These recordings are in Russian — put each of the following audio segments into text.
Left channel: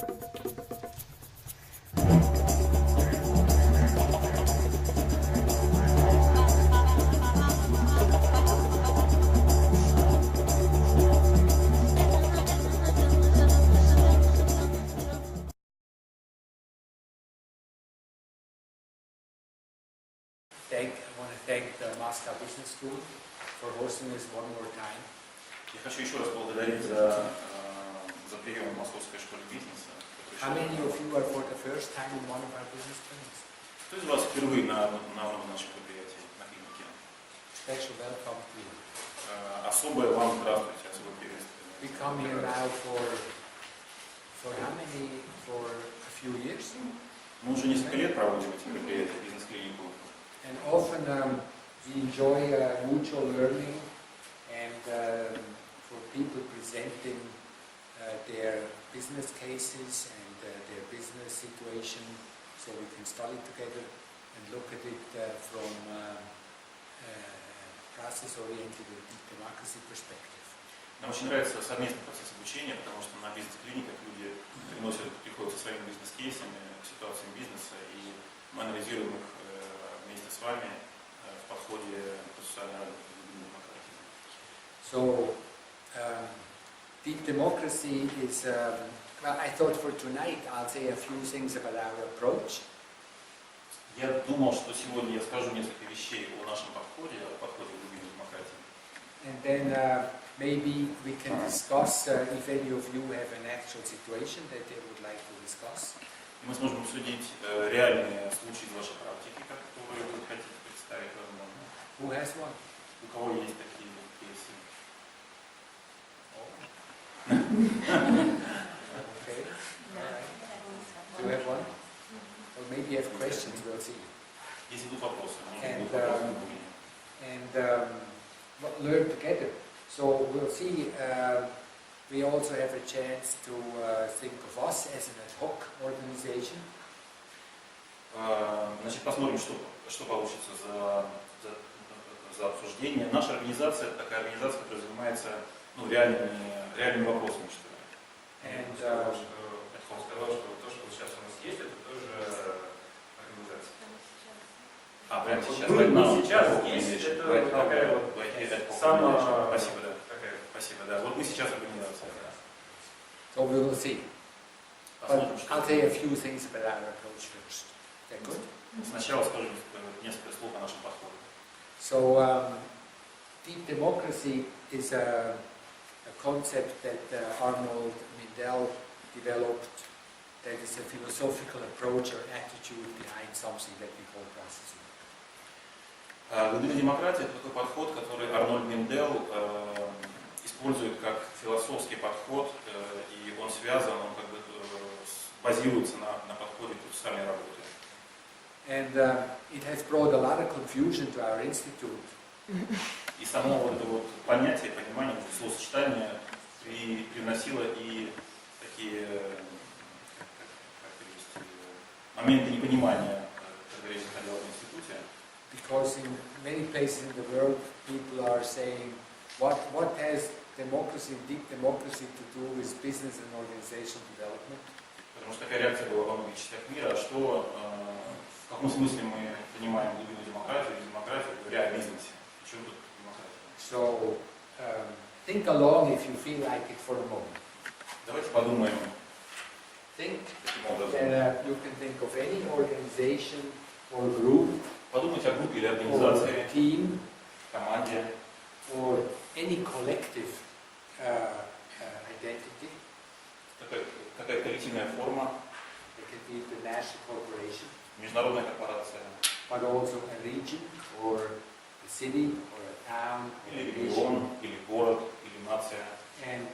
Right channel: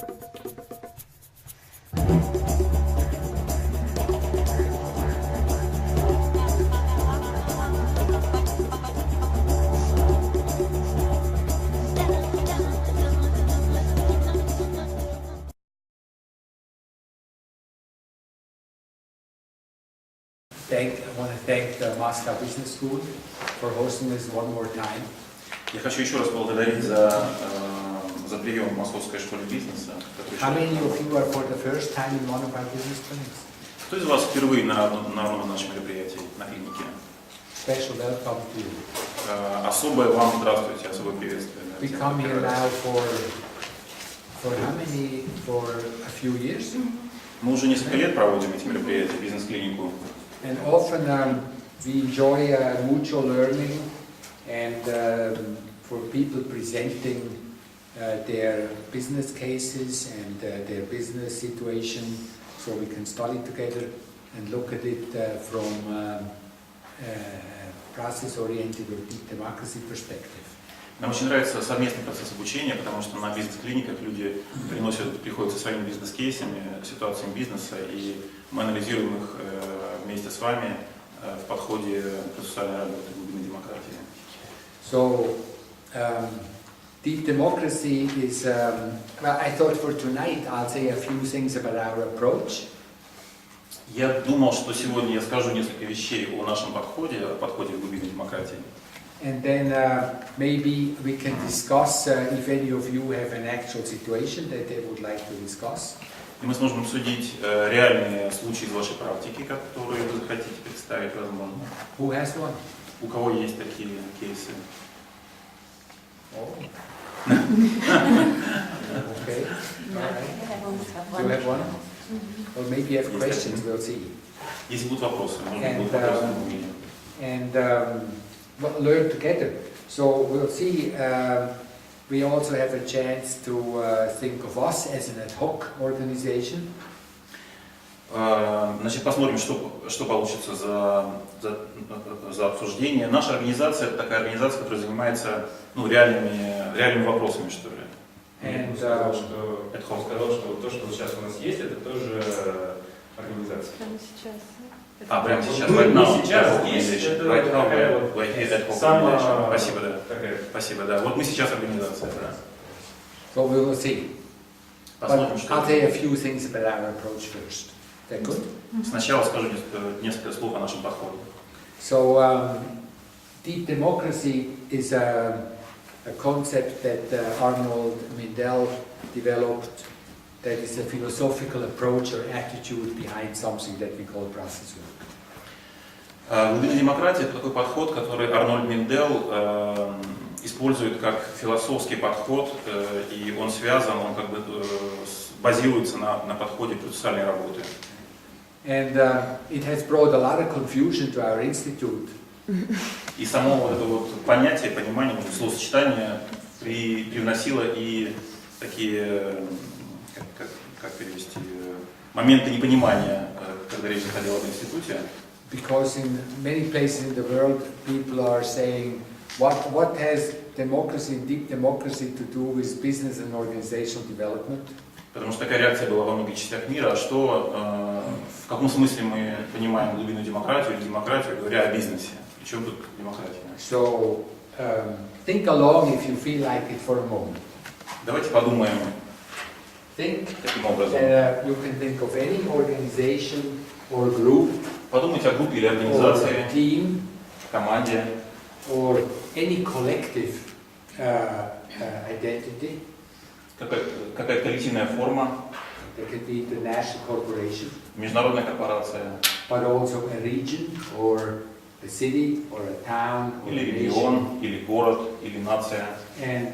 I want to thank the Moscow Business School for hosting us one more time. Я хочу еще раз поблагодарить за прием в Московской школе бизнеса. How many of you are for the first time in one of our business clinics? Кто из вас впервые на одном из наших мероприятий на клинике? Special welcome to you. Особое вам здравствуйте, особое приветствие. We come here now for how many? For a few years. Мы уже несколько лет проводим эти мероприятия, бизнес-клинику. And often we enjoy mutual learning and for people presenting their business cases and their business situation, so we can study together and look at it from process-oriented or deep democracy perspective. Нам очень нравится совместный процесс обучения, потому что на бизнес-клиниках люди приходят со своими бизнес-кейсами, ситуациями бизнеса, и мы анализируем их вместе с вами в подходе процессуальной работы глубины демократии. So, deep democracy is, well, I thought for tonight I'll say a few things about our approach. Я думал, что сегодня я скажу несколько вещей о нашем подходе к глубине демократии. And then maybe we can discuss if any of you have an actual situation that they would like to discuss. И мы сможем обсудить реальные случаи из вашей практики, которые вы захотите представить, возможно. Who has one? У кого есть такие кейсы? Oh. Okay. All right. Do you have one? Or maybe you have questions, we'll see. Если будут вопросы, может быть, будут вопросы у меня. And well, learn together. So we'll see. We also have a chance to think of us as an ad hoc organization. Значит, посмотрим, что получится за обсуждение. Наша организация – это такая организация, которая занимается реальными вопросами, что ли. And сказал, что то, что сейчас у нас есть, это тоже организация. Прямо сейчас, right now, сейчас есть, right now, we're here at Hawk Organization. Спасибо, да. Спасибо, да. Вот мы сейчас организация, да. So we will see. Посмотрим, But что. I'll say a few things about our approach first. Is that good? Сначала скажу несколько слов о нашем подходе. So deep democracy is a concept that Arnold Mindell developed. That is a philosophical approach or attitude behind something that we call process work. Глубина демократии – это такой подход, который Арнольд Минделл использует как философский подход, и он связан, он как бы базируется на подходе процессуальной работы. And it has brought a lot of confusion to our institute. И само вот это вот понятие, понимание, словосочетание привносило и такие, как перевести, моменты непонимания, когда речь заходила об институте. Because in many places in the world, people are saying, what has democracy, deep democracy, to do with business and organizational development? Потому что такая реакция была во многих частях мира. А что, в каком смысле мы понимаем глубину демократии или демократию, говоря о бизнесе? И чем тут демократия? So think along if you feel like it for a moment. Давайте подумаем Think. таким образом. You can think of any organization or group. Подумайте о группе или Or организации, team, команде, or any collective identity. какая-то коллективная форма, It could be the national corporation, международная корпорация, but also a region, or a city, or a town, or или a nation. регион, или город, или нация. And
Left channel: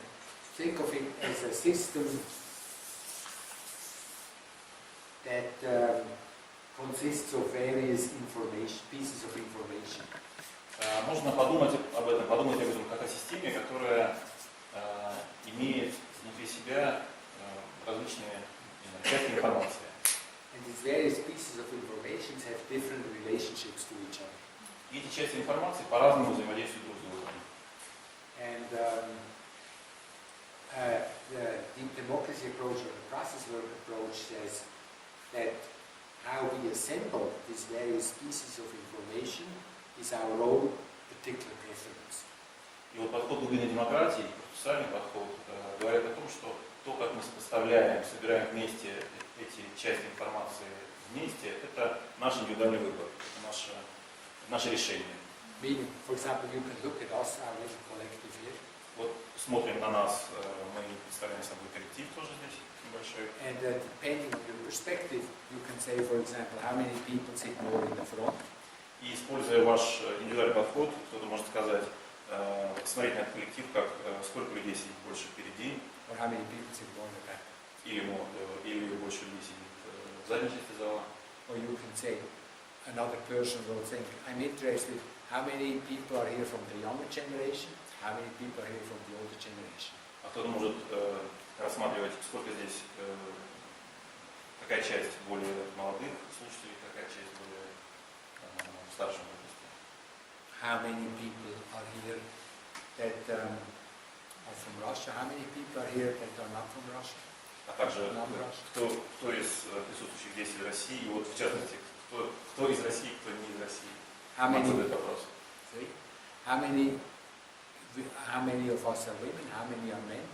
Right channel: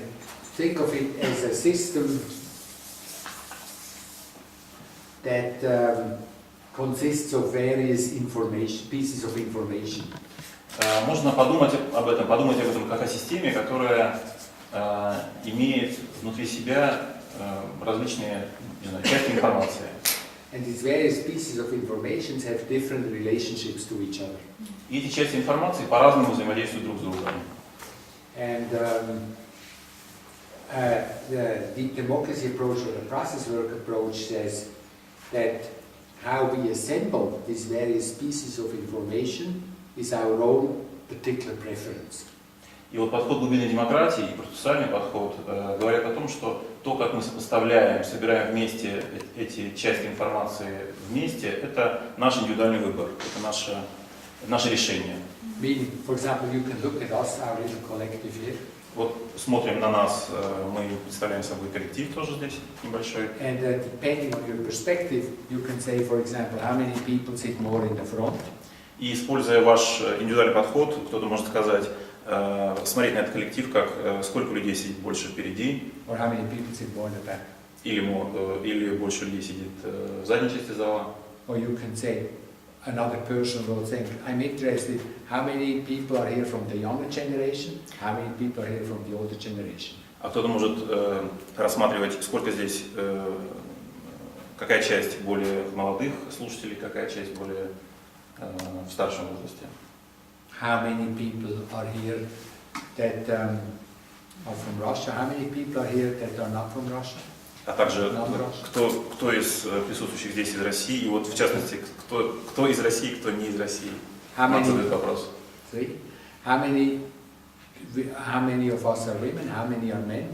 think of it as a system that consists of various pieces of information. Можно подумать об этом как о системе, которая имеет внутри себя различные, не знаю, части информации. And these various pieces of information have different relationships to each other. И эти части информации по-разному взаимодействуют друг с другом. And the deep democracy approach or the process work approach says that how we assemble these various pieces of information is our own particular preference. И вот подход глубинной демократии и процессуальный подход говорят о том, что то, как мы сопоставляем, собираем вместе эти части информации вместе, это наш индивидуальный выбор, это наше решение. Meaning, for example, you can look at us, our little collective here. Вот смотрим на нас, мы представляем собой коллектив тоже здесь небольшой. And depending on your perspective, you can say, for example, how many people sit more in the front. И используя ваш индивидуальный подход, кто-то может сказать, смотреть на этот коллектив, как сколько людей сидит больше впереди, Or how many people sit more in the back. или больше людей сидит в задней части зала. Or you can say, another person will think, I'm interested, how many people are here from the younger generation, how many people are here from the older generation. А кто-то может рассматривать, сколько здесь, какая часть более молодых слушателей, какая часть более в старшем возрасте. How many people are here that are from Russia? How many people are here that are not from Russia? А также кто из присутствующих здесь из России, и вот в частности, кто из России, кто не из России. Нам задают вопрос. How many of us are women? How many are men?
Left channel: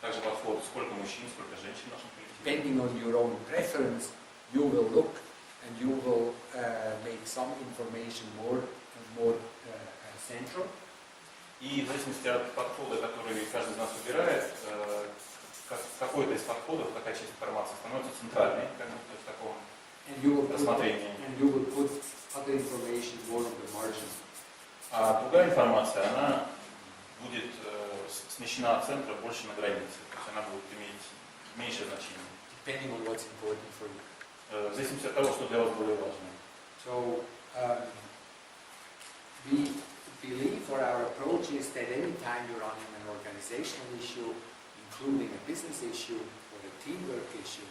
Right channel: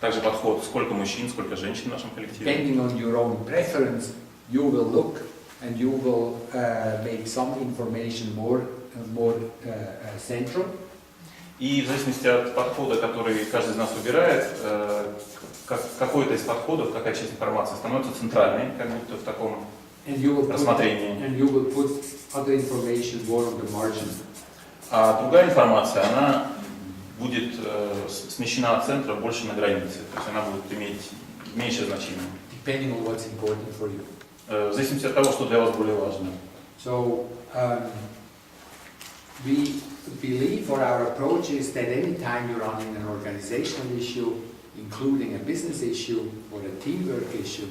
Также подход, сколько мужчин, сколько женщин в нашем коллективе. Depending on your own preference, you will look and you will make some information more central. И в зависимости от подхода, который каждый из нас выбирает, какой-то из подходов, какая часть информации становится центральной, как будто в таком рассмотрении. And you will put other information more on the margin. А другая информация, она будет смещена от центра больше на границе, то есть она будет иметь меньшее значение. Depending on what's important for you. В зависимости от того, что для вас более важно. So we believe, or our approach is that any time you're running an organizational issue, including a business issue or a teamwork issue.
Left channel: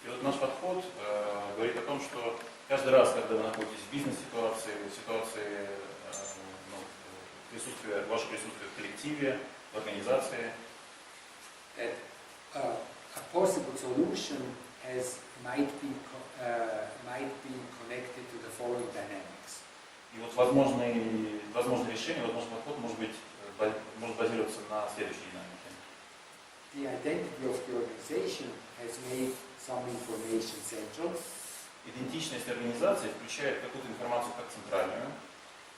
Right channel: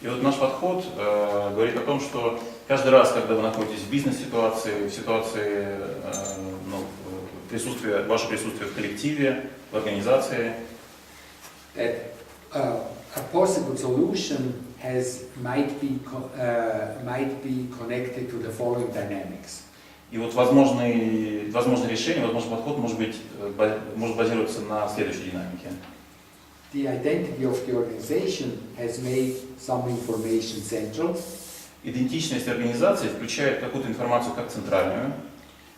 И вот наш подход говорит о том, что каждый раз, когда вы находитесь в бизнес-ситуации, в ситуации ваше присутствие в коллективе, в организации, that a possible solution might be connected to the following dynamics. И вот возможное решение, возможный подход может базироваться на следующей динамике. The identity of the organization has made some information central. Идентичность организации включает какую-то информацию как центральную.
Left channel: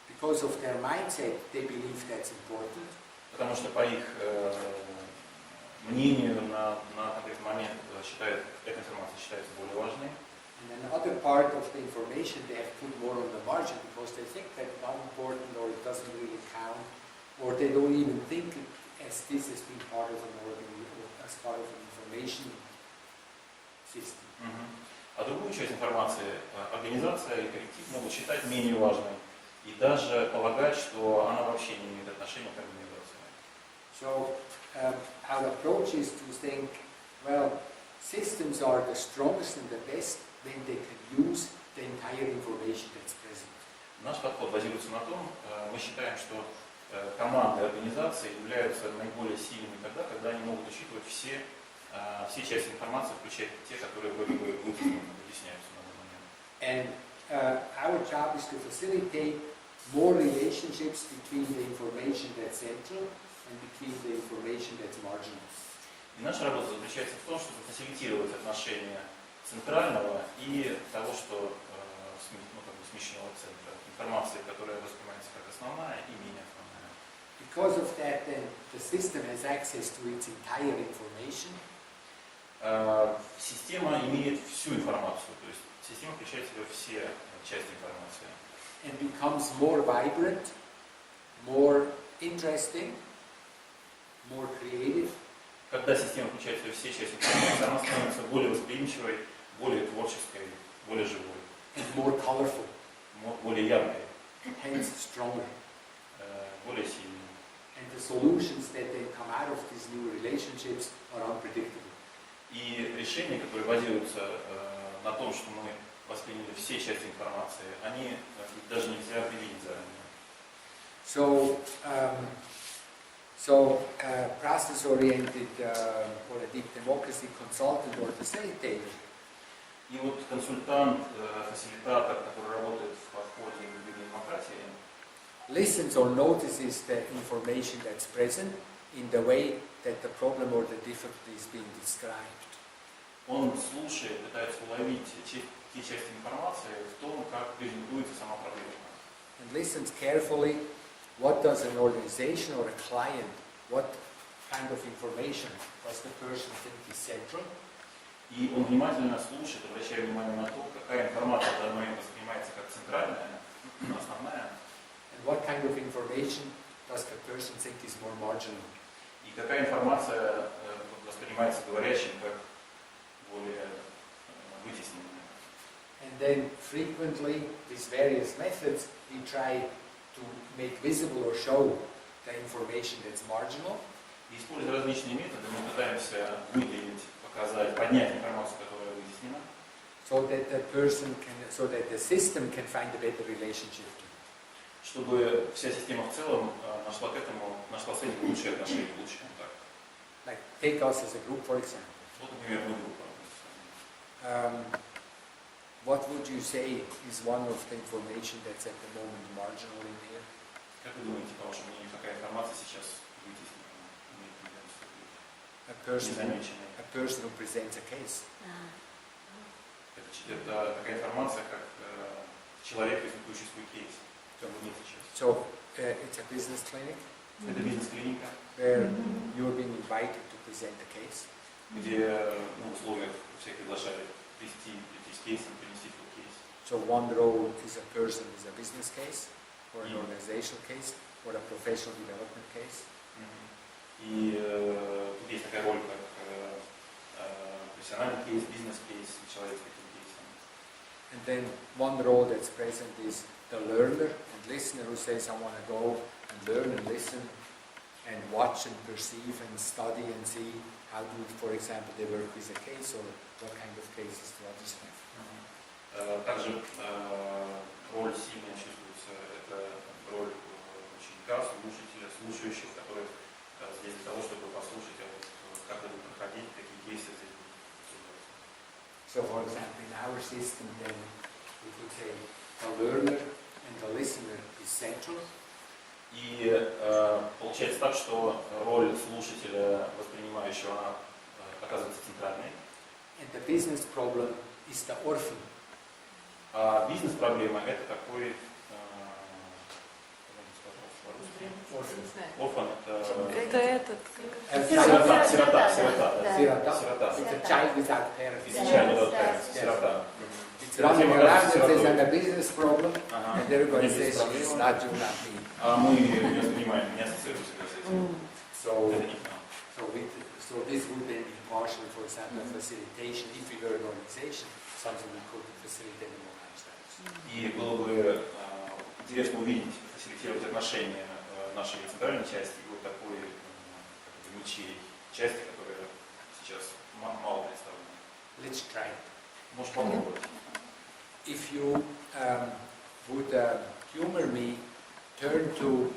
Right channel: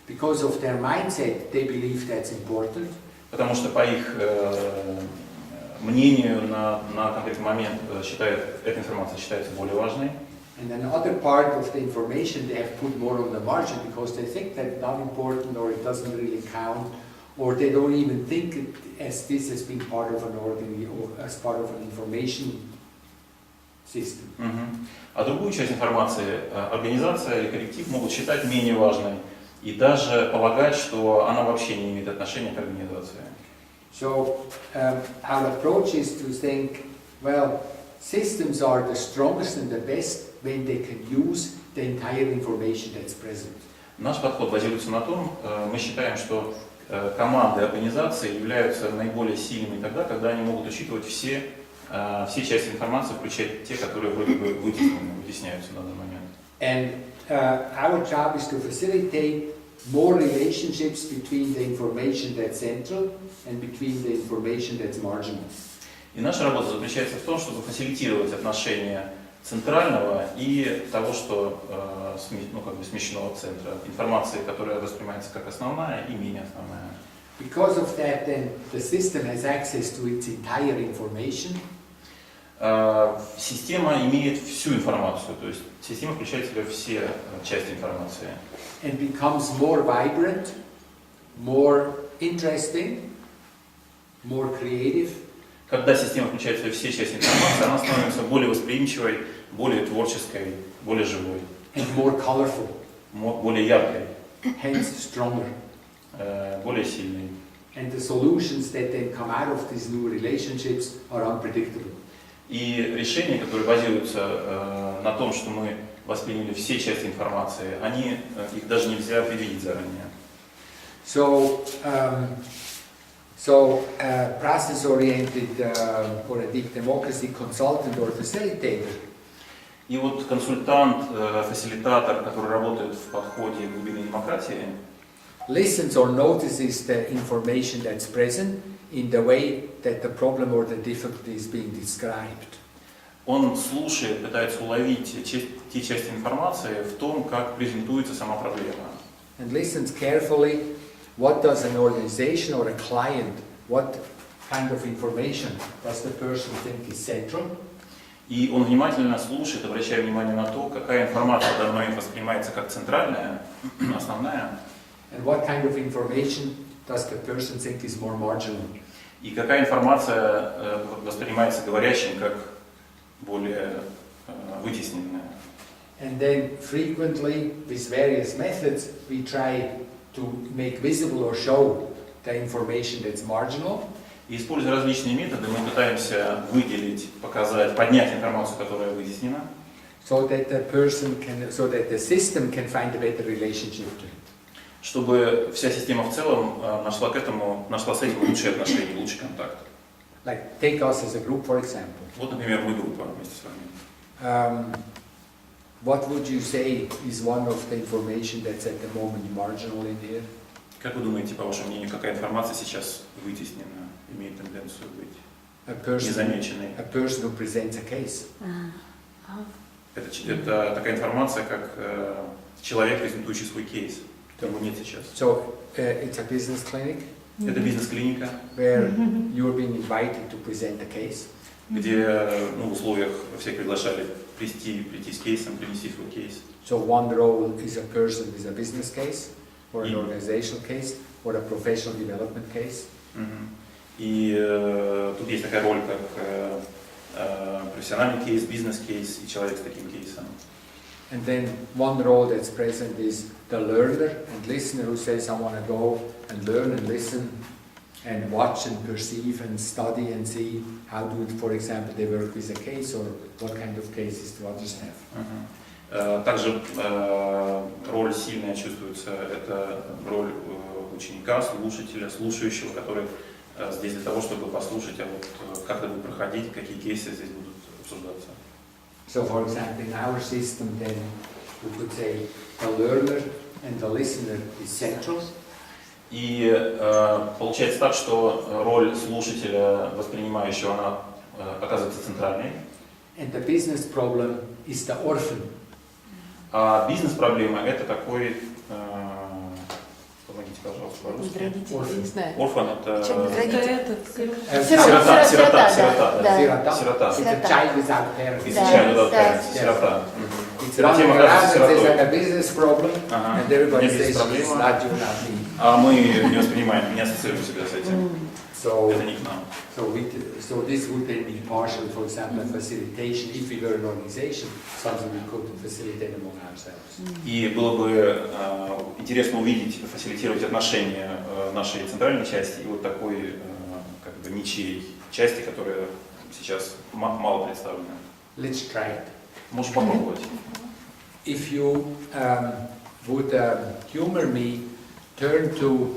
Because of their mindset, they believe that's important. Потому что по их мнению на конкретный момент эта информация считается более важной. And another part of the information they have put more on the margin because they think that's not important or it doesn't really count, or they don't even think it as this has been part of an organ or as part of an information system. А другую часть информации организация или коллектив могут считать менее важной и даже полагать, что она вообще не имеет отношения к организации. So our approach is to think, well, systems are the strongest and the best when they can use the entire information that's present. Наш подход базируется на том, мы считаем, что команды организации являются наиболее сильными тогда, когда они могут учитывать все части информации, включая те, которые вроде бы вытесняются на данный момент. And our job is to facilitate more relationships between the information that's central and between the information that's marginal. И наша работа заключается в том, чтобы фасилитировать отношения центрального и того, что смещено от центра. Информации, которая воспринимается как основная и менее основная. Because of that, then the system has access to its entire information. Система имеет всю информацию, то есть система включает в себя все части информации. And becomes more vibrant, more interesting, more creative. Когда система включает в себя все части информации, она становится более восприимчивой, более творческой, более живой. And more colorful. Более яркой. Hence stronger. Более сильной. And the solutions that then come out of these new relationships are unpredictable. И решения, которые базируются на том, что мы восприняли все части информации, их даже нельзя предвидеть заранее. So So, process-oriented or a deep democracy consultant or facilitator. И вот консультант, фасилитатор, который работает в подходе к глубинной демократии, Listens or notices the information that's present in the way that the problem or the difficulty is being described. он слушает, пытается уловить те части информации в том, как презентуется сама проблема. And listens carefully what does an organization or a client, what kind of information does the person think is central. И он внимательно слушает, обращая внимание на то, какая информация давно им воспринимается как центральная, основная, And what kind of information does the person think is more marginal? и какая информация воспринимается говорящим как более вытесненная. And then frequently, with various methods, we try to make visible or show the information that's marginal. И используя различные методы, мы пытаемся выделить, показать, поднять информацию, которая вытеснена, So that the system can find a better relationship to it. чтобы вся система в целом нашла с этим лучшие отношения, лучший контакт. Like take us as a group, for example. Вот, например, мы группа вместе с вами. What would you say is one of the information that's at the moment marginal in here? Как вы думаете, по вашему мнению, какая информация сейчас вытеснена, имеет тенденцию быть незамеченной? A person who presents a case. Это такая информация, как человек, презентующий свой кейс. Его нет сейчас. So it's a business clinic. Это бизнес-клиника, where you're being invited to present a case. Где в условиях всех приглашали прийти с кейсом, принести свой кейс. So one role is a person with a business case, or an organizational case, or a professional development case. И тут есть такая роль, как профессиональный кейс, бизнес-кейс и человек с таким кейсом. And then one role that's present is the learner and listener who says, I want to go and learn and listen and watch and perceive and study and see how do, for example, they work with a case or what kind of cases do others have. Также роль сильная чувствуется, это роль ученика, слушателя, слушающего, который здесь для того, чтобы послушать, а вот как это будет проходить, какие кейсы здесь будут обсуждаться. So, for example, in our system, then we could say the learner and the listener is central. И получается так, что роль слушателя, воспринимающего, она оказывается центральной. And the business problem is the orphan. А бизнес-проблема – это такой, помогите, пожалуйста, по-русски. Орфан – это сирота. It's a child without parents. It's a child without parents. Сирота. It's running around and says, I'm a business problem, and everybody says, it's not you, not me. А мы не воспринимаем, не ассоциируем себя с этим. Это не к нам. So this would then be partial, for example, a facilitation, if we were an organization, something we could facilitate among ourselves. И было бы интересно увидеть, фасилитировать отношения нашей центральной части и вот такой как бы ничьей части, которая сейчас мало представлена. Let's try it. Можешь попробовать. If you would humor me, turn to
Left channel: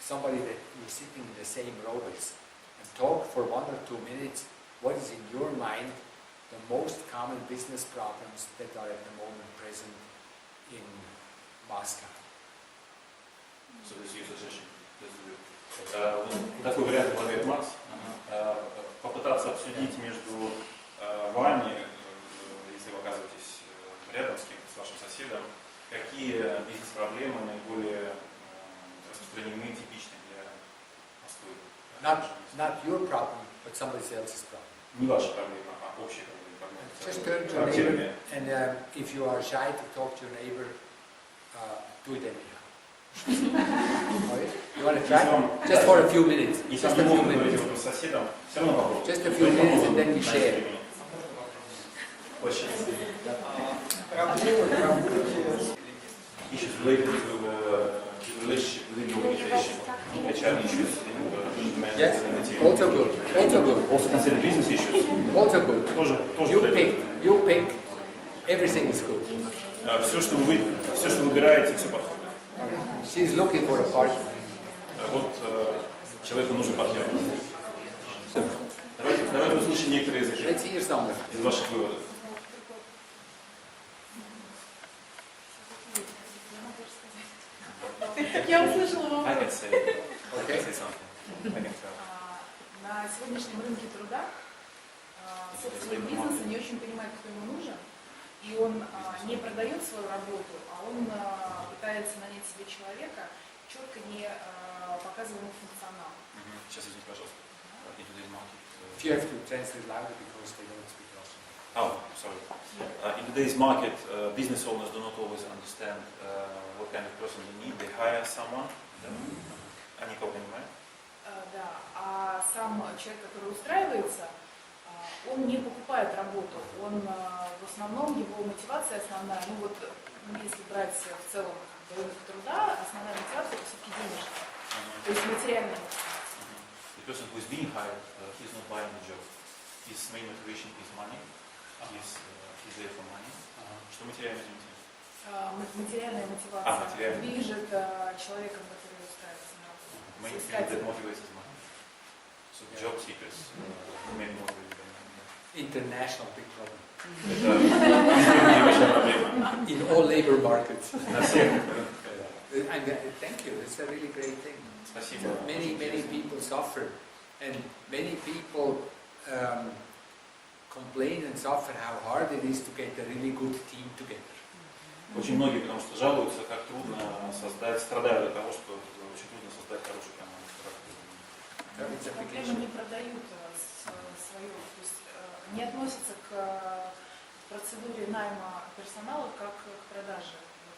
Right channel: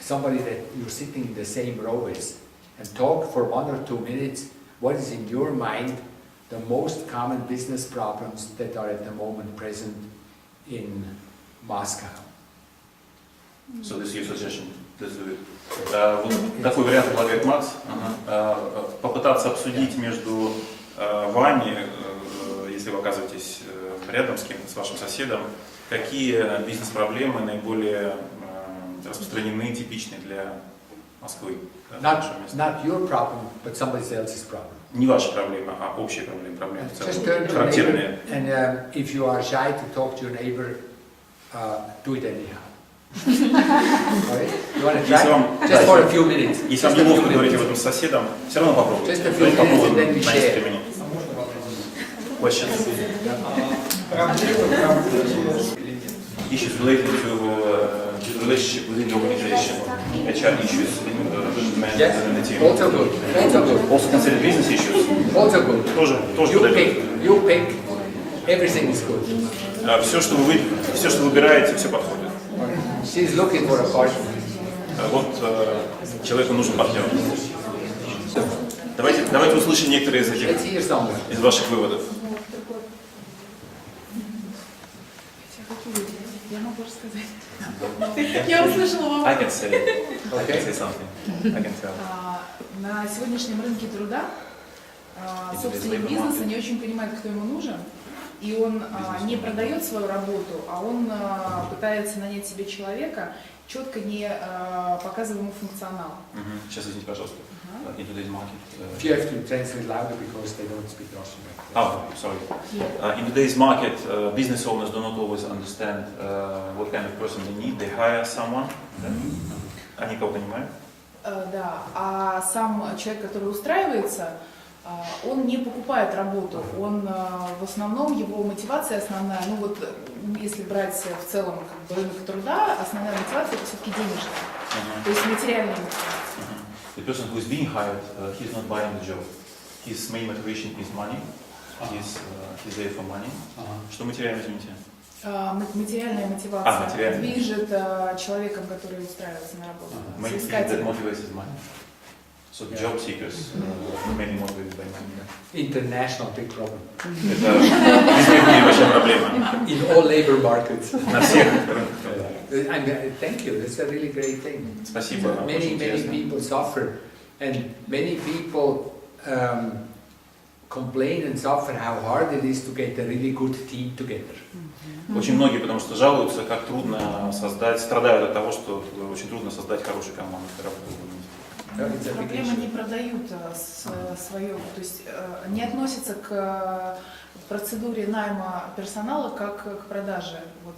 somebody that you're sitting in the same row with and talk for 1 or 2 minutes what is in your mind the most common business problems that are at the moment present in Moscow. So this is your suggestion. Вот такой вариант предлагает Макс. Попытаться обсудить между вами, если вы оказываетесь рядом с кем-то, с вашим соседом, какие бизнес-проблемы наиболее распространены, типичны для Москвы. Not your problem, but somebody else's problem. Не ваша проблема, а общая проблема. Just turn to your neighbor, and if you are shy to talk to your neighbor, do it anyhow. Okay? You want to try? Just for a few minutes. Если вам неловко говорить об этом с соседом, все равно попробуйте. Just a few minutes and then we share. Questions? Issues related to relationship within the organization, HR issues within the team. Also good. Also good. Also consider business issues. Also good. Тоже You pick. Everything is good. Все, что вы выбираете, все подходит. She's looking for a partner. Вот человеку нужен партнер. Давайте услышим некоторые из этих, из ваших выводов. Я могу рассказать. Я услышала I can say something. I can tell. На сегодняшнем рынке труда собственник бизнеса не очень понимает, кто ему нужен, и он не продает свою работу, а он пытается нанять себе человека, четко не показывая ему функционал. Сейчас извините, пожалуйста. In today's market. If you have to translate louder because they don't speak Russian. Oh, sorry. In today's market, business owners do not always understand what kind of person they need. They hire someone. Они кого-то нанимают? Да, а сам человек, который устраивается, он не покупает работу, он в основном, его мотивация основная, ну вот если брать в целом как бы, рынок труда, основная мотивация это все-таки денежная, то есть материальная мотивация. The person who is being hired, he is not buying the job. His main motivation is money. He's there for money. Что материально, извините? Материальная мотивация материальная. движет человеком, который устраивается на работу. Main thing that motivates is money. So job seekers mainly motivated by money. International big problem. Это везде в мире большая проблема. In all labor markets. На всех рынках. Thank you. That's a really great thing. Спасибо. Many people suffer, and many people complain and suffer how hard it is to get a really good team together. Очень многие, потому что жалуются, как трудно создать, страдают от того, что очень трудно создать хорошую команду, которая работает. Проблемы не продают свое, то есть не относятся к процедуре найма персонала как к продаже. Вот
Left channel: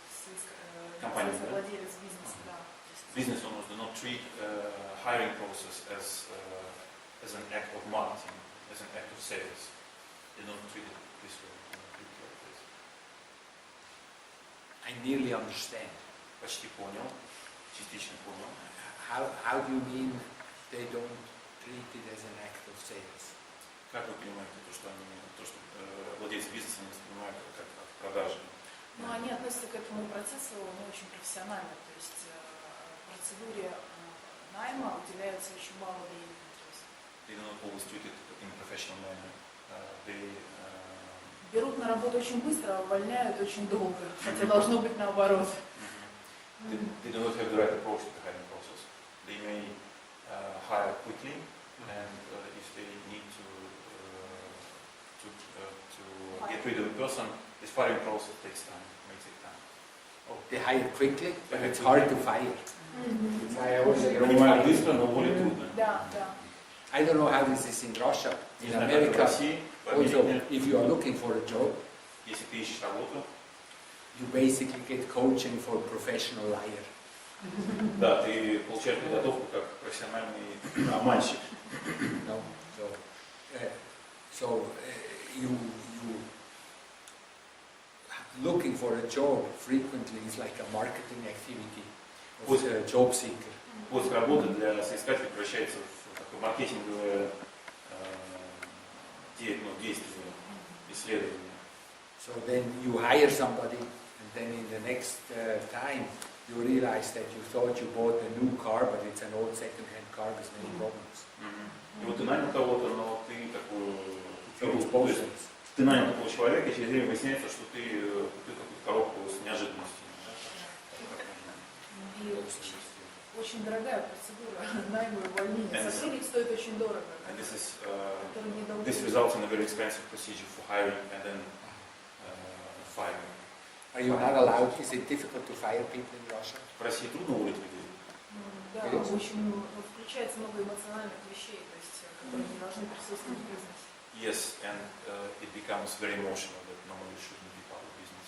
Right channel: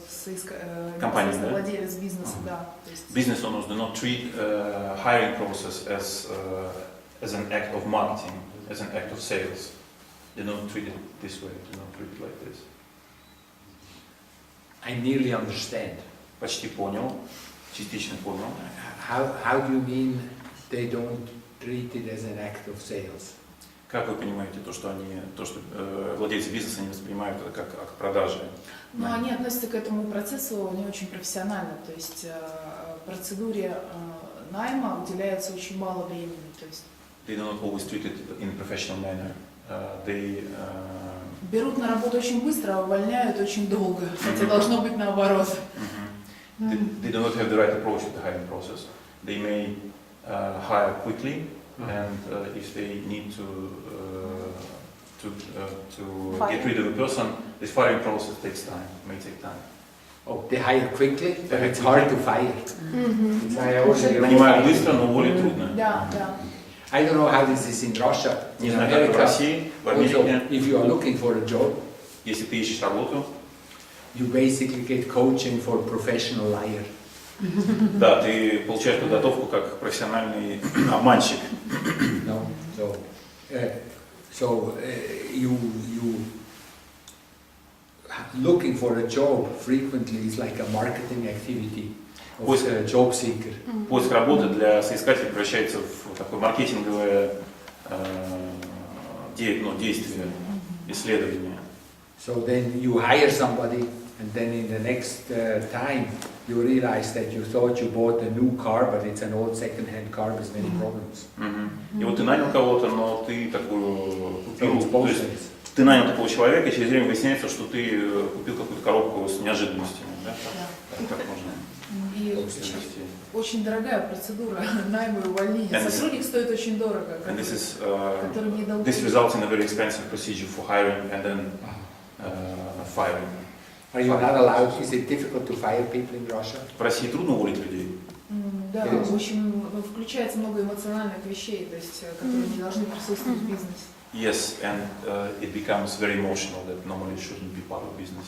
компании, да? Владелец бизнеса, да. Business owners do not treat hiring process as an act of marketing, as an act of sales. They don't treat it this way. They don't treat it like this. I nearly understand. Почти понял, частично понял. How do you mean they don't treat it as an act of sales? Как вы понимаете то, что владельцы бизнеса не воспринимают это как акт продажи? Но они относятся к этому процессу не очень профессионально, то есть процедуре найма уделяется очень мало времени. То есть They do not always treat it in a professional manner. Берут на работу очень быстро, а увольняют очень долго, хотя должно быть наоборот. They do not have the right approach to the hiring process. They may hire quickly, and if they need to get rid of a person, this firing process takes time, may take time. Oh, they hire quickly, but it's hard to fire. Нанимают быстро, но уволить трудно. Да, да. I don't know how this is in Russia. Не In знаю, как в America, России, в also, Америке, if you are looking for a job, если ты ищешь работу, you basically get coaching for professional liar. да, ты получаешь подготовку как профессиональный обманщик. No, so you looking for a job frequently is like a marketing activity of a job seeker. Поиск работы для соискателя превращается в такое маркетинговое действие, исследование. So then you hire somebody, and then in the next time you realize that you thought you bought a new car, but it's an old second-hand car with many problems. И вот ты нанял кого-то, но ты такую купил, So то есть ты нанял такого человека, и через время выясняется, что ты купил какую-то коробку с неожиданностями, да? Так можно. И очень дорогая процедура найма и увольнения. Сотрудник стоит очень дорого. And this results in a very expensive procedure for hiring and then firing. Are you not allowed? Is it difficult to fire people in Russia? В России трудно уволить людей. Да, очень включается много эмоциональных вещей, то есть, которые не должны присутствовать в бизнесе. Yes, and it becomes very emotional that normally shouldn't be part of business.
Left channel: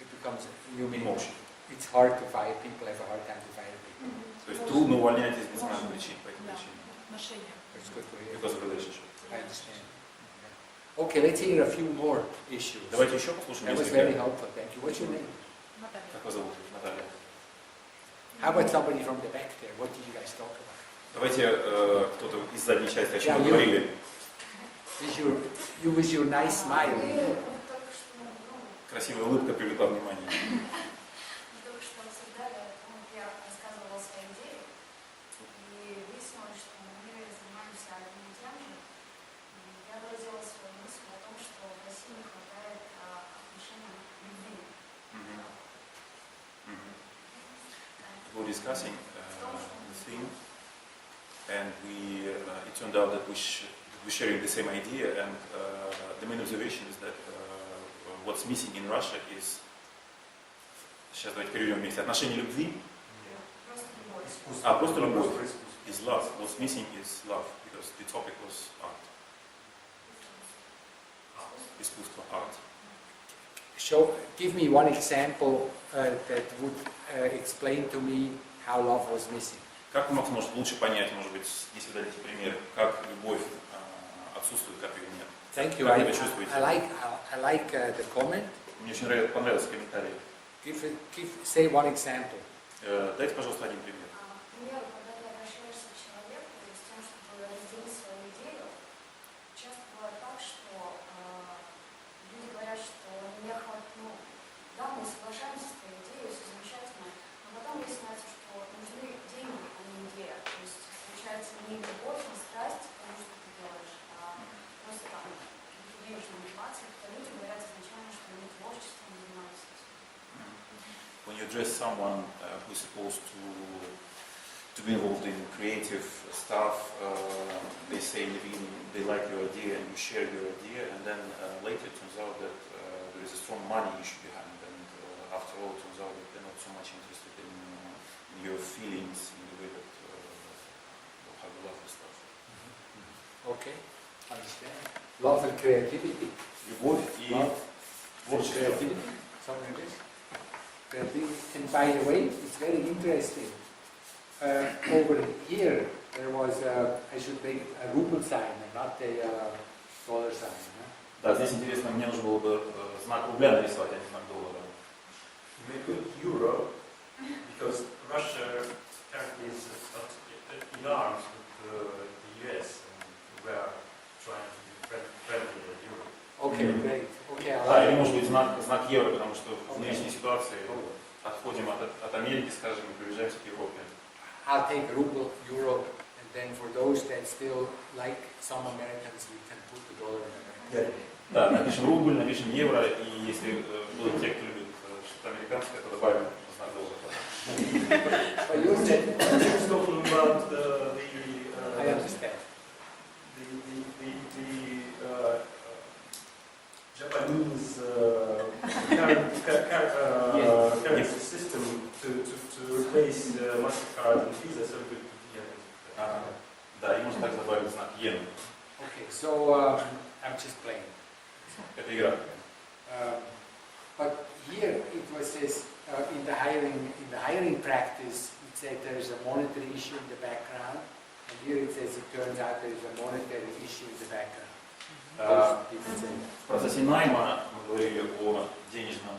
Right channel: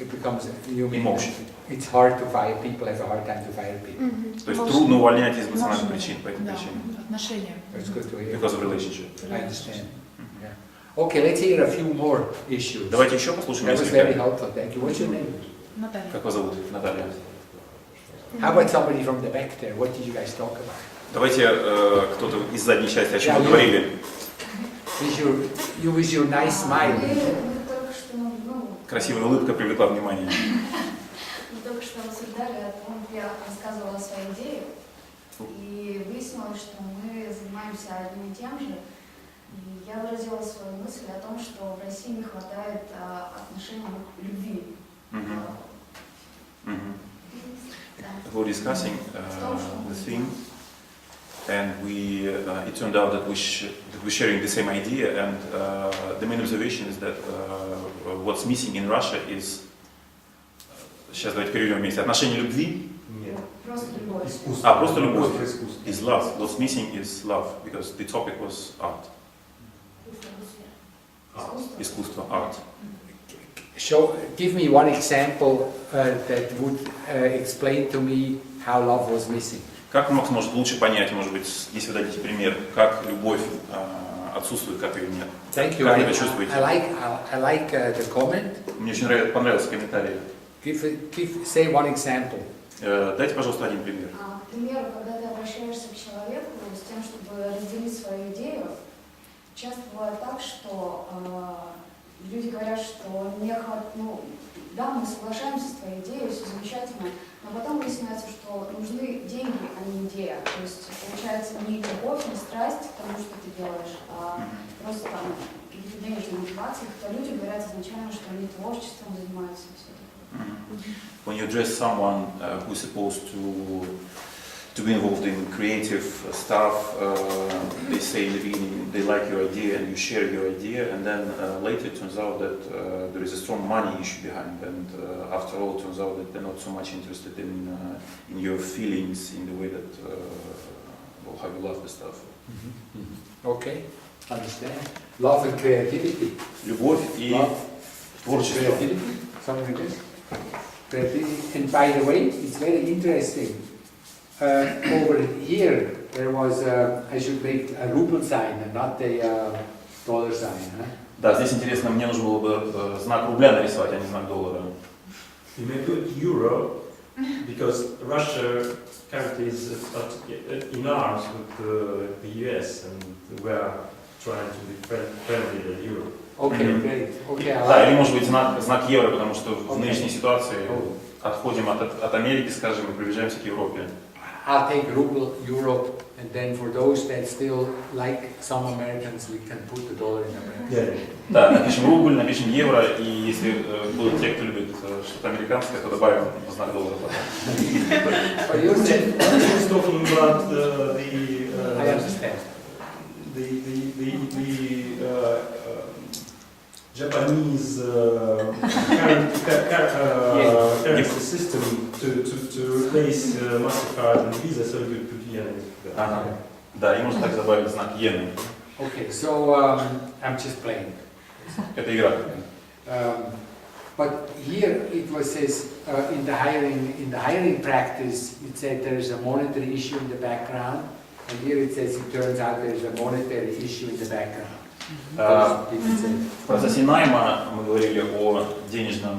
It becomes, you mean, Emotion. It's hard to fire people, have a hard time to fire people. То есть трудно увольнять из эмоциональных причин, по этим причинам. Отношения. It's good to hear. Because of relationship. I understand. Yeah. Okay, let's hear a few more issues. Давайте еще послушаем That was very несколько. helpful. Thank you. What's your name? Наталья. Как вас зовут, Наталья? How about somebody from the back there? What did you guys talk about? Давайте кто-то из задней части, о чем вы говорили. With your nice smile. Красивая улыбка привлекла внимание. Мы только что рассуждали о том, я рассказывала о своей сказать, что мы занимаемся одним и тем же. И я выразила свою мысль о том, что в России не хватает отношений любви. We're discussing the thing, and it turned out that we're sharing the same idea, and the main observation is that what's missing in Russia is, сейчас давайте переведем вместе, отношение любви. Просто любовь. Просто любовь is love. What's missing is love, because the topic was art. Искусство, art. Give me one example that would explain to me how love was missing. Как Макс может лучше понять, может быть, если вы дадите пример, как любовь отсутствует, как ее нет? Thank you. Как вы это чувствуете? I like the comment. Мне очень понравился комментарий. Say one example. Дайте, пожалуйста, один пример. К примеру, когда ты обращаешься к человеку с тем, чтобы разделить свою идею, часто бывает так, что люди говорят, что да, мы соглашаемся с твоей идеей, все замечательно, но потом выясняется, что нужны деньги, а не идея. То есть получается не любовь, не страсть к тому, что ты делаешь, а просто там какие-то денежные мотивации, то люди говорят изначально, что они творчеством занимаются. When you address someone who is supposed to be involved in creative stuff, they say in the beginning they like your idea and you share your idea, and then later it turns out that there is a strong money issue behind, and after all it turns out that they're not so much interested in your feelings, in the way that how you love the stuff. Okay, understand. Love and creativity. Любовь и творчество. Creativity, something like this. Creativity. And by the way, it's very interesting. Over here, there was I should make a ruble sign and not a dollar sign. Huh? Да, здесь интересно, мне нужно было бы знак рубля нарисовать, а не знак доллара. You may put euro, because Russia currently is in arms with the US, and we are trying to be friendly with Europe. Okay, great. Okay, Да, или может быть знак евро, потому что в нынешней ситуации отходим от Америки, скажем, и приближаемся к Европе. I'll take ruble, euro, and then for those that still like some Americans, we can put the dollar in America. Yeah. Да, напишем рубль, напишем евро, и если будут те, кто любит что-то американское, то добавим знак доллара потом. But you said, He's talking about I understand. Japanese currency system to replace MasterCard and Visa, so we put yen. Ага. Да, и можно так добавить знак иены. Okay, so I'm just playing. Это игра. But here it was says in the hiring practice it said there is a monetary issue in the background, and here it says it turns out there is a monetary issue in the background. В процессе найма мы говорили о денежном,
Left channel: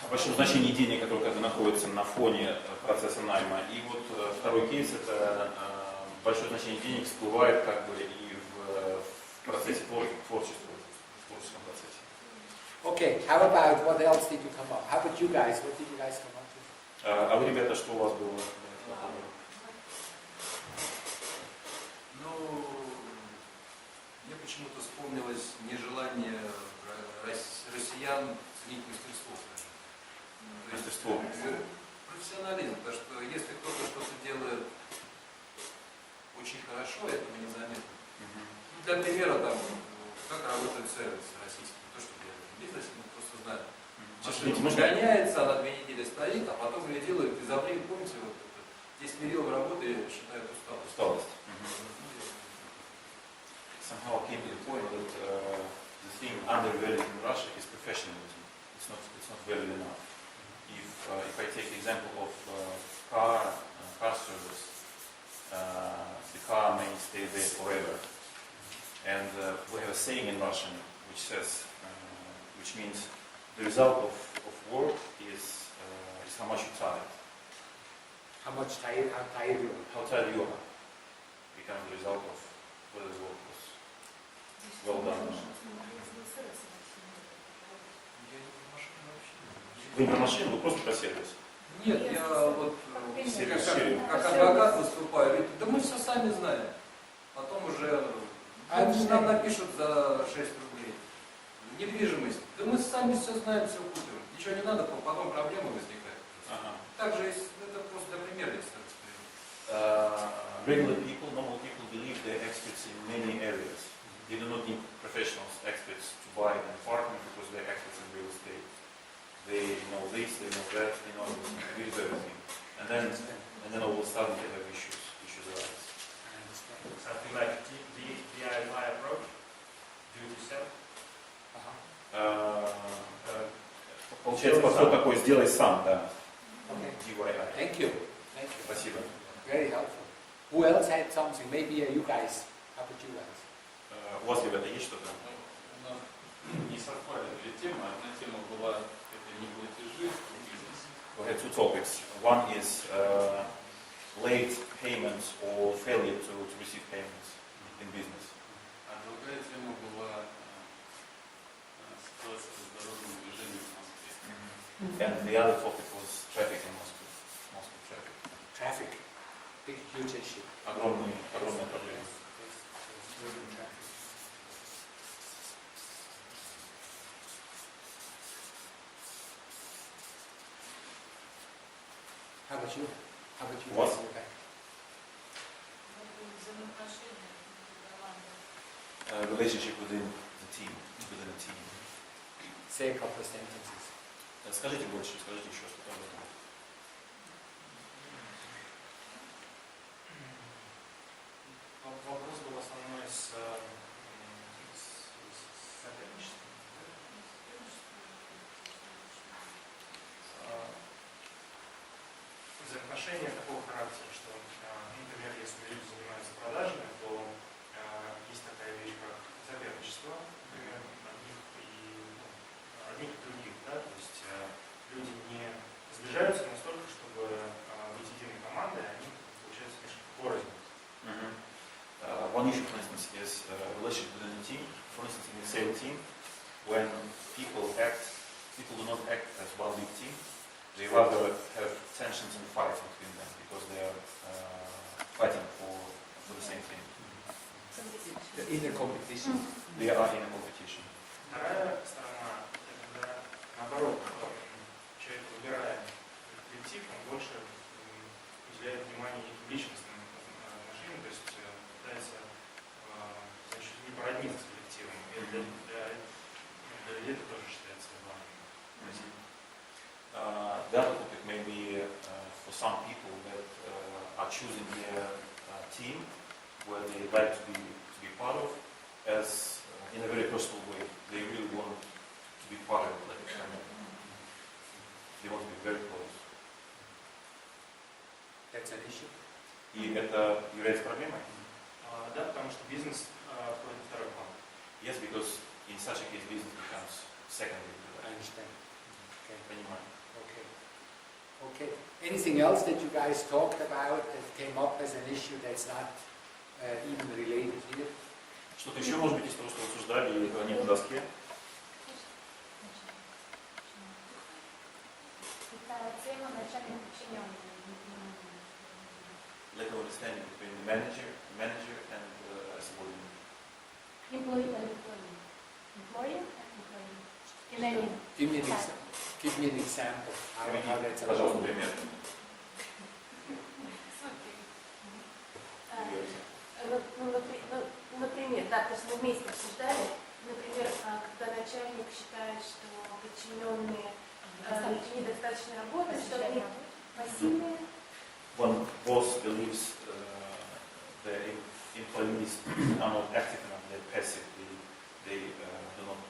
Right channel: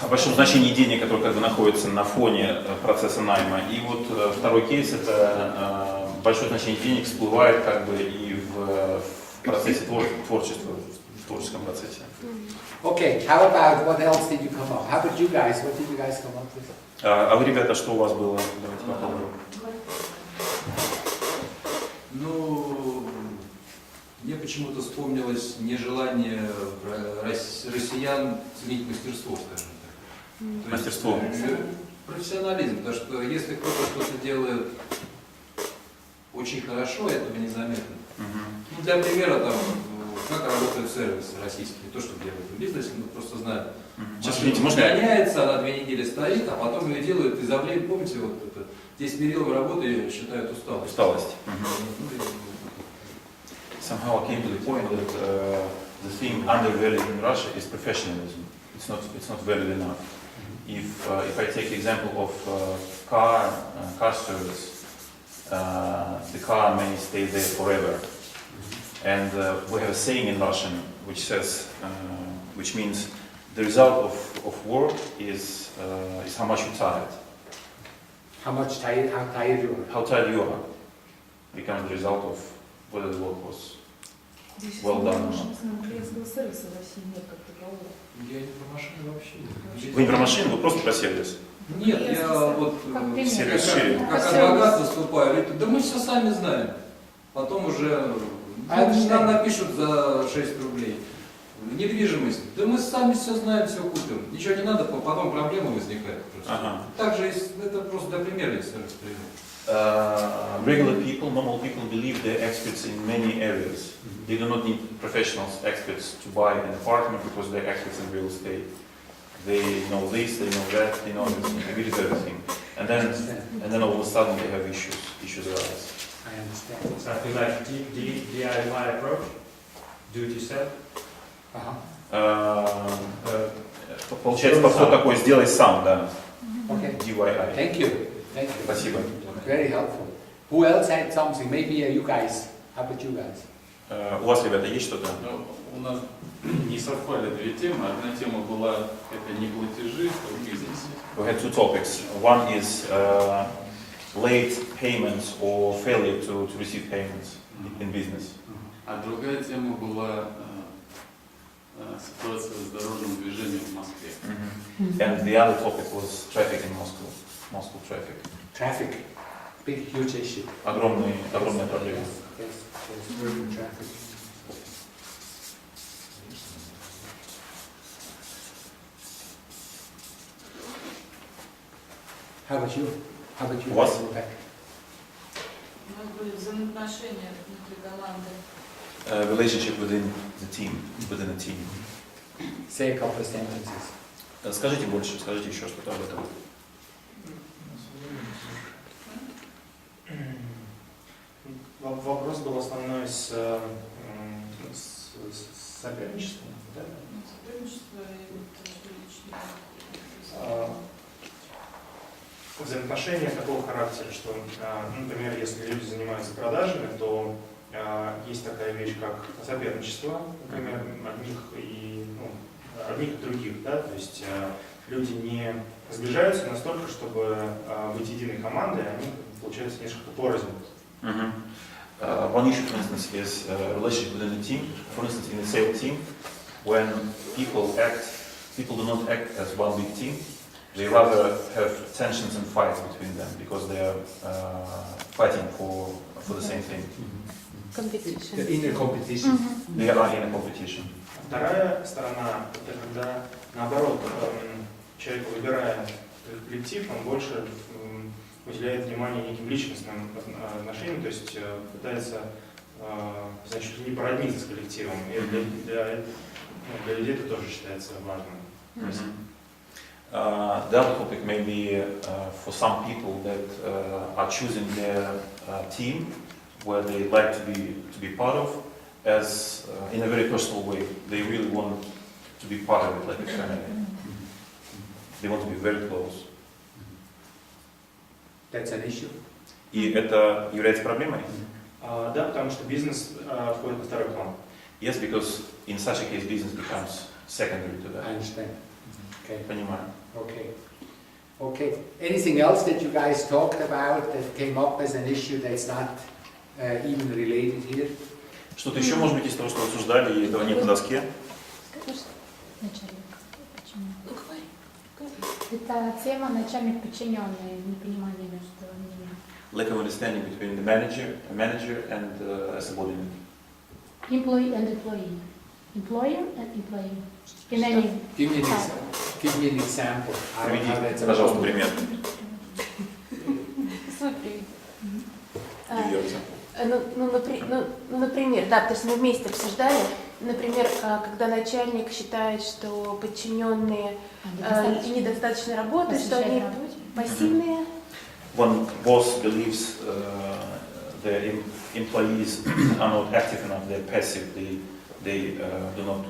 о большом значении денег, которое как бы находится на фоне процесса найма. И вот второй кейс — это большое значение денег всплывает как бы и в процессе творчества, в творческом процессе. Okay, how about what else did you come up? How about you guys? What did you guys come up with? А вы, ребята, что у вас было? Давайте попробуем. Ну, мне почему-то вспомнилось нежелание россиян ценить мастерство, скажем так. Мастерство. Профессионализм, потому что если кто-то что-то делает очень хорошо, этого незаметно. Ну, для примера, там, как работают сервисы российские, не то, что делают в бизнесе, мы просто знаем. Сейчас, извините, можно я? Гоняется, она 2 недели стоит, а потом ее делают из-за времени, помните, вот это, 10 мерил работы считают усталость. Усталость. Somehow I came to the point that the thing undervalued in Russia is professionalism. It's not valued enough. If I take the example of car service, the car may stay there forever. And we have a saying in Russian which says, which means the result of work is how much you're tired. How tired you are? How tired you are becomes the result of whether the work was well done or not. Я не про машину вообще. Вы не про машину, вы просто про сервис. Нет, я вот Сервис шире. как адвокат выступаю, говорит, да мы все сами знаем. Потом уже нам напишут за 6 рублей. Недвижимость, да мы сами все знаем, все купим. Ничего не надо, потом проблемы возникают. Ага. Также это просто для примера, если Regular people, normal people believe they're experts in many areas. They do not need professionals, experts to buy an apartment because they're experts in real estate. They know this, they know that, they know everything, a bit of everything. And then all of a sudden they have issues arise. I understand. Something like DIY approach, do it yourself. Получается, подход такой, сделай сам, да. Okay. DIY. Thank you. Thank you. Спасибо. Very helpful. Who else had something? Maybe you guys. How about you guys? У вас, ребята, есть что-то? Ну, у нас не совпали две темы. Одна тема была это не платежи в бизнесе. We had two topics. One is late payments or failure to receive payments in business. А другая тема была ситуация с дорожным движением в Москве. And the other topic was traffic in Moscow. Moscow traffic. Traffic. Big, huge issue. Огромная проблема. Yes, urban traffic. How about you? How about you? What? Rebecca? Взаимоотношения внутри команды. Relationship within the team, within a team. Say a couple of sentences. Скажите больше, скажите еще что-то об этом. Вопрос был основной с соперничеством. Да? Взаимоотношения такого характера, что, например, если люди занимаются продажами, то есть такая вещь, как соперничество, например, одних и других, да, то есть люди не сближаются настолько, чтобы быть единой командой, они, получается, несколько порознь. One issue, for instance, is relationship within a team. For instance, in a sales team, when people do not act as one big team. They rather have tensions and fights between them because they are fighting for the same thing. The inner competition. They are in a competition. Вторая сторона, это когда, наоборот, человек, выбирая коллектив, он больше уделяет внимание неким личностным отношениям, то есть пытается, значит, не породниться с коллективом. И для людей это тоже считается важным. The other topic may be for some people that are choosing their team where they like to be part of as in a very personal way. They really want to be part of it like a family. They want to be very close. That's an issue. И это является проблемой? Да, потому что бизнес входит во второй план. Yes, because in such a case business becomes secondary to that. I understand. Okay. Понимаю. Okay. Okay. Anything else that you guys talked about that came up as an issue that's not even related here? Что-то еще, может быть, из того, что обсуждали, и этого нет на доске? Это тема начальник подчиненный, непонимание между ними. Lack of understanding between the manager and a subordinate. Employee and employee. Employer and employee. In any Give me an example. How that's Приведите, пожалуйста, пример. Например, да, потому что мы вместе обсуждали, например, когда начальник считает, что подчиненные недостаточно работают, что они пассивные. When boss believes the employees are not active enough, they're passive, they do not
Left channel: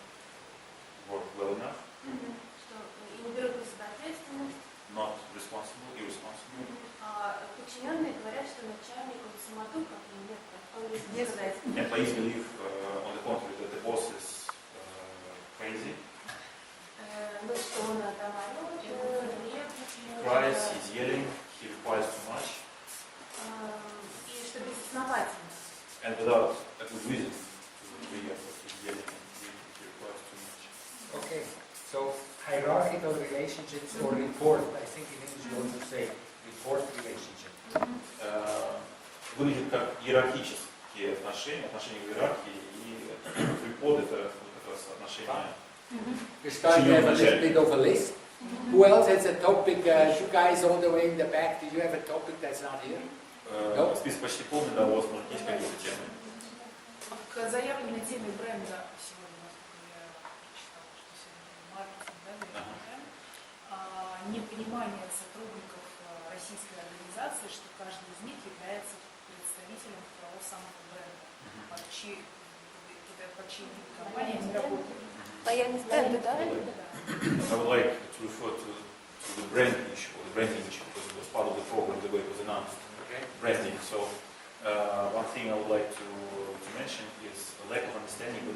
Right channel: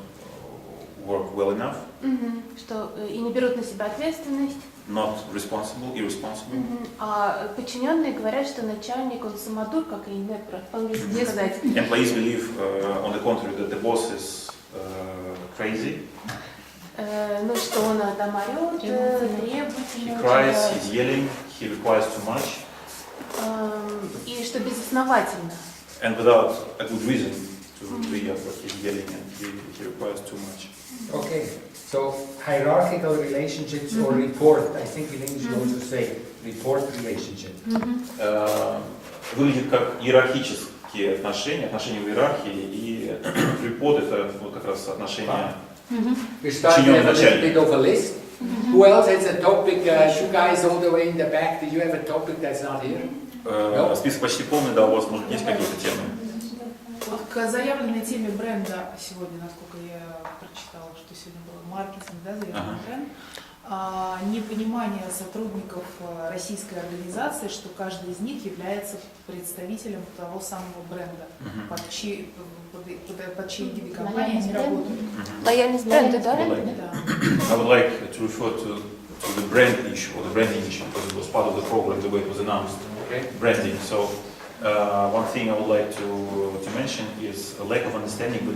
work well enough. Что и не берут на себя ответственность. Not responsible, irresponsible. А подчиненные говорят, что начальник, он самодур, как и нет, по-английски сказать. Employees believe, on the contrary, that the boss is crazy. Ну, что он там орет, требует. He cries, he's yelling, he requires too much. И что безосновательно. And without a good reason to hear what he's yelling, and he requires too much. Okay, so hierarchical relationships or report. I think in English you also say report relationship. Выглядит как иерархические отношения в иерархии, и report это вот как раз отношения. We start to have a little bit of a list. Who else has a topic? You guys all the way in the back, do you have a topic that's not here? Список почти полный, да, у вас, может, есть какие-то темы? Вот к заявленной теме бренда сегодня, насколько я прочитала, что сегодня был маркетинг, да, заявленный бренд, непонимание сотрудников российской организации, что каждый из них является представителем того самого бренда, под чьей виде компании они работают. Лояльность бренда, да? I would like to refer to the brand issue, or the branding issue, because it was part of the program, the way it was announced. Okay. Branding. So one thing I would like to mention is a lack of understanding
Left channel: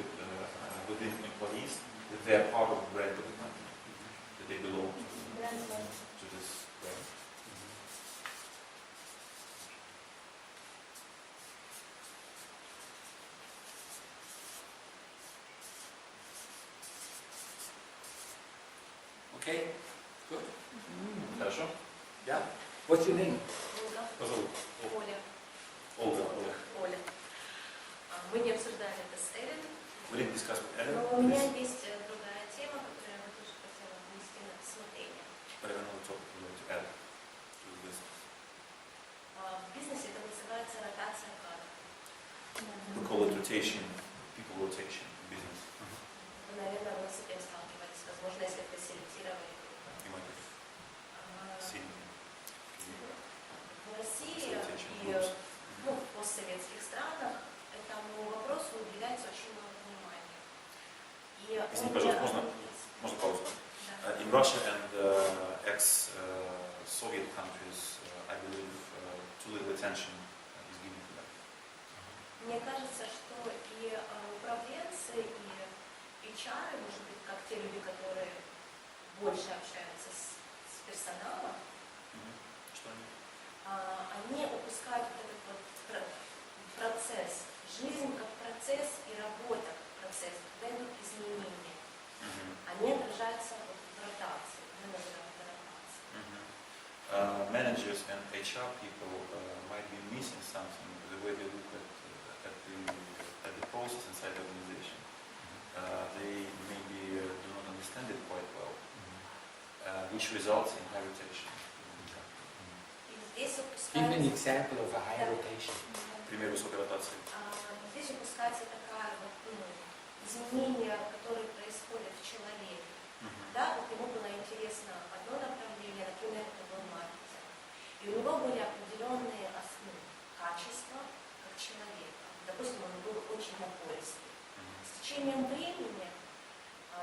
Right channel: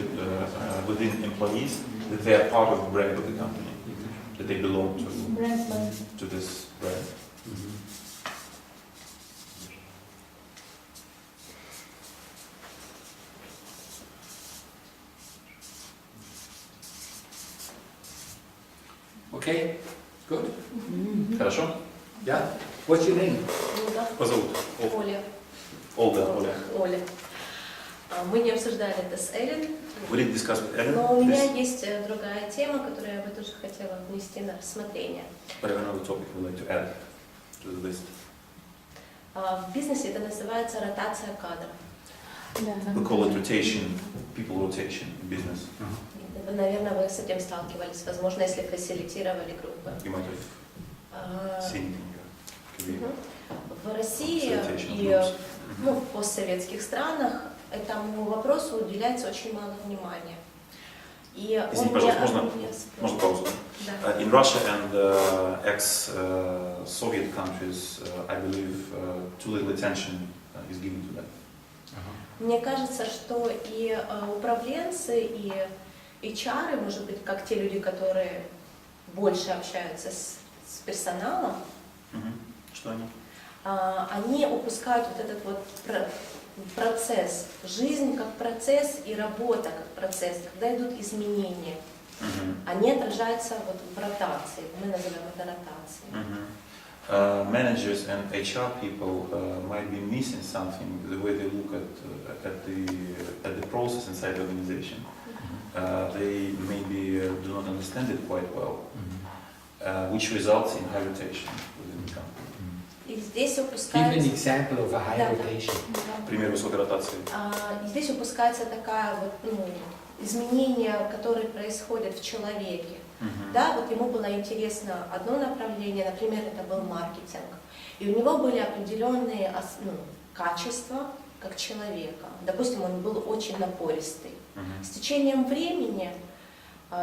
within employees that they are part of the brand of the company, that they belong to this brand. Okay, good. Хорошо? Yeah. What's your name? Позовут. Оля. Оля. Оля. Мы не обсуждали это с Эллен, We didn't discuss with Ellen но у меня this, есть другая тема, которую я бы тоже хотела внести на рассмотрение. but I have another topic I would like to add to the list. В бизнесе это называется ротация кадров. We call it rotation, people rotation in business. Вы, наверное, вы с этим сталкивались, возможно, если фасилитировали группы. You might have seen it in your career. В России Facilitation и groups. в постсоветских странах этому вопросу уделяется очень мало внимания. И Извините, пожалуйста, можно паузу? Да. In Russia and ex-Soviet countries, I believe too little attention is given to that. Мне кажется, что и управленцы, и HR, может быть, как те люди, которые больше общаются с персоналом, Что они? они упускают вот этот вот процесс, жизнь как процесс и работа как процесс, когда идут изменения. Они отражаются вот в ротации, мы называем это ротацией. Managers and HR people might be missing something the way they look at the process inside the organization. They maybe do not understand it quite well, which results in high rotation within the company. И здесь Give an упускается... example of a high Да. rotation. Пример высокой ротации. Здесь упускается такая вот, изменение, которое происходит в человеке. Да, вот ему было интересно одно направление, например, это был маркетинг. И у него были определенные качества как человека. Допустим, он был очень напористый. С течением времени,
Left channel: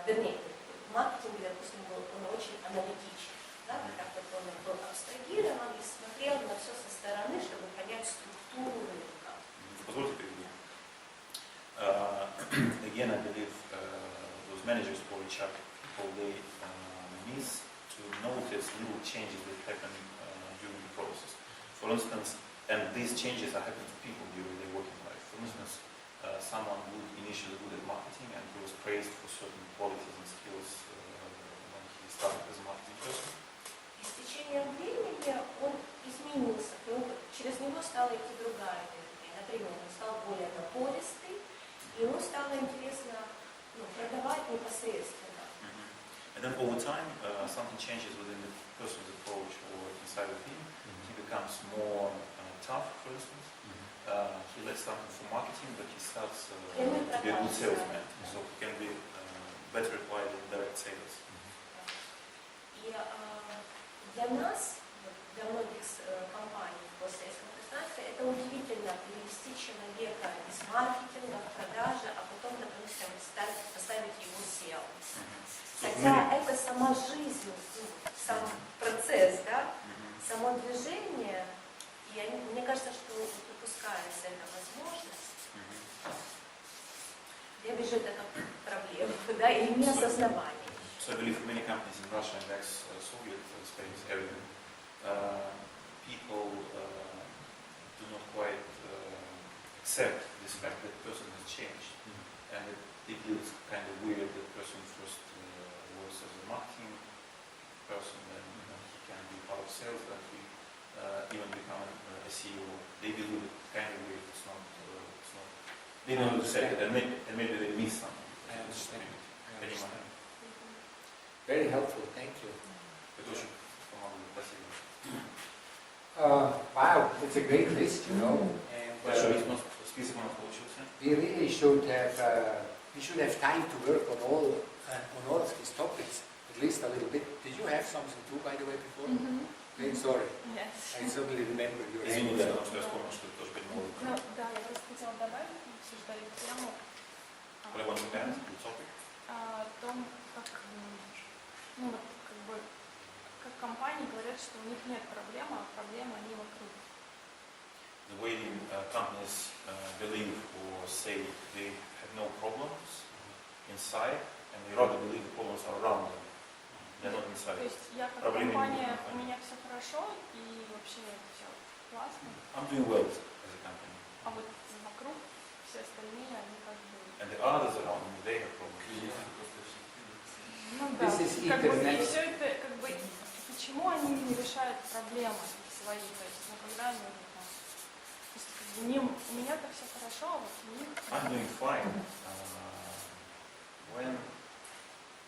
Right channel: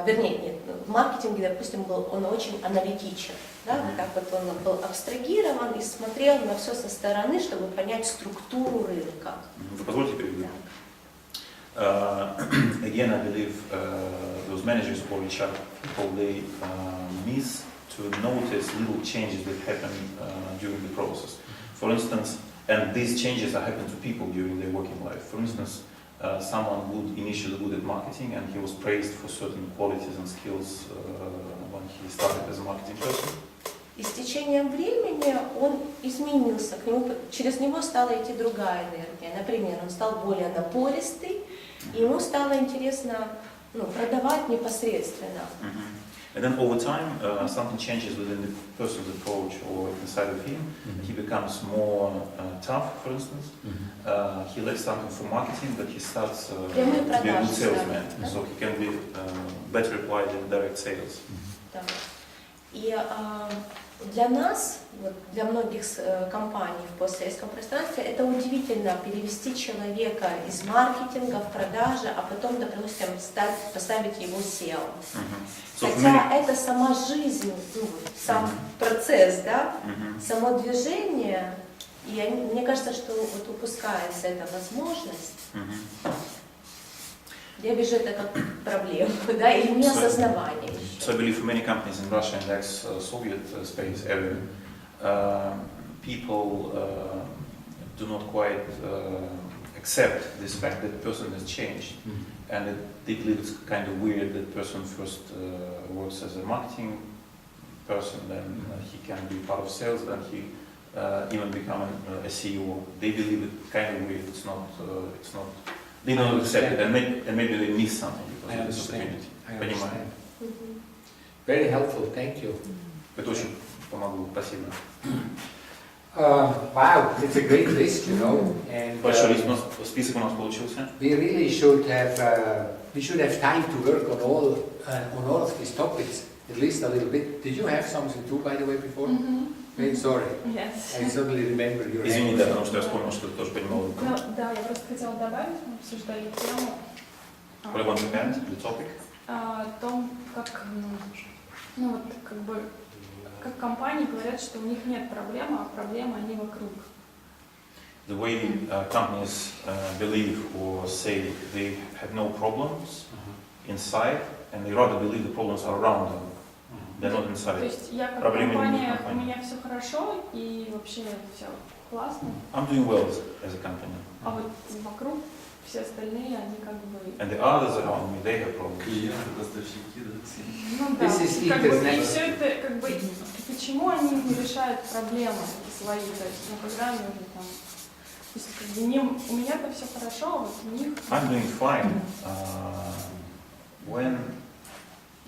вернее, в маркетинге, допустим, он очень аналитичен. Да, вот так вот он был абстрагирован и смотрел на все со стороны, чтобы понять структуру рынка. Вы позвольте переведу? Again, I believe those managers or HR people, they miss to notice little changes that happen during the process. For instance, and these changes are happening to people during their working life. For instance, someone would initially good at marketing and he was praised for certain qualities and skills when he started as a marketing person. И с течением времени он изменился, через него стала идти другая энергия. Например, он стал более напористый, и ему стало интересно продавать непосредственно. And then over time, something changes within the person's approach or inside of him. He becomes more tough, for instance. He left something for marketing, but he starts to be a good salesman. So he can be better applied in direct sales. Да. И для нас, для многих компаний в постсоветском пространстве, это удивительно перевести человека из маркетинга в продажи, а потом, допустим, поставить его SEO. Хотя это сама жизнь, сам процесс, да, само движение, и мне кажется, что вот упускается эта возможность. Я вижу это как проблему, да, или неосознавание. So I believe for many companies in Russia and ex-Soviet space area, people do not quite accept this fact that the person has changed. And they believe it's kind of weird that person first works as a marketing person, then he can be part of sales, then he even become a CEO. They believe it kind of weird. It's not. They don't accept it, and maybe they miss something because of this opportunity. Понимаю. Very helpful. Thank you. Это очень помогло. Спасибо. Wow, it's a great list, you know. And Большой список у нас получился. we really should have time to work on all of these topics, at least a little bit. Did you have something too, by the way, before? Okay, sorry. Yes. I suddenly remember your Извини, да, потому что я вспомнил, что ты тоже принимал руку. Ну, да, я просто хотела добавить, мы обсуждали тему What about the band, the topic? о том, как, ну вот, как бы, как компании говорят, что у них нет проблемы, а проблемы они вокруг. The way companies believe or say they have no problems inside, and they rather believe the problems are around them. They're not То inside. есть я как Проблемы компания, не в у меня все хорошо, и вообще все классно, I'm doing well as a company. а вот вокруг все остальные, они как бы... And the others around me, they have problems. Клиенты, поставщики, Ну да, This is как бы, и internet. все это, как бы, почему они не решают проблемы свои, то есть, ну, когда нужно там, то есть, как бы, у меня-то все хорошо, а вот у них... I'm doing fine. When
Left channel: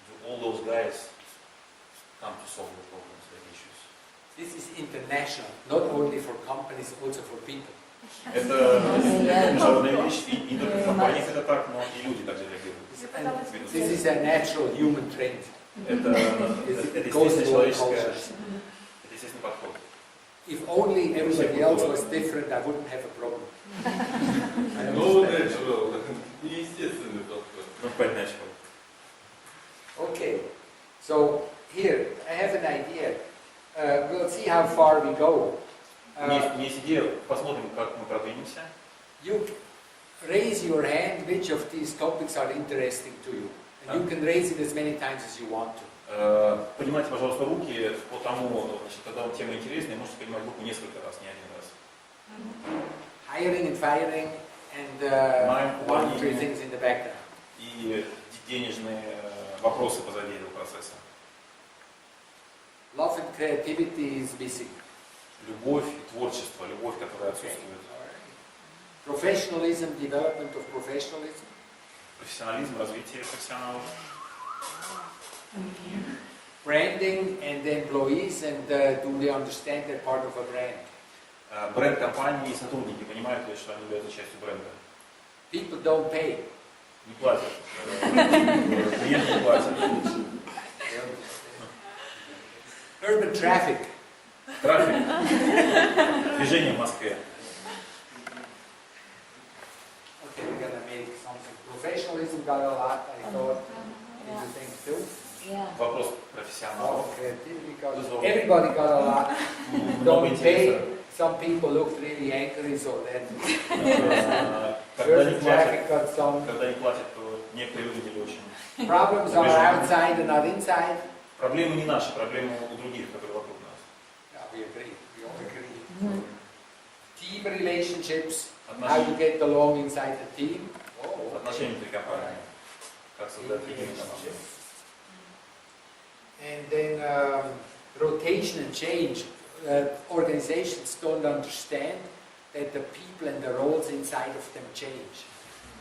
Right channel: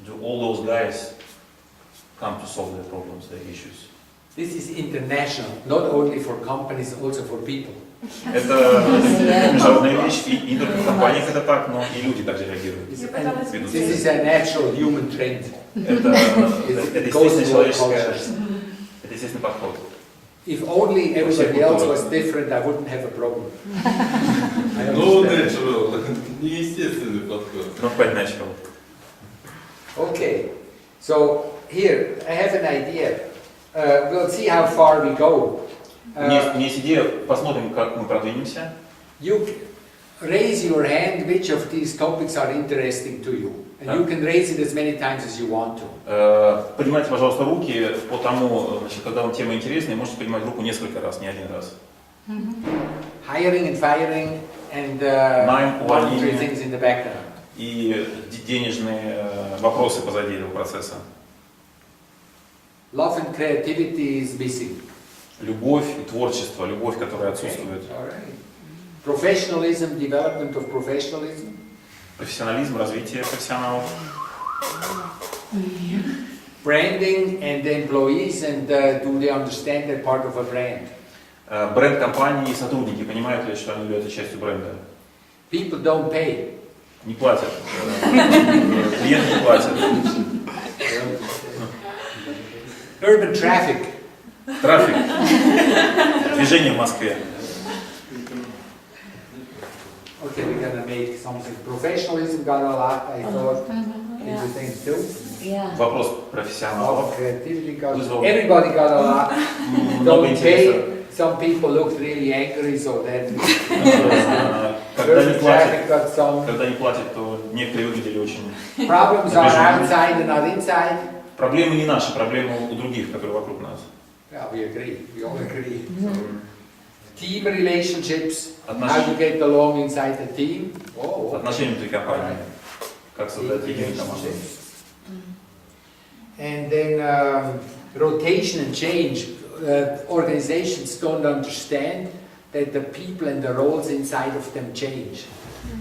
do all those guys come to solve their problems, their issues? This is international, not only for companies, also for people. Это международная вещь, и не только в компаниях это так, но и люди также реагируют. Я пыталась This is a natural human trend. Это естественный подход. If only everybody else was different, I wouldn't have a problem. I No understand. natural, неестественный подход. Not quite natural. Okay, so here I have an idea. We'll see how far we go. У меня есть идея, посмотрим, как мы продвинемся. You raise your hand which of these topics are interesting to you. And you can raise it as many times as you want to. Поднимайте, пожалуйста, руки по тому, значит, когда вам тема интересна, можете поднимать руку несколько раз, не один раз. Hiring and firing and Найм, one or three увольнение. things in the background. И денежные вопросы позади этого процесса. Love and creativity is missing. Любовь и творчество, любовь, которая отсутствует. All right. Professionalism, development of professionalism. Профессионализм, развитие профессионалов. Branding and the employees, and do they understand that part of a brand? Бренд компании и сотрудники понимают ли, что они являются частью бренда? People don't pay. Не платят. Клиенты не платят. Urban traffic. Трафик. Движение в Москве. Okay, we're gonna make something. Professionalism got a lot, I thought. Into things too. Вопрос профессионалов. Creativity got. Вызвал Everybody got a lot. много Don't интереса. pay. Some people looked really angry, so that. Когда не Urban платят, traffic got some. когда не платят, то некоторые выглядели очень... Problems are outside and not inside. Проблемы не наши, проблемы у других, которые вокруг нас. Yeah, we agree. We all agree. Team relationships. How to get along inside the team. Oh, Отношения внутри компании. Как создать единую команду. And then rotation and change. Organizations don't understand that the people and the roles inside of them change.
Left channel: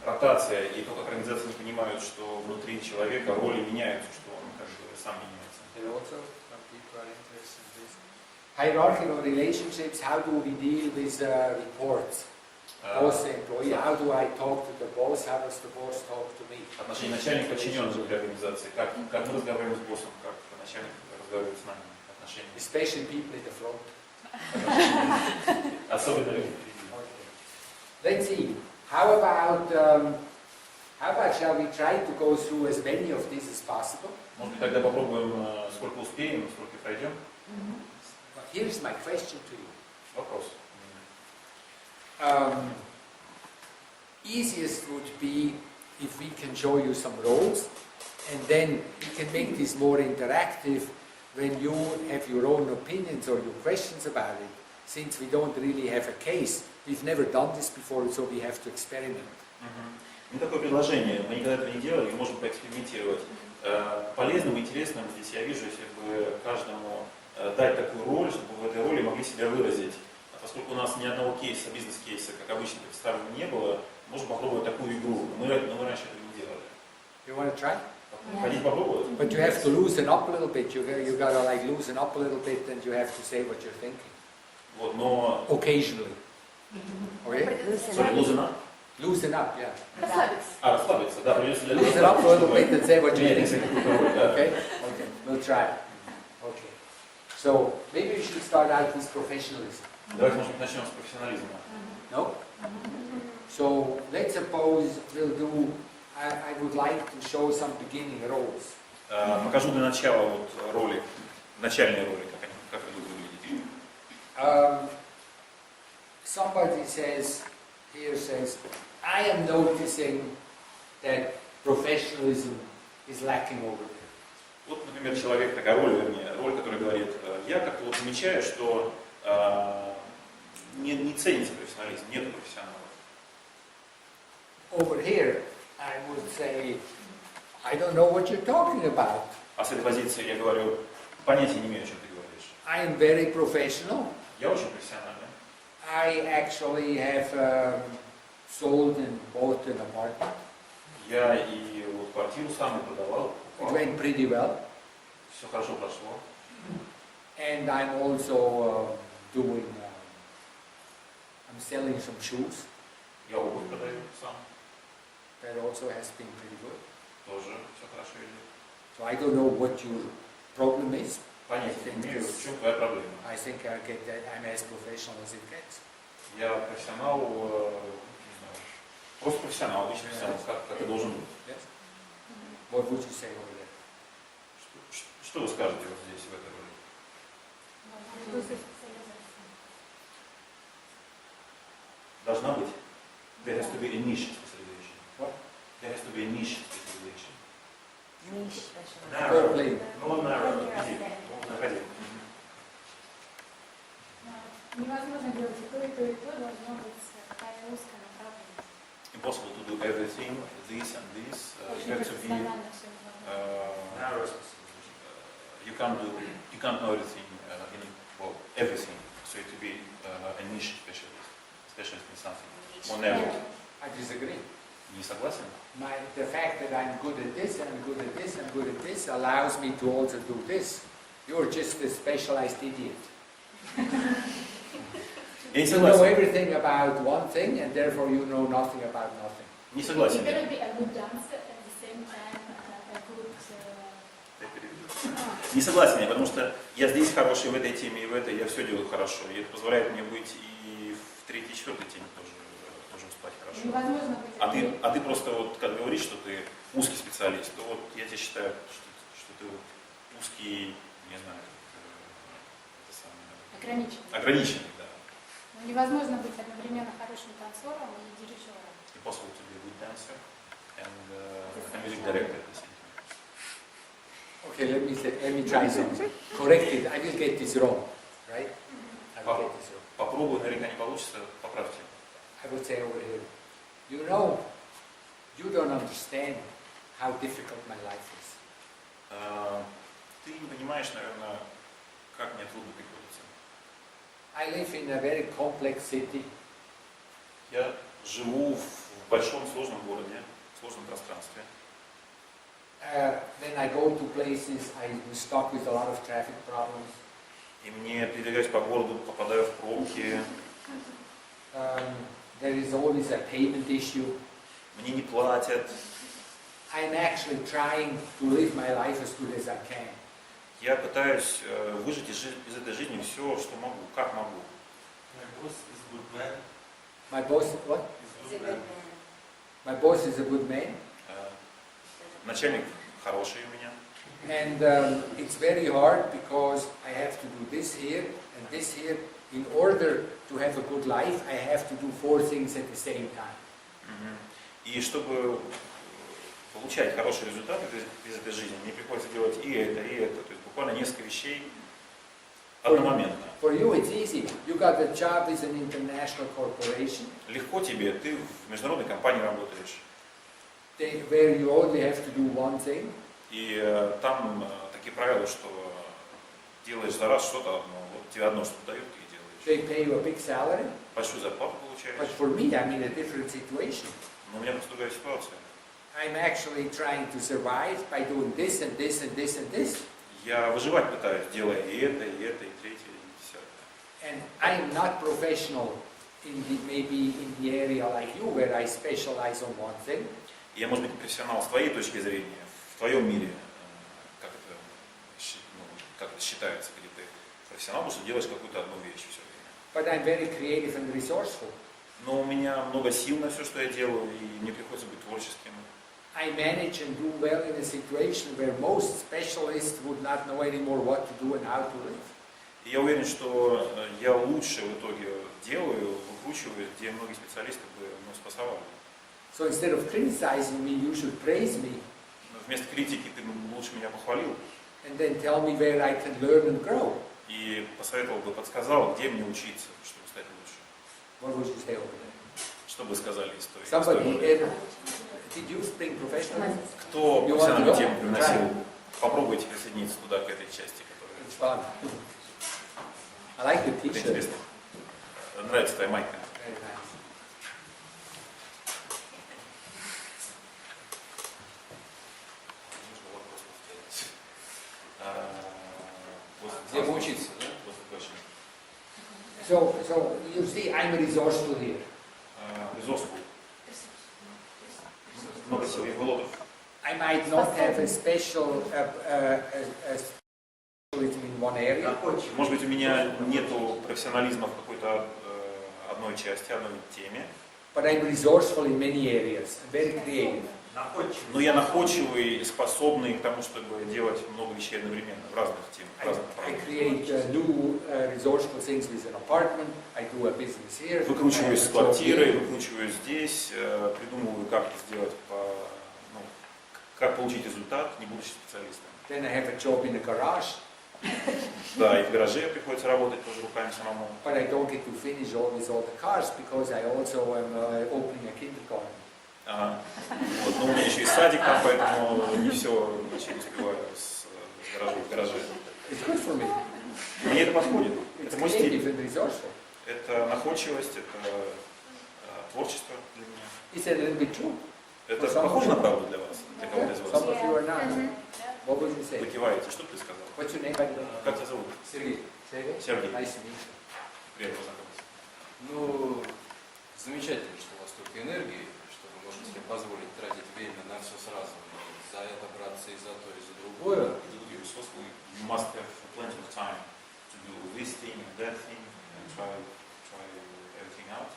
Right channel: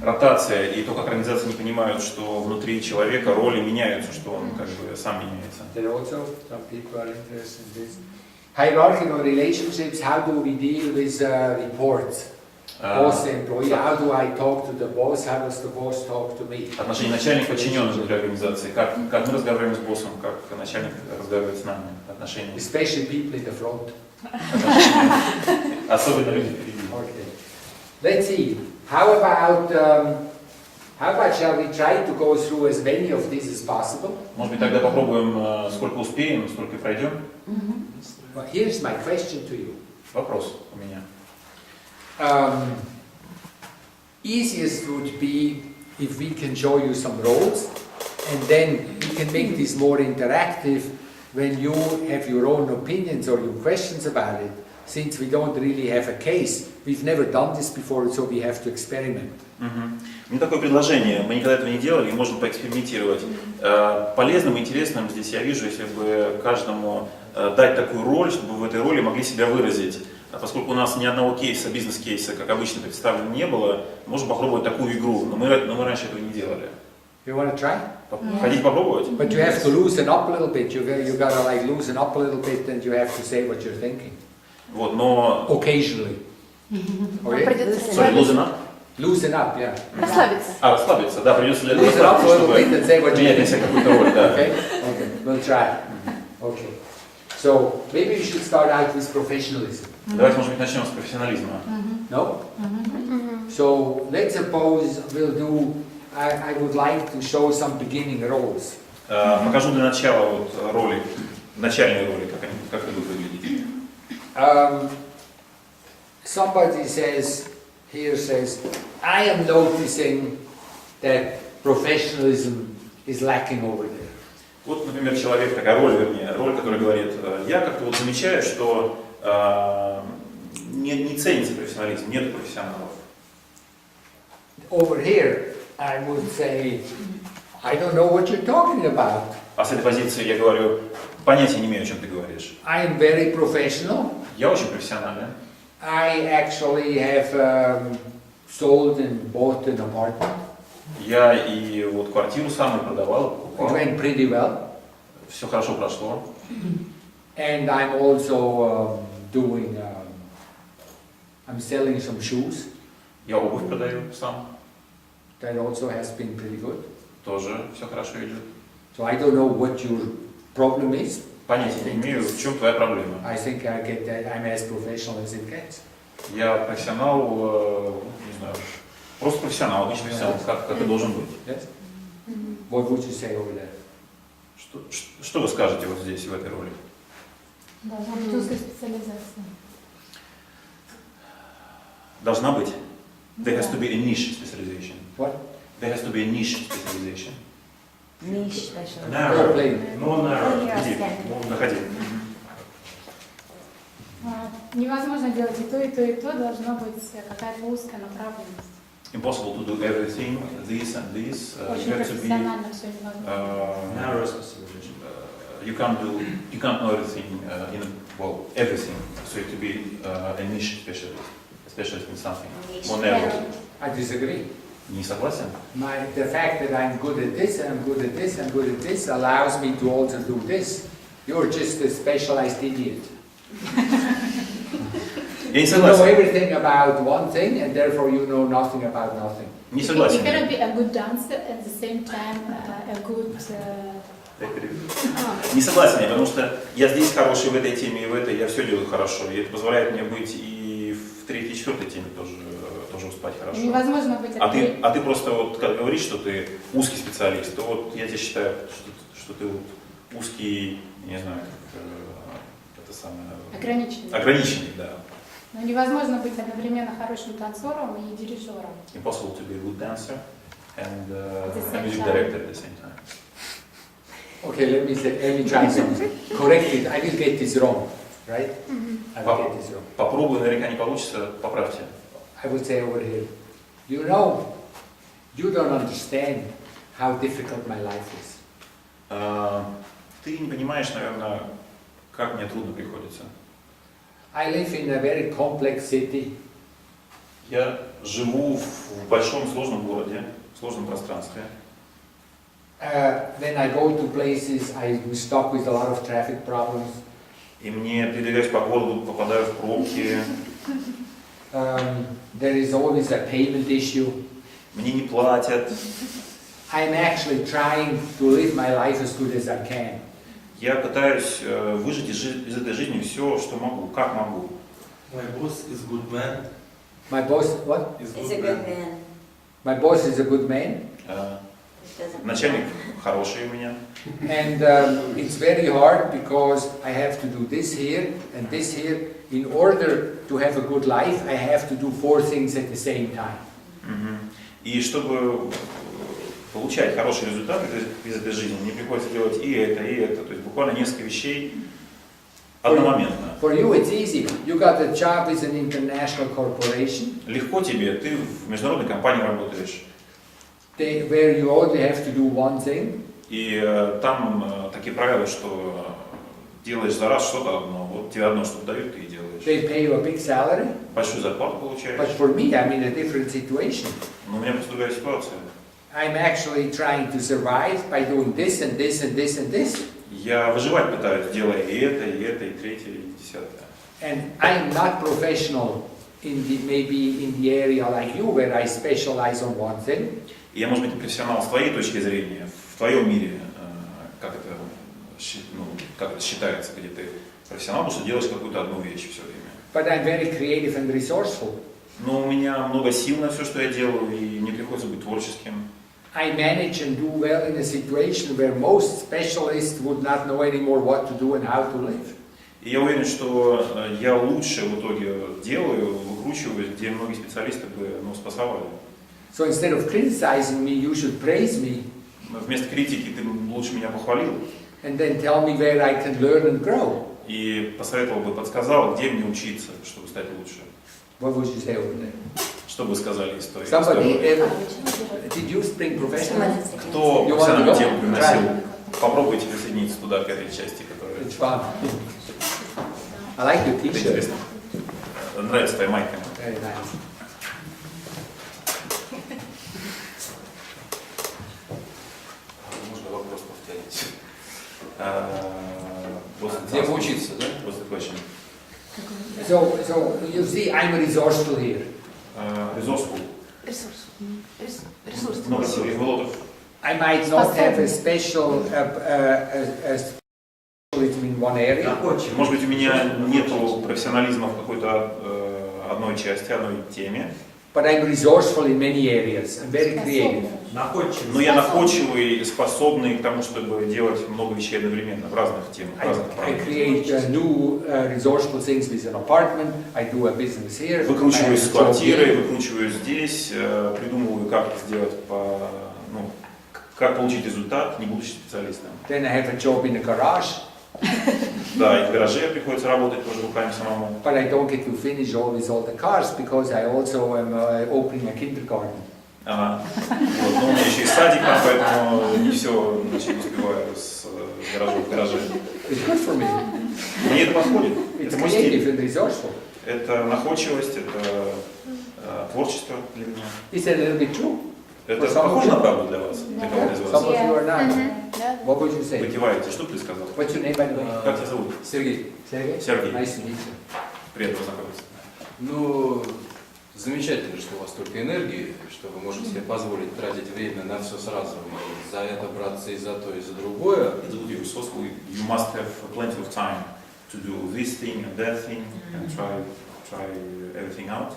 Ротация и то, как организации не понимают, что внутри человека роли меняются, что он как бы сам меняется. There also some people are interested in this. Hierarchical relationships. How do we deal with reports? Boss employee. How do I talk to the boss? How does the boss talk to me? Отношения начальник-подчиненный внутри организации. Как мы разговариваем с боссом, как начальник разговаривает с нами. Отношения. Especially people in the front. Особенно люди впереди. Okay. Let's see. How about shall we try to go through as many of these as possible? Может быть, тогда попробуем, сколько успеем, сколько пройдем. Well, here's my question to you. Вопрос у меня. Easiest would be if we can show you some roles, and then we can make this more interactive when you have your own opinions or your questions about it. since we don't really have a case, we've never done this before, so we have to experiment. У меня такое предложение, мы никогда этого не делали и можем поэкспериментировать. Полезным и интересным здесь я вижу, если бы каждому дать такую роль, чтобы в этой роли могли себя выразить. Поскольку у нас ни одного кейса, бизнес-кейса, как обычно представлено, не было, можем попробовать такую игру, но мы раньше этого не делали. You want to try? Хотите попробовать? But you have to loosen up a little bit. You gotta like loosen up a little bit, and you have to say what you're thinking. Вот, но... Occasionally. Okay? Sorry, loosen up? Loosen up, yeah. Расслабиться. Расслабиться, да, придется для Loosen up a little чтобы bit and say what you're принять на себя thinking. какую-то роль, да. Okay? Okay, we'll try. Okay. So maybe we should start out with professionalism. Давайте, может быть, начнем с профессионализма. No? So let's suppose we'll do. I would like to show some beginning roles. Покажу для начала вот роли, начальные роли, как это будет выглядеть. Somebody says, I am noticing that professionalism is lacking over there. Вот, например, человек, такая роль, вернее, роль, которая говорит, я как-то вот замечаю, что не ценится профессионализм, нет профессионалов. Over here, I would say, I don't know what you're talking about. А с этой позиции я говорю, понятия не имею, о чем ты говоришь. I am very professional. Я очень профессиональный. I actually have sold and bought an apartment. Я и вот квартиру сам и продавал, It покупал. went pretty well. Все хорошо прошло. And I'm also I'm selling some shoes. Я обувь продаю сам. That also has been pretty good. Тоже все хорошо идет. So I don't know what your problem is. Понятия не имею, в чем твоя проблема. I think I get that I'm as professional as it gets. Я профессионал, не знаю, просто профессионал, обычный профессионал, как и должен быть. Yes? What would you say over there? Что вы скажете вот здесь, в этой роли? Должна быть. There has to be a niche specialization. What? There has to be a niche specialization. Go play. No narrow. Иди, находи. Невозможно делать и то, и то, и то. Должна быть какая-то узкая направленность. Impossible to do everything, this and this. Очень You have to be. профессионально все невозможно. Narrow specialization. You can't know everything everything. So you have to be a niche specialist in something. More narrow. I disagree. Не согласен? The fact that I'm good at this, and I'm good at this, and good at this allows me to also do this. You're just a specialized idiot. Я не You know согласен. everything about one thing, and therefore you know nothing about nothing. Не You согласен. cannot be a good dancer at the same time a good. Я переведу. Не согласен я, потому что я здесь хороший в этой теме и в этой, я все делаю хорошо. И это позволяет мне быть и в третьей, четвертой теме тоже успевать хорошо. Невозможно быть. А ты просто вот как говоришь, что ты узкий специалист, то вот я тебе считаю, что ты вот узкий, не знаю, как это самое. Ограниченный, да. Но невозможно быть одновременно хорошим танцором и дирижером. Impossible to be a good dancer and a music director at the same time. Okay, let me try something. Correct it. I will get this wrong, right? I will get this wrong. Попробую, наверняка не получится, поправьте. I would say over here, you know, you don't understand how difficult my life is. Ты не понимаешь, наверное, как мне трудно приходится. I live in a very complex city. Я живу в большом сложном городе, в сложном пространстве. When I go to places, I'm stuck with a lot of traffic problems. И мне передвигаюсь по городу, попадаю в пробки. There is always a payment issue. Мне не платят. I'm actually trying to live my life as good as I can. Я пытаюсь выжить из этой жизни все, что могу, как могу. My boss is good man. My boss, what? Is He's a good man. My boss is a good man. Начальник хороший у меня. And it's very hard because I have to do this here and this here. In order to have a good life, I have to do 4 things at the same time. И чтобы получать хороший результат из этой жизни, мне приходится делать и это, и это. То есть буквально несколько вещей одномоментно. For you it's easy. You got a job with an international corporation. Легко тебе, ты в международной компании работаешь. Where you only have to do one thing. И там такие правила, что делаешь за раз что-то одно. Вот тебе одно что-то дают, ты и делаешь. They pay you a big salary. Большую зарплату получаешь. But for me, I'm in a different situation. Но у меня просто другая ситуация. I'm actually trying to survive by doing this and this and this and this. Я выживать пытаюсь, делая и это, и третье, и десятое. And I'm not professional maybe in the area like you, where I specialize on one thing. И я, может быть, не профессионал с твоей точки зрения, в твоем мире, как это считается, где ты профессионал, потому что делаешь какую-то одну вещь все время. But I'm very creative and resourceful. Но у меня много сил на все, что я делаю, и мне приходится быть творческим. I manage and do well in a situation where most specialists would not know anymore what to do and how to live. И я уверен, что я лучше в итоге делаю, выкручиваюсь, где многие специалисты бы спасовали. So instead of criticizing me, you should praise me. Вместо критики ты лучше меня похвалил. And then tell me where I can learn and grow. И посоветовал бы, подсказал, где мне учиться, чтобы стать лучше. What would you say over there? Что бы сказали из той Somebody истории? did you bring professional? Кто профессиональную тему приносил? Попробуйте присоединиться туда, к этой части, которая... It's fun. I like your Это t-shirt. интересно. Нравится твоя майка. Very nice. Можно вопрос повторить. Где поучиться, да? What's the question? So you see, I'm resourceful here. Resourceful. Ресурс. Много сил, лотов. I might not have a special specialism in one area. Может быть, у меня нету профессионализма в какой-то одной части, одной теме. But I'm resourceful in many areas. I'm very creative. Но я находчивый, способный к тому, чтобы делать много вещей одновременно в разных темах, в разных I направлениях. create new resourceful things with an apartment. I do a business here. Выкручиваюсь I с have a job квартирой, here. выкручиваюсь здесь, придумываю, как это сделать, как получить результат, не будучи специалистом. Then I have a job in a garage. Да, и в гараже приходится работать тоже руками самому. But I don't get to finish always all the cars because I also am opening a kindergarten. Ага. Вот. Но у меня еще и садик там, поэтому не все успеваю с гаражом в гараже. It's good for me. Мне это подходит. It's Это мой creative стиль. and resourceful. Это находчивость, это творчество для меня. Is that a little bit true? Это похоже на правду для вас, для кого-то из Some вас? of you are not. What would you Вы say? киваете. Что бы ты сказал? What's your name, by the way? Как тебя зовут? Сергей, Sergey? Сергей. Nice to meet you. Приятно познакомиться. ну, замечательно, что у вас столько энергии, что вы можете себе позволить тратить время на все сразу, и за это браться и за то, и за другое. You must have plenty of time to do this thing and that thing and try everything out.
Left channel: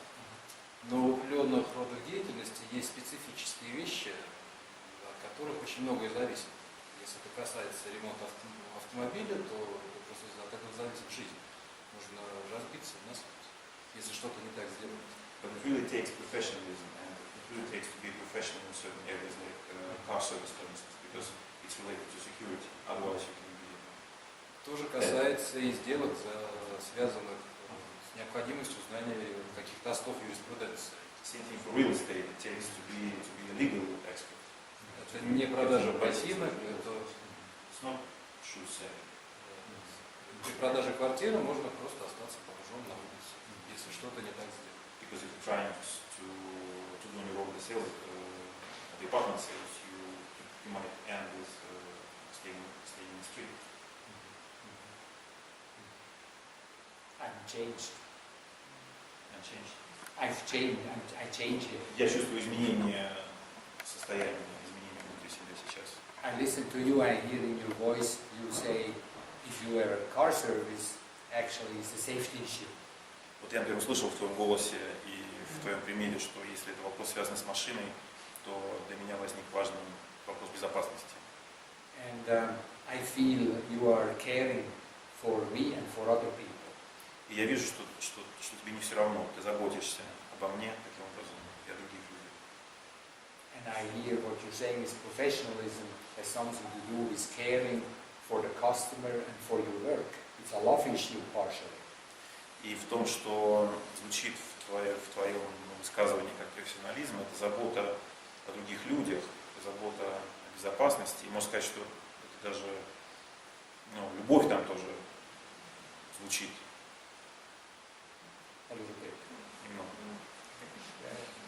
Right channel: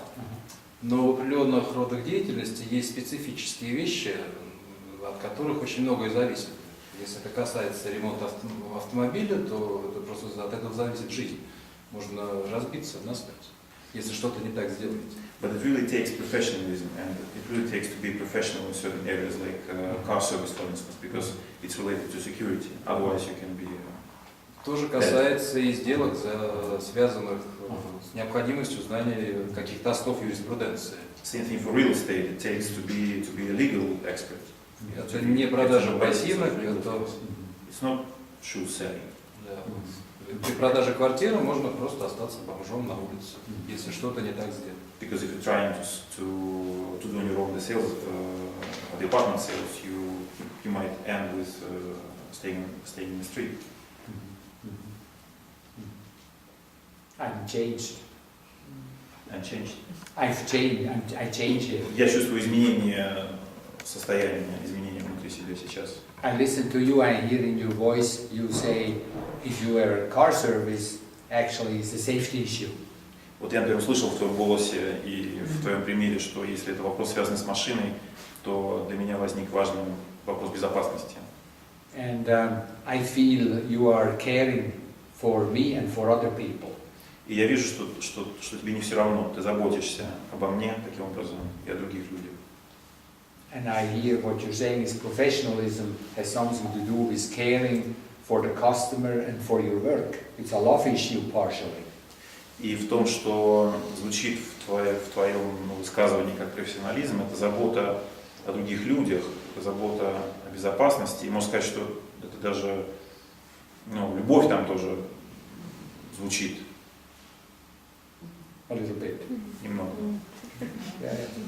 Но в определенных родах деятельности есть специфические вещи, от которых очень многое зависит. Если это касается ремонта автомобиля, то это просто от этого зависит жизнь. Можно разбиться насмерть, если что-то не так сделать. But it really takes professionalism, and it really takes to be professional in certain areas, like car service, for instance, because it's related to security. Otherwise, you can be. То же касается и сделок, связанных с необходимостью знания каких-то основ юриспруденции. Same thing for real estate. It takes to be a legal expert. Это не продажа ботинок, это... It's not shoe selling. При продаже квартиры можно просто остаться бомжом на улице, если что-то не так сделать. Because if you're trying to do on your own the sales, the apartment sales, you might end with staying in the street. I'm changed. And changed. I've changed. I changed it. Я чувствую изменение состояния, изменения внутри себя сейчас. I listen to you. I hear in your voice you say, if you are a car service, actually it's a safety issue. Вот я, например, услышал в твоем голосе и в твоем примере, что если это вопрос связанный с машиной, то для меня возник важный вопрос безопасности. And I feel you are caring for me and for other people. И я вижу, что тебе не все равно, ты заботишься обо мне таким образом и о других людях. And I hear what you're saying is professionalism has something to do with caring for the customer and for your work. It's a love issue partially. И в том, что звучит в твоем высказывании как профессионализм, это забота о других людях, это забота о безопасности. И можно сказать, что это даже любовь там тоже звучит. A little bit. Немного.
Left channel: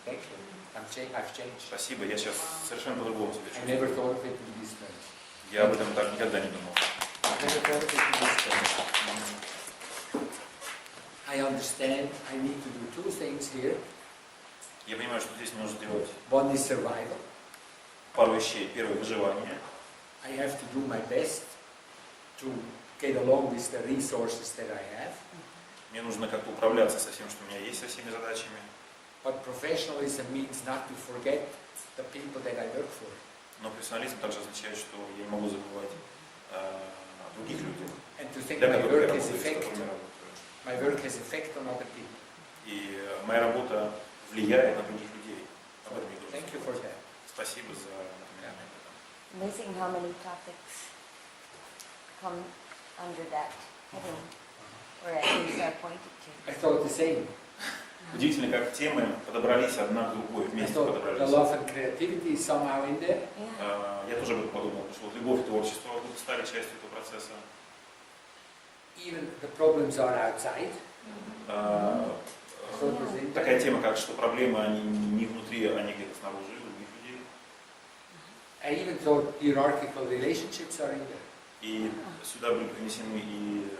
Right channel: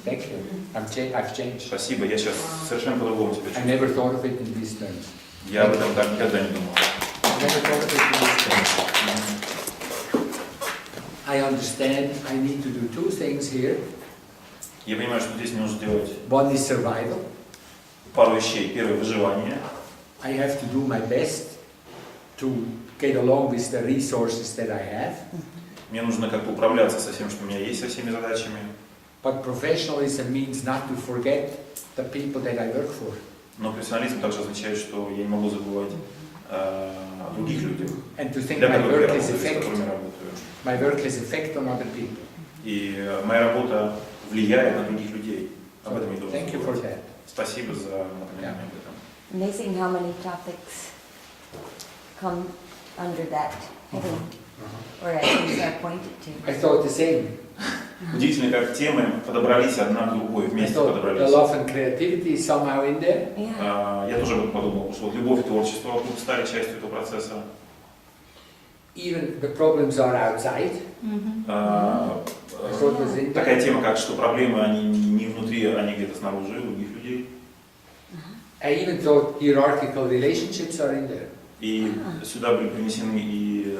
Thank you. I've changed. Спасибо, я сейчас совершенно по-другому себя I чувствую. never thought of it in these terms. Я об этом так никогда не думал. I never thought of it in these terms. I understand I need to do two things here. Я понимаю, что здесь мне нужно сделать One is survival. пару вещей. Первое — выживание. I have to do my best to get along with the resources that I have. Мне нужно как-то управляться со всем, что у меня есть, со всеми задачами. But professionalism means not to forget the people that I work for. Но профессионализм также означает, что я не могу забывать о других людях, And to think для my которых я work has работаю, с effect. которыми работаю. My work has effect on other people. И моя работа влияет на других людей. Об этом не должен Thank you for забывать. that. Спасибо за напоминание об этом. Amazing how many topics come under that heading, or at least are pointed to. I thought the same. Удивительно, как темы подобрались одна к другой, I вместе thought the подобрались. love and creativity is somehow in there. Yeah. Я тоже об этом подумал, что вот любовь и творчество вдруг стали частью этого процесса. Even the problems are outside. Такая тема, как что проблемы, они не внутри, они где-то снаружи, у других людей. I even thought hierarchical relationships are in there. И сюда были принесены и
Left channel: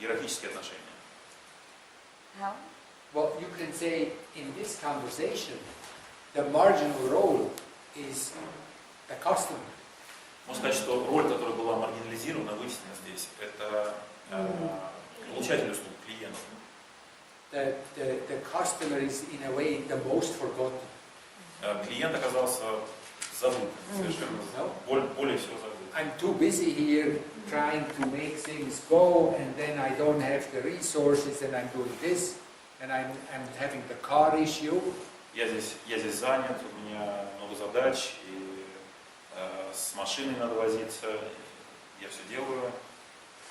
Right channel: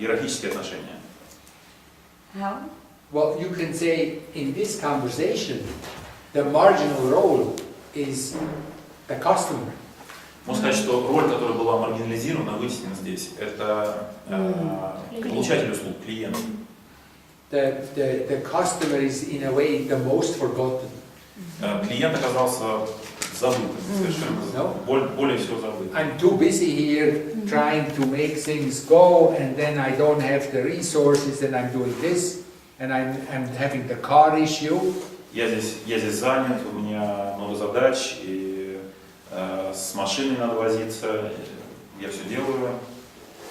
иерархические отношения. How? Well, you can say in this conversation, the marginal role is the customer. Можно сказать, что роль, которая была маргинализирована, вытеснена здесь, это получатель услуг, клиент. The customer is in a way the most forgotten. Клиент оказался забытым, совершенно более всего забытым. I'm too busy here trying to make things go, and then I don't have the resources, and I'm doing this, and I'm having the car issue. Я здесь занят, у меня много задач, и с машиной надо возиться, я все делаю.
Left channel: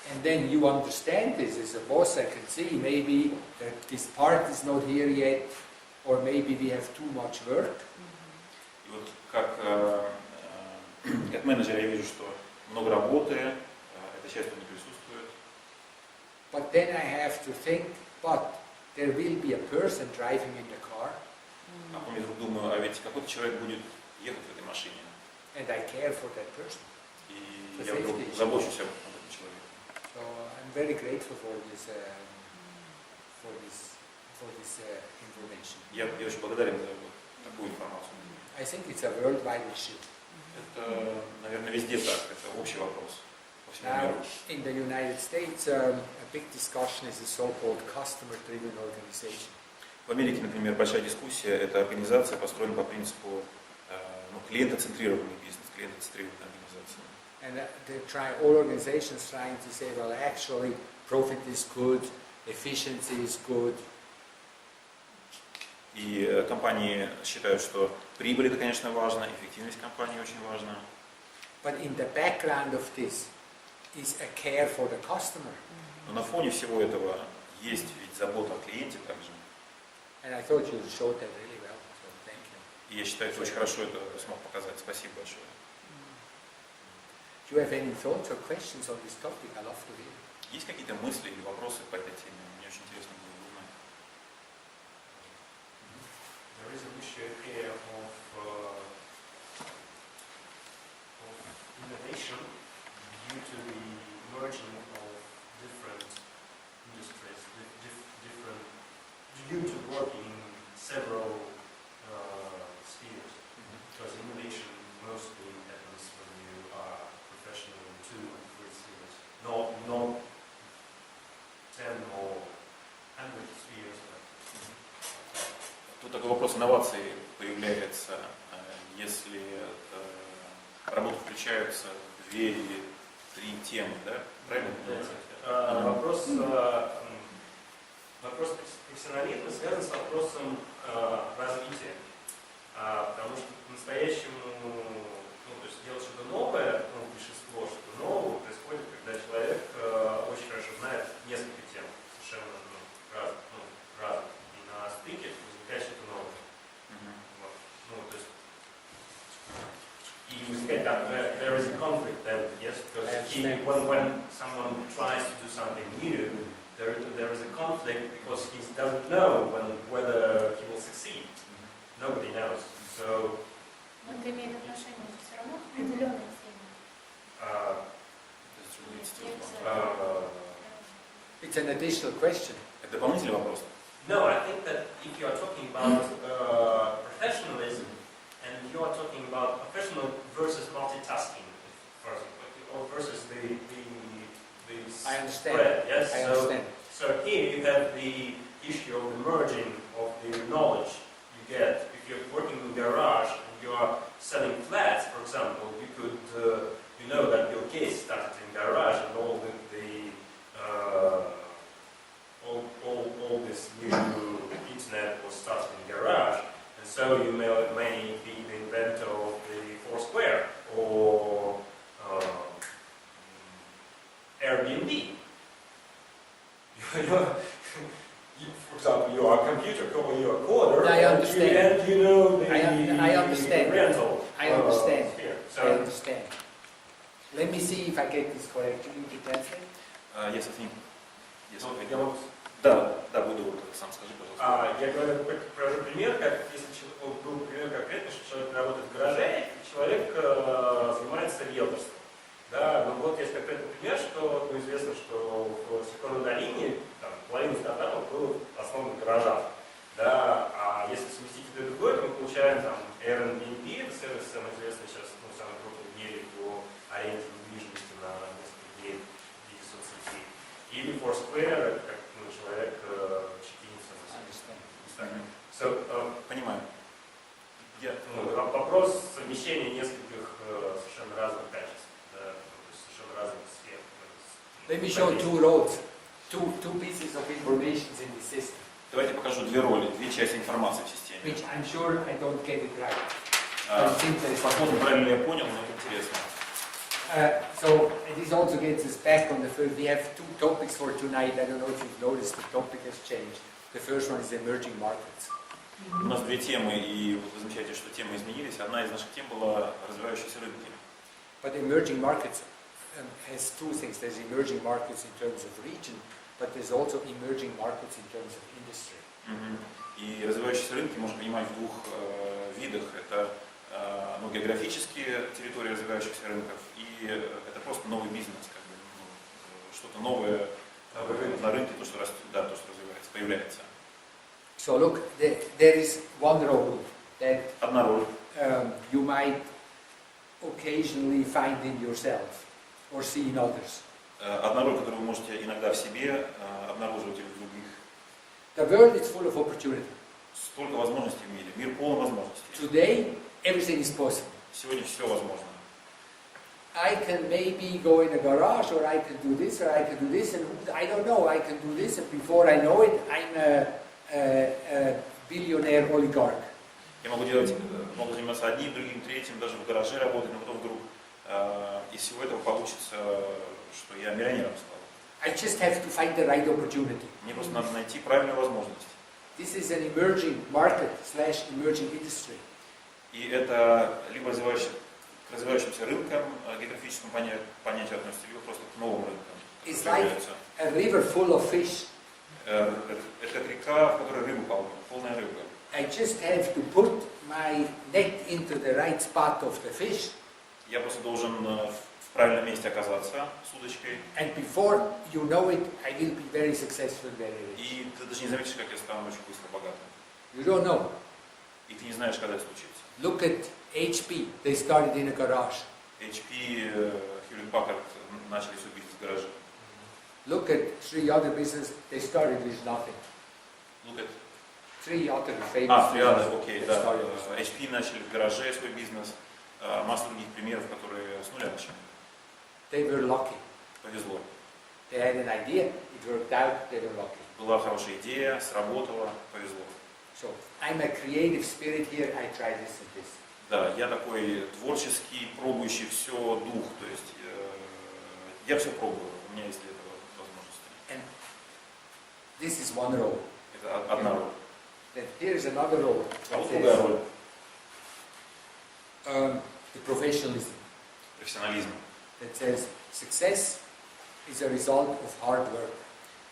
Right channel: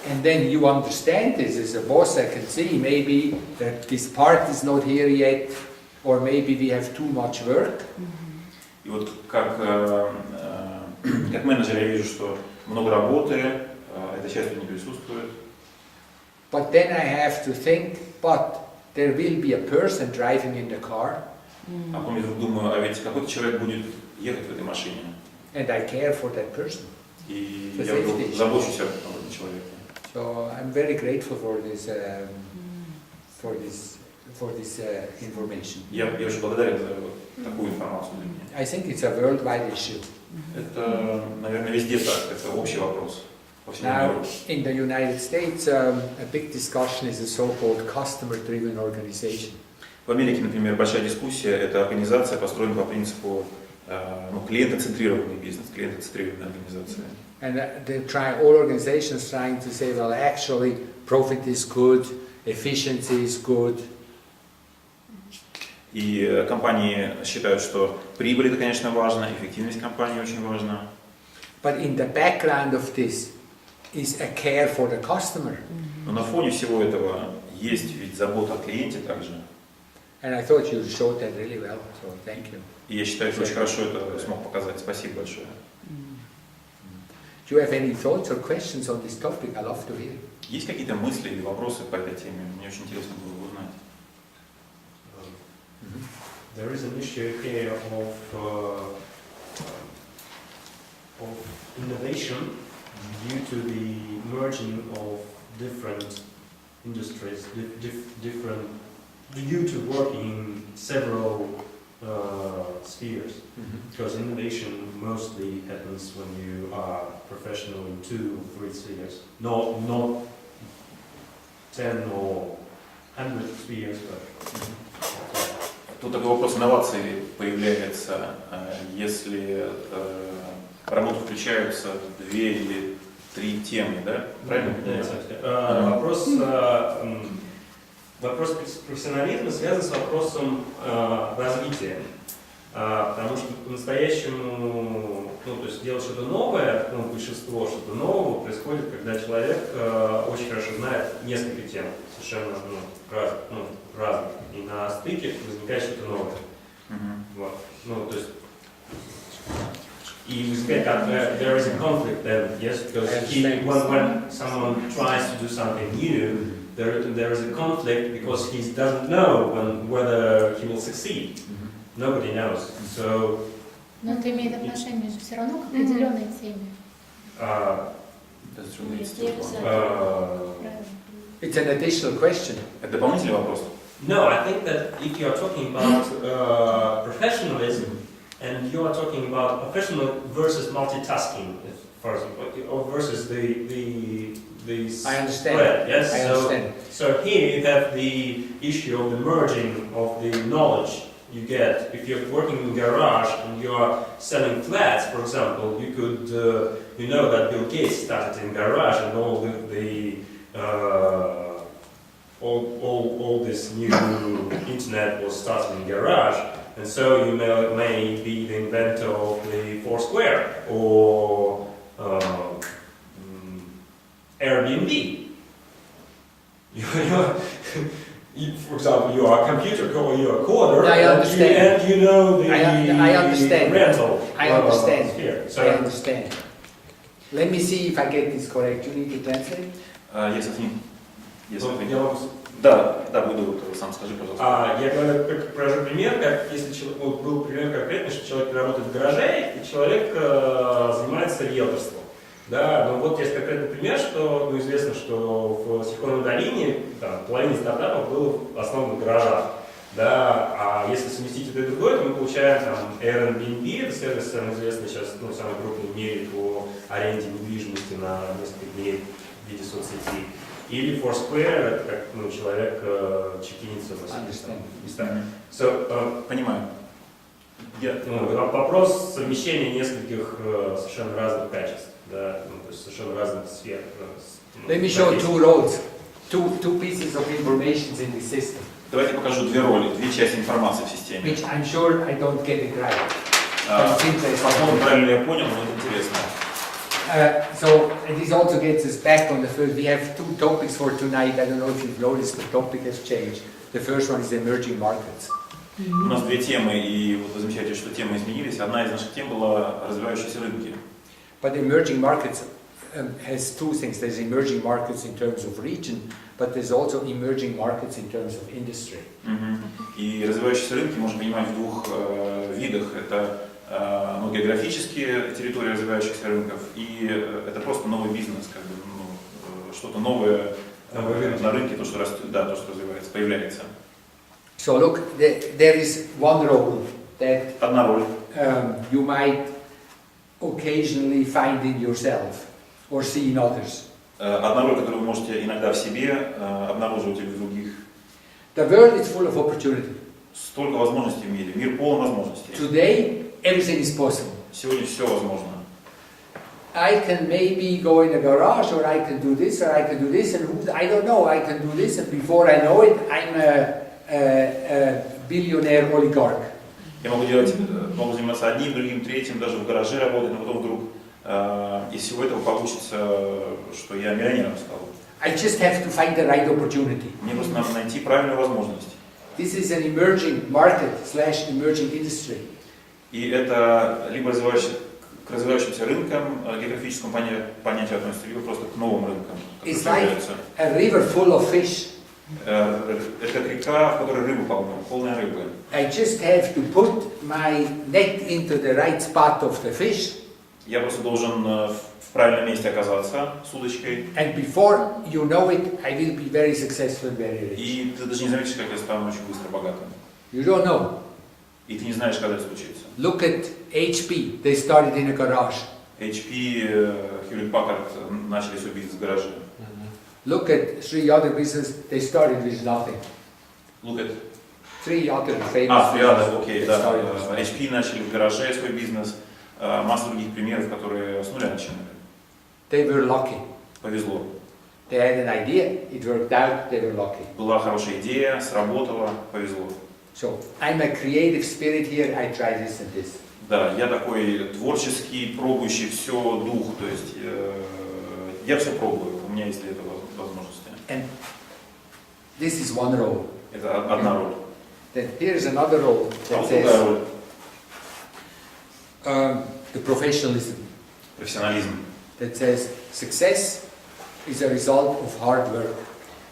And then you understand this as a boss. I can see maybe that this part is not here yet, or maybe we have too much work. И вот как менеджер я вижу, что много работы, эта часть не присутствует. But then I have to think, but there will be a person driving in the car. А потом я вдруг думаю, а ведь какой-то человек будет ехать в этой машине. And I care for that person. И For я вдруг safety. забочусь об этом человеке. So I'm very grateful for this information. Я очень благодарен за вот такую информацию. I think it's a worldwide issue. Это, наверное, везде так, это общий вопрос. По всему Now, миру. in the United States, a big discussion is a so-called customer-driven organization. В Америке, например, большая дискуссия, это организация построена по принципу клиентоцентрированный бизнес, клиентоцентрированная организация. And all organizations trying to say, well, actually, profit is good, efficiency is good. И компании считают, что прибыль это, конечно, важно, эффективность компании очень важна. But in the background of this is a care for the customer. Но на фоне всего этого есть ведь забота о клиенте также. And I thought you showed that really well, so thank you. И я считаю, что очень хорошо это смог показать. Спасибо большое. Do you have any thoughts or questions on this topic? I love to hear. Есть какие-то мысли или вопросы по этой теме? Мне очень интересно было узнать. There is an issue here of innovation due to the merging of different industries, different due to working in several spheres. Because innovation mostly happens when you are professional in 2-3 spheres, not 10 or 100 spheres, but Тут такой вопрос инноваций появляется, если в работу включаются 2 или 3 темы, да? Правильно понимаю? Вопрос профессионализма связан с вопросом развития. Потому что по-настоящему, то есть делать что-то новое, ну, большинство что-то нового происходит, когда человек очень хорошо знает несколько тем, совершенно разных. И на стыке возникает что-то новое. Вот. Ну, то есть, и возникает, there is a conflict then, yes, because when someone tries to do something new, there is a conflict because he doesn't know whether he will succeed. Nobody knows. So. Но это имеет отношение же все равно к определенной теме. It's an additional question. Это дополнительный вопрос. No, I think that if you are talking about professionalism and you are talking about professional versus multitasking, for example, or versus the I understand. spread, yes? I understand. So here you have the issue of the merging of the knowledge you get. If you're working in a garage and you are selling flats, for example, you could, you know that Bill Gates started in garage and all this new internet was started in garage, and so you may be the inventor of the Foursquare or Airbnb. For example, you are a computer or you are a coder, I understand. and you know the I understand. rental. I understand. Sphere. So, I understand. Let me see if I get this correct. You need to translate? Yes, I think. Yes, I think. я могу Да, буду, сам скажи, пожалуйста. Я говорю, привожу пример, как если был пример конкретный, что человек работает в гараже, и человек занимается риэлторством. Да, но вот есть конкретный пример, что известно, что в Силиконовой долине половина стартапов было основано в гаражах. Да, а если совместить это и другое, то мы получаем Airbnb, это сервис, самый известный сейчас, самый крупный в мире по аренде недвижимости на несколько дней в виде соцсетей. Или Foursquare, это как человек чекинится на местах. Понимаю. Вопрос совмещения нескольких совершенно разных качеств, да, то есть совершенно разных сфер. Let me show two roles, two pieces of information in the system. Давайте покажу две роли, две части информации в системе. Which I'm sure I don't get it right. По-моему, правильно я понял, но это интересно. So this also gets us back on the first. We have two topics for tonight. I don't know if you've noticed the topic has changed. The first one is emerging markets. У нас две темы, и вот вы замечаете, что темы изменились. Одна из наших тем была развивающиеся рынки. But emerging markets has two things. There's emerging markets in terms of region, but there's also emerging markets in terms of industry. И развивающиеся рынки можно понимать в двух видах. Это географические территории развивающихся рынков, и это просто новый бизнес, как бы, что-то новое на рынке, то, что растет, да, то, что развивается, появляется. So look, there is one role that одна роль you might occasionally find in yourself or see in others. Одна роль, которую вы можете иногда в себе обнаруживать или в других. The world is full of opportunity. Столько возможностей в мире, мир полон возможностей. Today, everything is possible. Сегодня все возможно. I can maybe go in a garage, or I can do this, or I can do this, and I don't know, I can do this, and before I know it, I'm a billionaire oligarch. Я могу заниматься одним, другим, третьим, даже в гараже работать, но потом вдруг из всего этого получится, что я миллионером стал. I just have to find the right opportunity. Мне просто надо найти правильную возможность. This is an emerging market / emerging industry. И это либо к развивающимся рынкам, географическому понятию относится, либо просто к новым рынкам. It's like a river full of fish. Это как река, в которой рыбы полная рыбы. I just have to put my net into the right spot of the fish. Я просто должен в правильном месте оказаться с удочкой. And before you know it, I will be very successful, very rich. И ты даже не заметишь, как я стану очень быстро богатым. You don't know. И ты не знаешь, когда это случится. Look at HP. They started in a garage. HP, Hewlett Packard начали свой бизнес в гараже. Look at 3 other businesses. They started with nothing. Look at 3 other famous. 3 other, окей, да. HP начали в гараже свой бизнес. Масса других примеров, которые с нуля начинали. They were lucky. Повезло. They had an idea. It worked out. They were lucky. Была хорошая идея, сработала, повезло. So I'm a creative spirit here. I try this and this. Да, я такой творческий, пробующий все дух, то есть я все пробую, у меня есть для этого возможности. And this is one role. Это одна роль. Then here's another role А that вот другая says роль. the professionalism. Профессионализм. That says success is a result of hard work.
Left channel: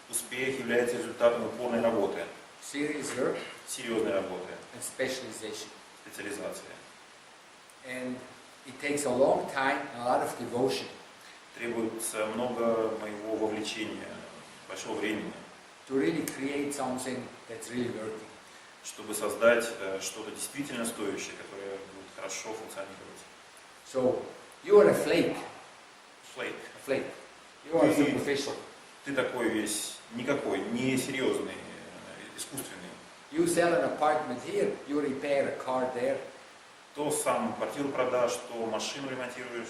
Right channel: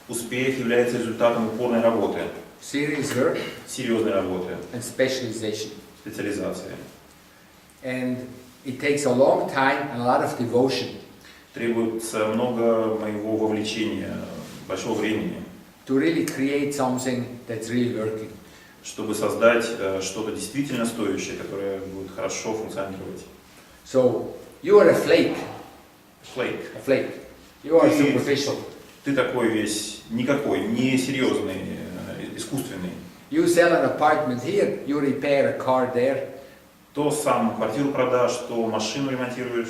Успех является результатом упорной работы, Serious work серьезной работы, and specialization. специализации. And it takes a long time and a lot of devotion Требуется много моего вовлечения, большого времени, to really create something that's really working. чтобы создать что-то действительно стоящее, которое будет хорошо функционировать. So you are a flake. Flake. A flake. You are superficial. Ты такой весь никакой, не серьезный, искусственный. You sell an apartment here, you repair a car there, То сам квартиру продашь, то машину ремонтируешь,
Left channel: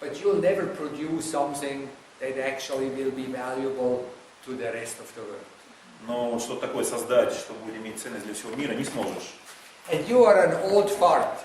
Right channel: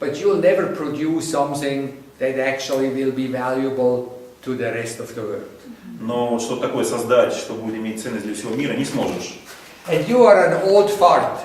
but you'll never produce something that actually will be valuable to the rest of the world. но вот что-то такое создать, что будет иметь ценность для всего мира, не сможешь. And you are an old fart.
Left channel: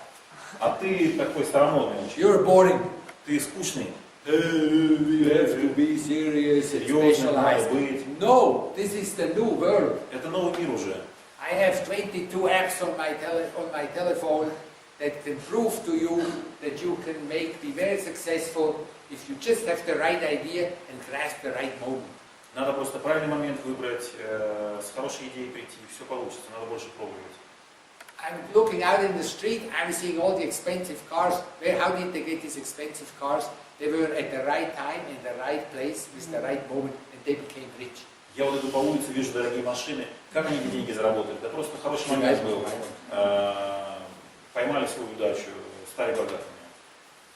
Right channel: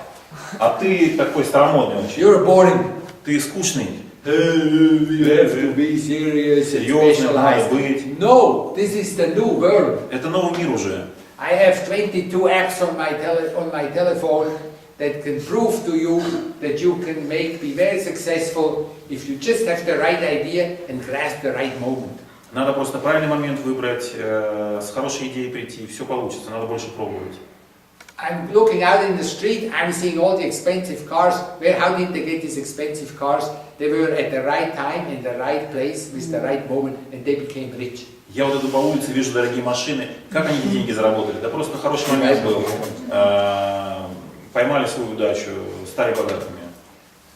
А ты такой старомодный очень. You're boring. Ты скучный. You have to be serious and Серьезным надо specialized. быть. No, this is the new world. Это новый мир уже. I have 22 apps on my telephone that can prove to you that you can be very successful if you just have the right idea and grasp the right moment. Надо просто правильный момент выбрать, с хорошей идеей прийти, все получится, надо больше пробовать. I'm looking out in the street, I'm seeing all the expensive cars. How did they get these expensive cars? They were at the right time, in the right place, with the right moment, and they became rich. Я вот иду по улице, вижу дорогие машины. Как они эти деньги заработали? Да просто хороший момент был. Поймали свою удачу, стали богатыми.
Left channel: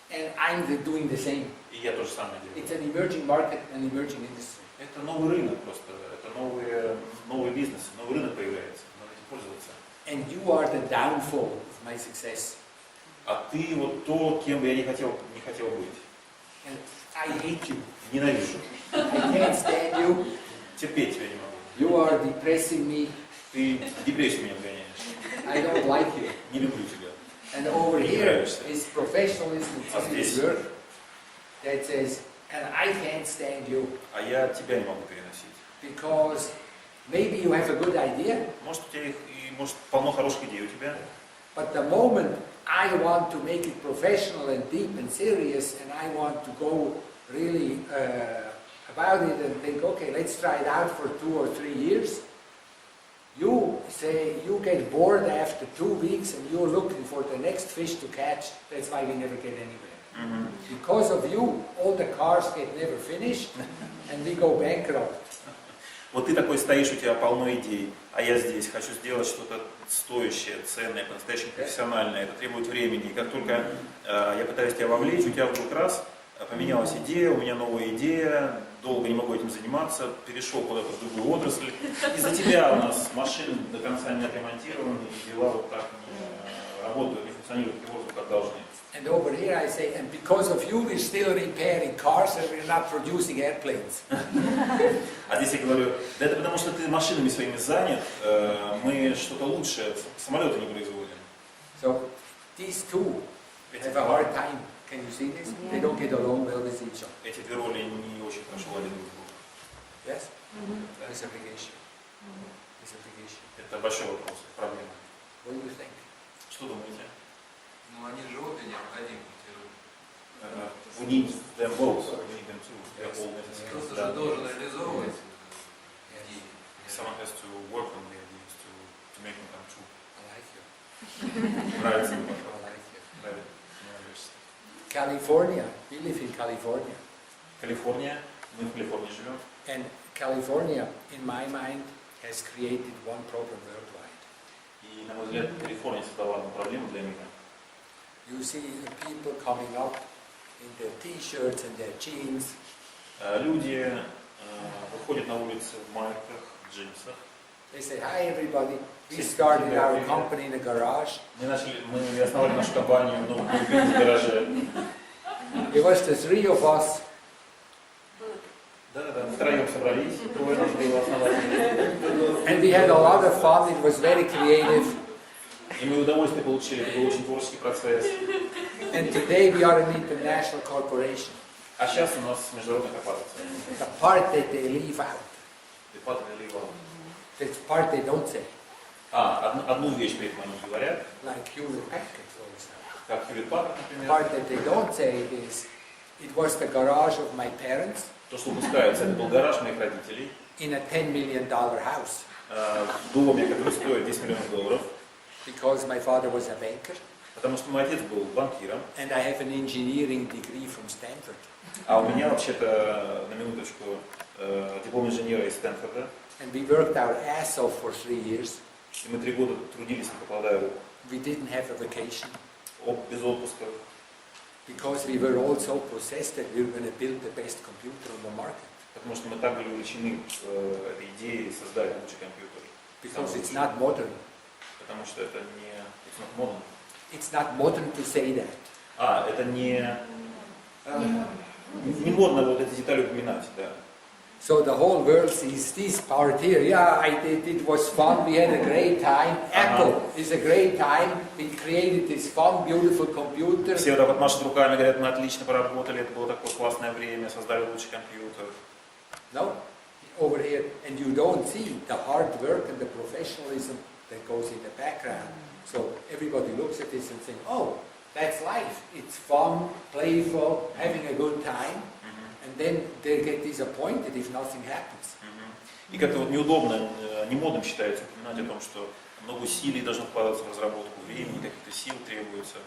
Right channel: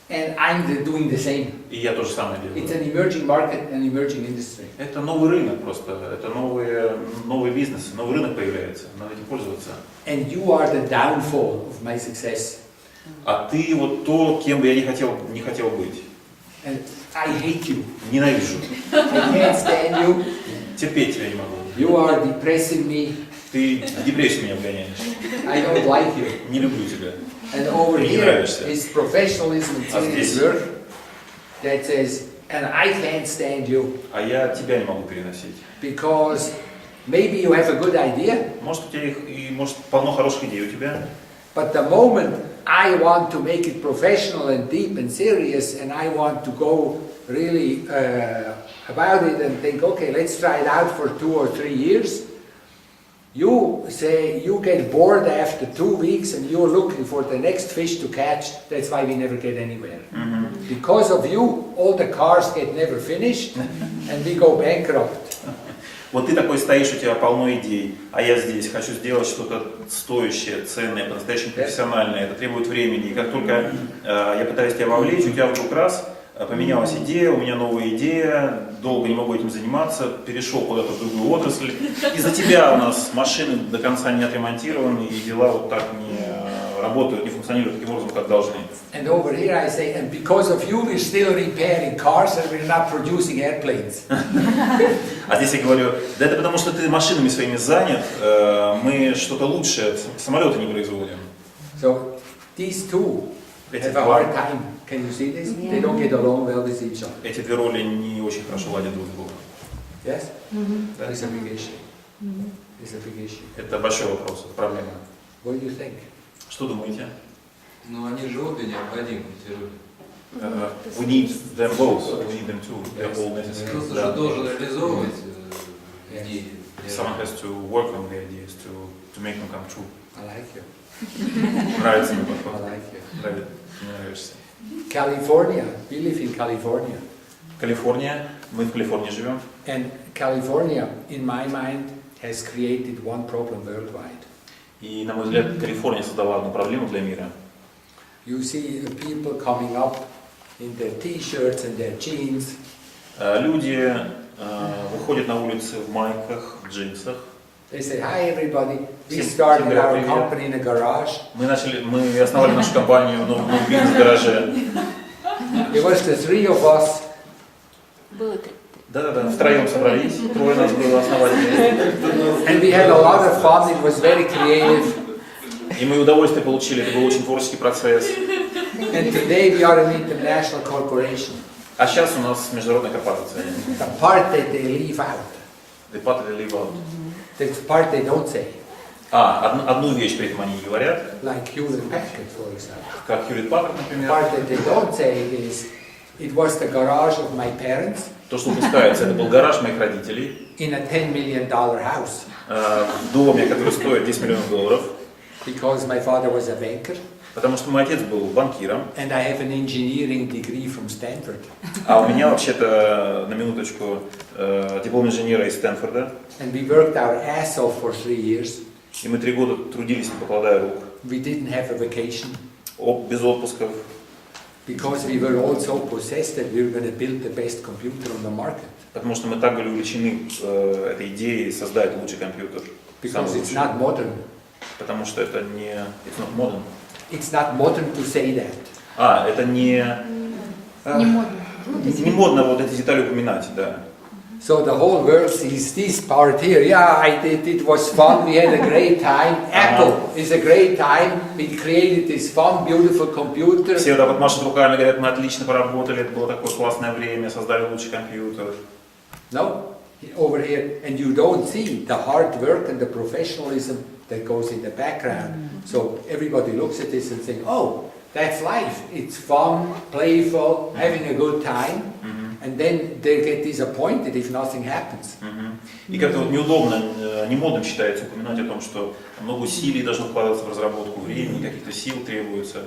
And I'm doing the same. И я то же самое It's делаю. an emerging market, an emerging industry. Это новый рынок просто, это новый бизнес, новый рынок появляется, надо этим пользоваться. And you are the downfall of my success. А ты вот то, кем бы я не хотел быть. And I hate you. Ненавижу. I can't stand you. Терпеть тебя не могу. You are depressing me. Ты в депрессию меня вгоняешь. I don't like you. Не люблю тебя. And over Ты не here нравишься. is professionalism and А serious здесь? work that says, and I can't stand you А я тебя не могу переносить. because maybe you have a good idea, Может, у тебя может, полно хороших идей у тебя, but the moment I want to make it professional and deep and serious, and I want to go really about it and think, okay, let's try it out for 2 or 3 years. You say you get bored after 2 weeks and you're looking for the next fish to catch. That's why we never get anywhere. Because of you, all the cars get never finished and we go bankrupt. Вот ты такой стоишь, у тебя полно идей, а я здесь хочу сделать что-то стоящее, ценное, по-настоящему профессиональное. Это требует времени. И как только я пытаюсь тебя вовлечь, у тебя вдруг раз поменялась идея, у меня новая идея, долго не могу этим заниматься, перешел куда-то в другую отрасль. Из-за тебя у нас машины до конца не отремонтированы, и дела вот так не работают, не функционируют таким образом, как должны. And over here I say, and because of you we're still repairing cars and we're not producing airplanes. А здесь я говорю, да это потому что ты машинами своими занят, мы что-то лучшее, самолеты не производим. So these two have a hard time. Can you see this? They don't get along well with each other. Эти две роли не очень хорошо ладят друг с другом. Yes? That is a big issue. It's a big issue. Это большой вопрос, это проблема. What do you think? Что думаете? Ну, они же обе необходимы. We need them both. We need them two. They're all necessary. Кто-то Да. же должен реализовывать идеи. Someone has to work on the ideas to make them come true. I like you. Нравится мне I подход. like you. Нравится. Мне нравишься. California. We live in California. Калифорния. Мы в Калифорнии живем. And California, in my mind, has created one problem worldwide. И, на мой взгляд, Калифорния создала одну проблему для мира. You see the people coming up in their t-shirts and their jeans. Люди выходят на улицы в майках, в джинсах. They say, hi everybody, we started our company in a garage. Мы основали нашу компанию в новом бизнес-гараже. It was the 3 of us. Да-да-да, втроем собрались, 3 нас было, основали. And we had a lot of fun, it was very creative. И мы удовольствие получили, это был очень творческий процесс. And today we are an international corporation. А сейчас у нас международная корпорация. The part that they leave out, The part they leave out. the part they don't say, Одну вещь при этом они не говорят, like Hewlett Packard, for example. как Hewlett Packard, The например. part that they don't say is, it was the garage of my parents То, что упускается, это был гараж моих родителей in a $10 million house, в доме, который стоит $10 миллионов, because my father was a banker, потому что мой отец был банкиром, and I have an engineering degree from Stanford. а у меня вообще-то, на минуточку, диплом инженера из Стэнфорда. And we worked our ass off for 3 years. И мы 3 года трудились, не покладая рук, We didn't have a vacation, без отпусков, because we were all so possessed that we were going to build the best computer on the market. потому что мы так были увлечены этой идеей создать лучший компьютер. Because самый it's лучший. not modern. Потому что это не... It's not modern. It's not modern to say that. Это не... Не модно. Не модно вот эти детали упоминать, да. So the whole world sees this part here. Yeah, I did. It was fun. We had a great time. Apple is a great time. We created this fun, beautiful computer. Все вот так вот машут руками, говорят, мы отлично поработали, это было такое классное время, создали лучший компьютер. No, over here, and you don't see the hard work and the professionalism that goes in the background. So everybody looks at this and saying, "Oh, that's life. It's fun, playful, having a good time." And then they get disappointed if nothing happens. И как-то вот неудобно, не модным считается упоминать о том, что много усилий должно вкладываться в разработку, времени, каких-то сил требуется.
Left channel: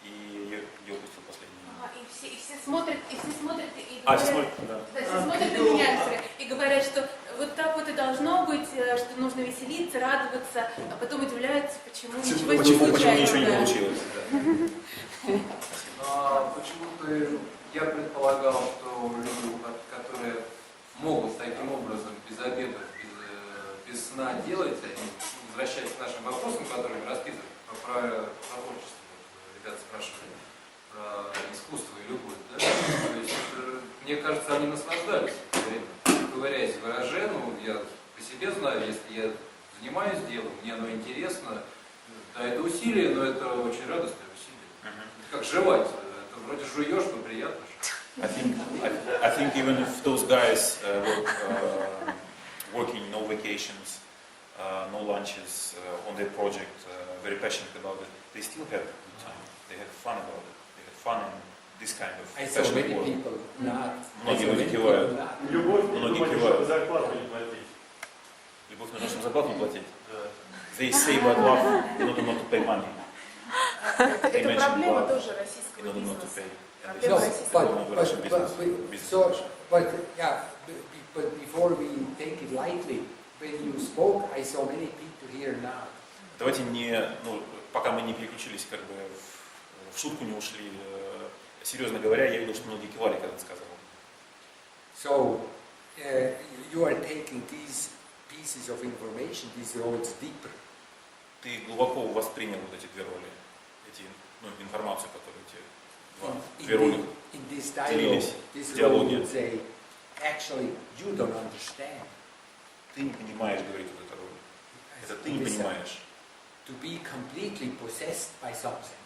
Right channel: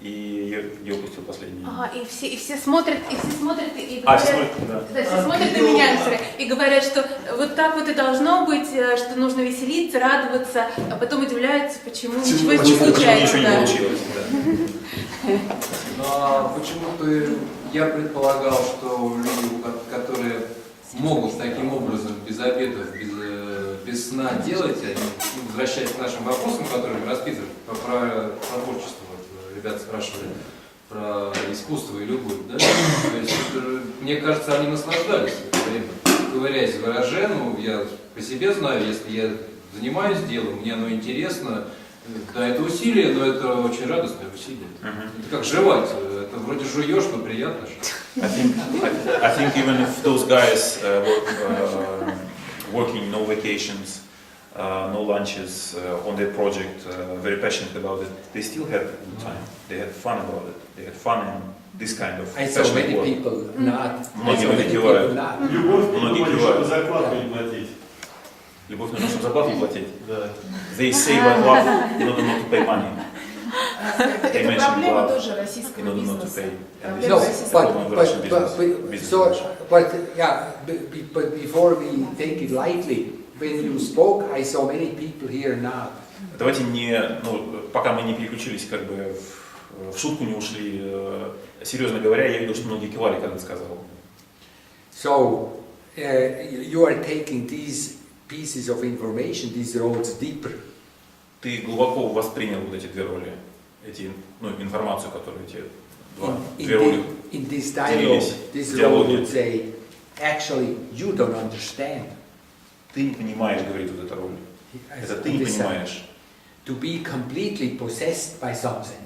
И я упустил последнее. И все смотрят, и говорят, Все смотрят, да. да, все смотрят на меня и говорят, что вот так вот и должно быть, что нужно веселиться, радоваться, а потом удивляются, почему ничего не Почему случается. ничего не Да. получилось, да. Почему-то я предполагал, что люди, которые могут таким образом, без обедов, без сна делать, они, возвращаясь к нашим вопросам, которые мы расписывали, про творчество, вот, ребята спрашивали, про искусство и любовь, да? То есть, мне кажется, они наслаждались это время, ковыряясь в гараже. Ну, я по себе знаю, если я занимаюсь делом, мне оно интересно, да, это усилие, но это очень радостное усилие. Это как жевать, это вроде жуешь, но приятно. I think even if those guys working no vacations, no lunches on their project, very passionate about it, they still had a good time. They had fun about it. They had fun in this kind of I saw passionate many work. people not. Многие люди кивают. Многие кивают. Зарплату не платить. Любовь нужно, чтобы зарплату не платить. Да. They say about love in order not to pay money. They Это mentioned проблема love тоже in российского order not to бизнеса. pay. And this No, is a problem with Russian business. But before we take it lightly, when you spoke, I saw many people here now. Давайте не, пока мы не переключились, как бы в шутку не ушли. Серьезно говоря, я видел, что многие кивали, когда ты сказал. So you are taking these pieces of information, these roles deeper. Ты глубоко воспринял вот эти две роли, информацию, которую эти две роли In this dialogue, делились this в role диалоге. would say, actually, you don't understand. Ты не понимаешь, говорит вот эта роль. Это ты не понимаешь. To be completely possessed by something.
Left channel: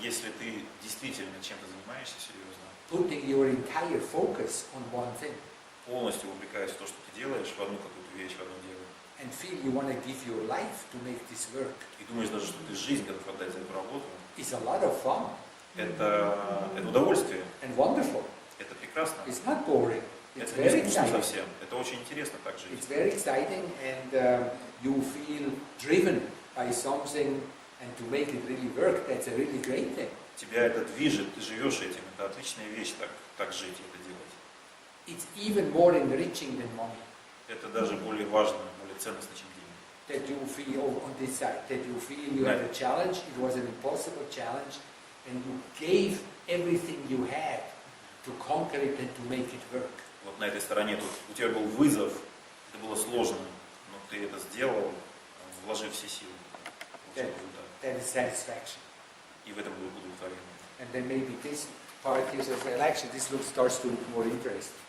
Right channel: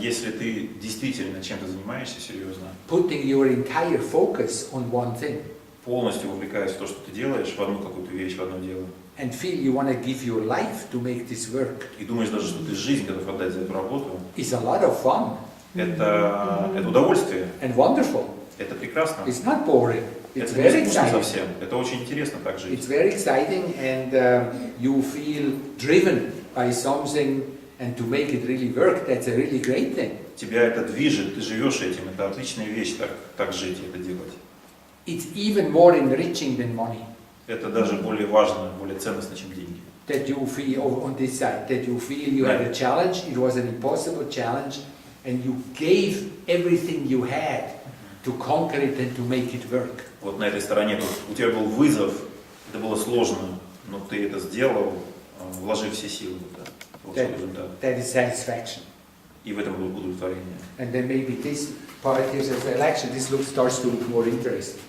Если ты действительно чем-то занимаешься серьезно, Putting your entire focus on one thing. полностью вовлекаясь в то, что ты делаешь, в одну какую-то вещь, в одно дело, And feel you want to give your life to make this work. и думаешь даже, что ты жизнь готов отдать за эту работу, It's a lot of fun это удовольствие, and wonderful. это прекрасно. It's not boring. It's Это very не скучно exciting. совсем, это очень интересно так жить. It's very exciting, and you feel driven by something, and to make it really work, that's a really great thing. Тебя это движет, ты живешь этим, это отличная вещь так жить и это делать. It's even more enriching than money. Это даже более важно, более ценностно, чем деньги. That you feel on this side, that you feel you had a challenge, it was an impossible challenge, and you gave everything you had to conquer it and to make it work. Вот на этой стороне тут у тебя был вызов, это было сложно, но ты это сделал, вложив все силы в это, получил результат. That is satisfaction. И в этом было удовлетворение. And then maybe this part here says, well, actually this starts to look more interesting.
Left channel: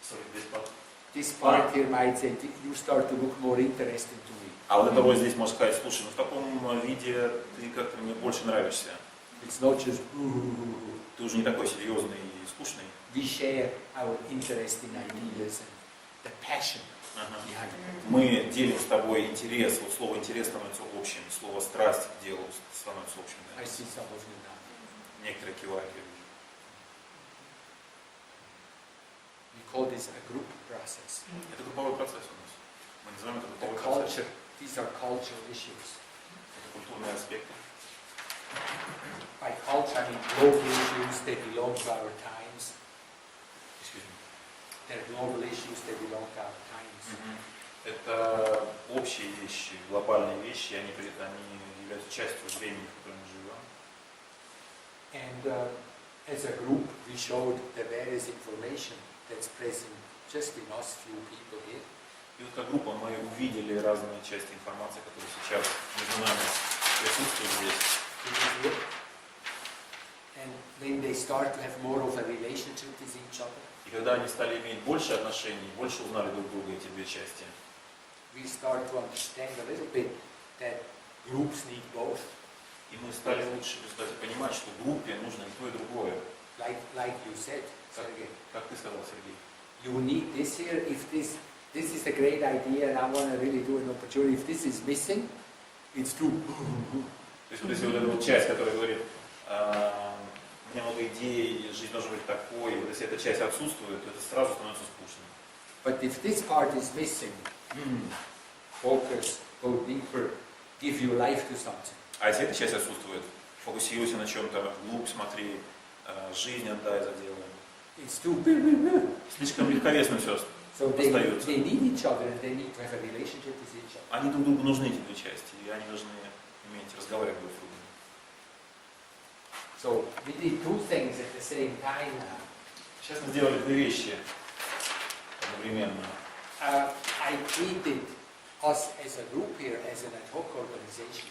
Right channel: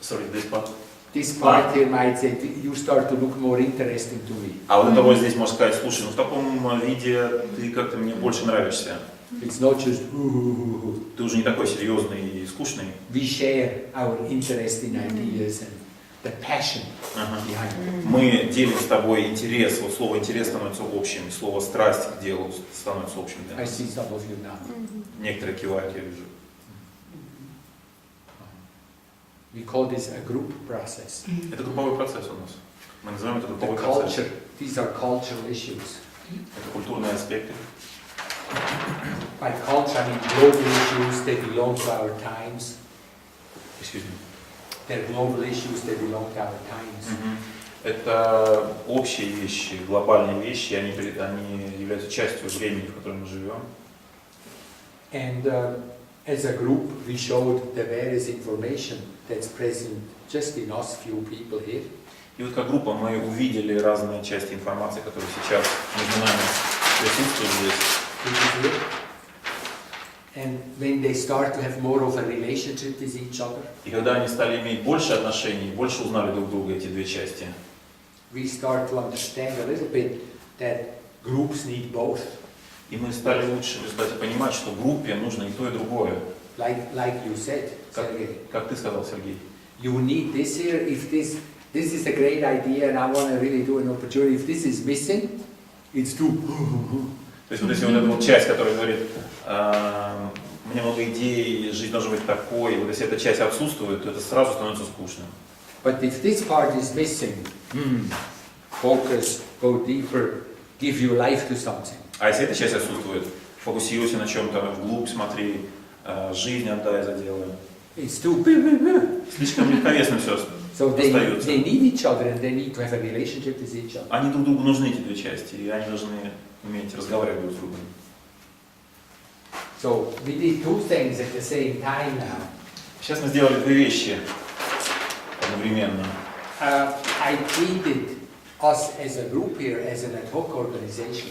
Sorry, this part? this part here might say, you start to look more interesting to me. А вот это вот здесь можно сказать, слушай, ну в таком виде ты как-то мне больше нравишься. It's not just Ты уже не такой серьезный и скучный. We share our interesting ideas and the passion behind it. Мы делим с тобой интерес. Вот слово интерес становится общим, слово страсть к делу становится общим для I нас. see some of you now. Некоторые кивают, я вижу. We call this a group process. Это групповой процесс у нас. Мы называем это The групповой процесс. culture, these are cultural issues. Это культурные аспекты. By culture, I mean global issues, they belong to our times. Excuse me. They're global issues, they belong to our times. Это общие вещи, глобальные вещи, они являются частью времени, в котором мы живем. And as a group, we showed the various information that's present just in us few people here. И вот как группа мы увидели разные части информации, которые сейчас между нами присутствуют здесь. And when they start to have more of a relationship with each other, И когда они стали иметь больше отношений, больше узнали друг друга, эти две части, we start to understand a little bit that groups need both. и мы стали лучше в результате понимать, что группе нужно и то, и другое. Like you said, Sergey. Как ты сказал, Сергей. You need this here. If this is a great idea and I want to really do an opportunity, if this is missing, it's too. То есть вот если вот эта вот часть, которая говорит, мне много идей, жизнь должна быть такой, и вот если эта часть отсутствует, то это сразу становится скучным. But if this part is missing, focus, go deeper, give your life to something. А если эта часть отсутствует, фокусируйся на чем-то, вглубь смотри, жизнь отдай за дело. It's too. Слишком легковесно все So остается. they need each other and they need to have a relationship with each other. Они друг другу нужны, эти две части, и они должны уметь разговаривать друг с другом. So we did two things at the same time now. Сейчас мы сделали две вещи одновременно. I treated us as a group here as an ad hoc organization.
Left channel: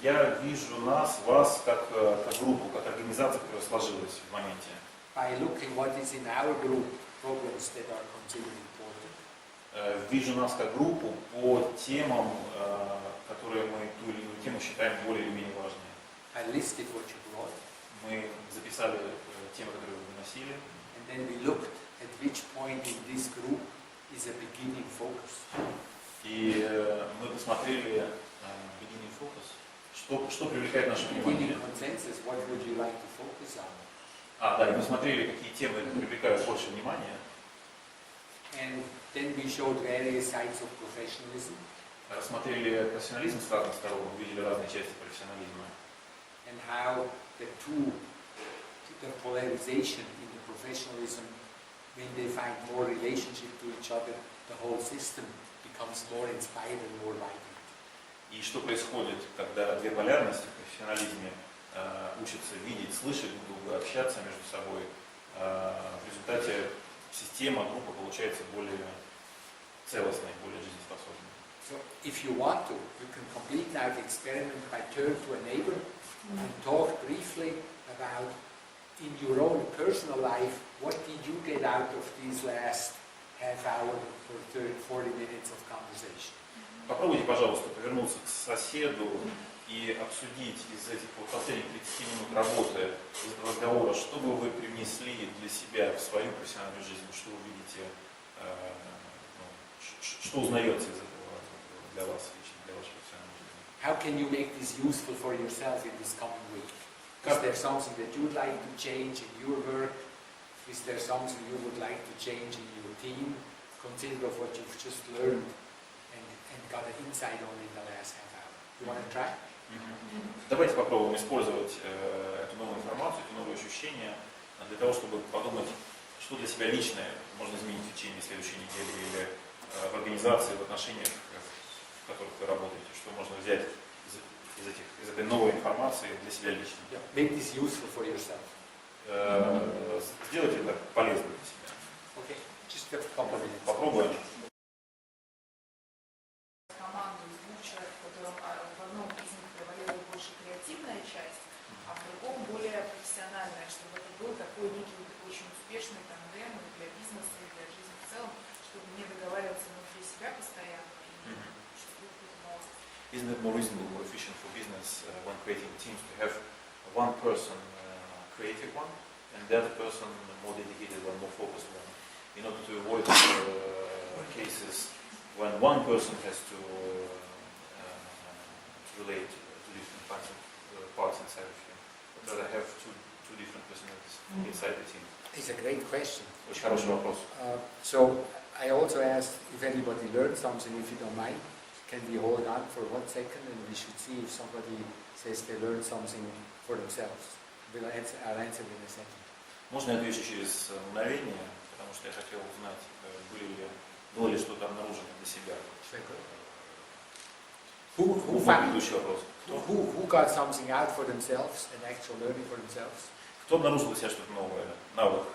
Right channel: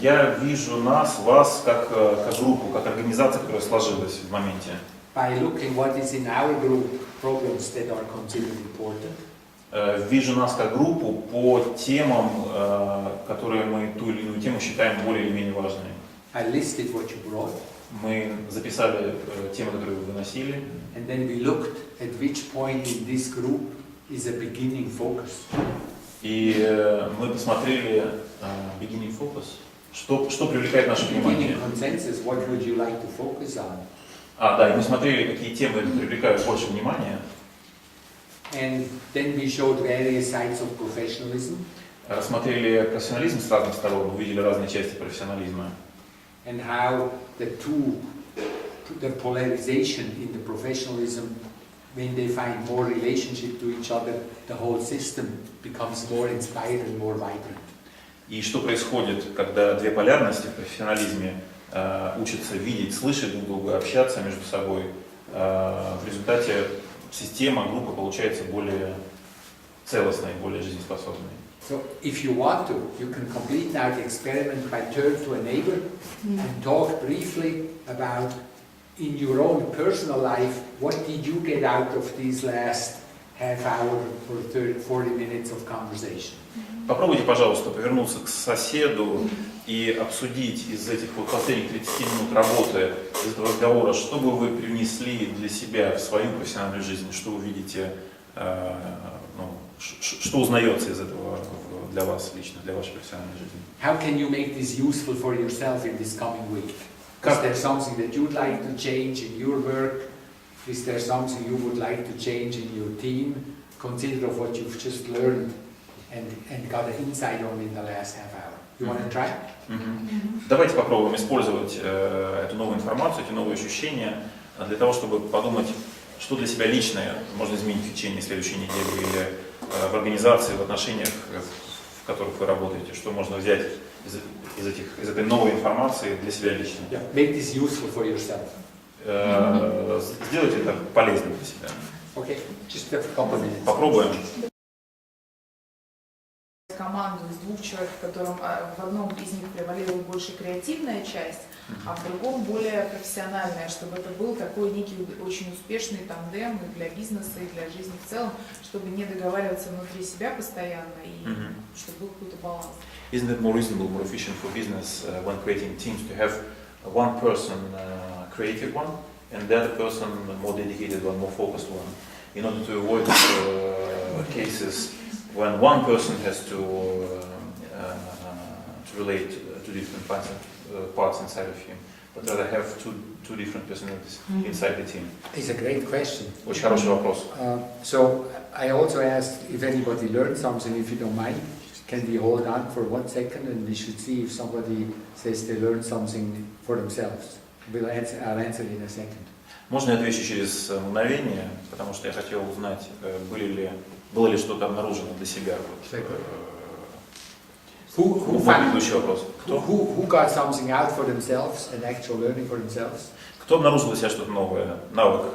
Я вижу нас, вас, как группу, как организацию, которая сложилась в моменте. By looking what is in our group, problems that are considered important. Вижу нас как группу по темам, которые мы ту или иную тему считаем более или менее важными. I listed what you brought. Мы записали темы, которые вы выносили. And then we looked at which point in this group is a beginning focus. И мы посмотрели beginning focus, что привлекает наше внимание. Beginning consensus, what would you like to focus on? Да, и мы смотрели, какие темы привлекают больше внимания. And then we showed various sides of professionalism. Рассмотрели профессионализм с разных сторон, увидели разные части профессионализма. And how the polarization in the professionalism, when they find more relationship to each other, the whole system becomes more inspired and more vibrant. И что происходит, когда две полярности в профессионализме учатся видеть, слышать друг друга, общаться между собой, в результате система, группа получается более целостной, более жизнеспособной. So if you want to, you can complete now the experiment by turn to a neighbor and talk briefly about in your own personal life, what did you get out of these last half hour or 40 minutes of conversation? Попробуйте, пожалуйста, повернуться к соседу и обсудить из этих вот последних 30 минут работы, из этого разговора, что бы вы привнесли для себя в свою профессиональную жизнь, что вы видите, что узнается из этого для вас лично, для вашей профессиональной жизни. How can you make this useful for yourself in this coming week? Is there something that you'd like to change in your work? Is there something you would like to change in your team? Consider of what you've just learned and got an insight on in the last half hour. You want to try? Давайте попробуем использовать эту новую информацию, эти новые ощущения для того, чтобы подумать, что для себя личное можно изменить в течение следующей недели или в организации, в отношениях, в которых вы работаете, что можно взять из этой новой информации для себя лично. Yeah, make this useful for yourself. Сделайте это полезным для себя. Okay, just a couple of minutes. Попробуем. Команду из двух человек, в котором в одном из них превалирует больше креативная часть, а в другом более профессиональное, чтобы это был такой некий очень успешный тандем и для бизнеса, и для жизни в целом, чтобы не договариваться внутри себя постоянно, и чтобы был какой-то баланс. Isn't it more reasonable, more efficient for business when creating teams to have one person creative one and the other person more dedicated one, more focused one, in order to avoid cases when one person has to relate to different parts inside of him, but rather have two different personalities inside the team? It's a great question. Очень хороший вопрос. So I also asked if anybody learned something, if you don't mind. Can we hold on for 1 second and we should see if somebody says they learned something for themselves. I'll answer in a second. Можно я отвечу через мгновение, потому что я хотел узнать, было ли что-то обнаружено для себя. Предыдущий вопрос. Who got something out for themselves and actual learning for themselves? Кто обнаружил для себя что-то новое, навык,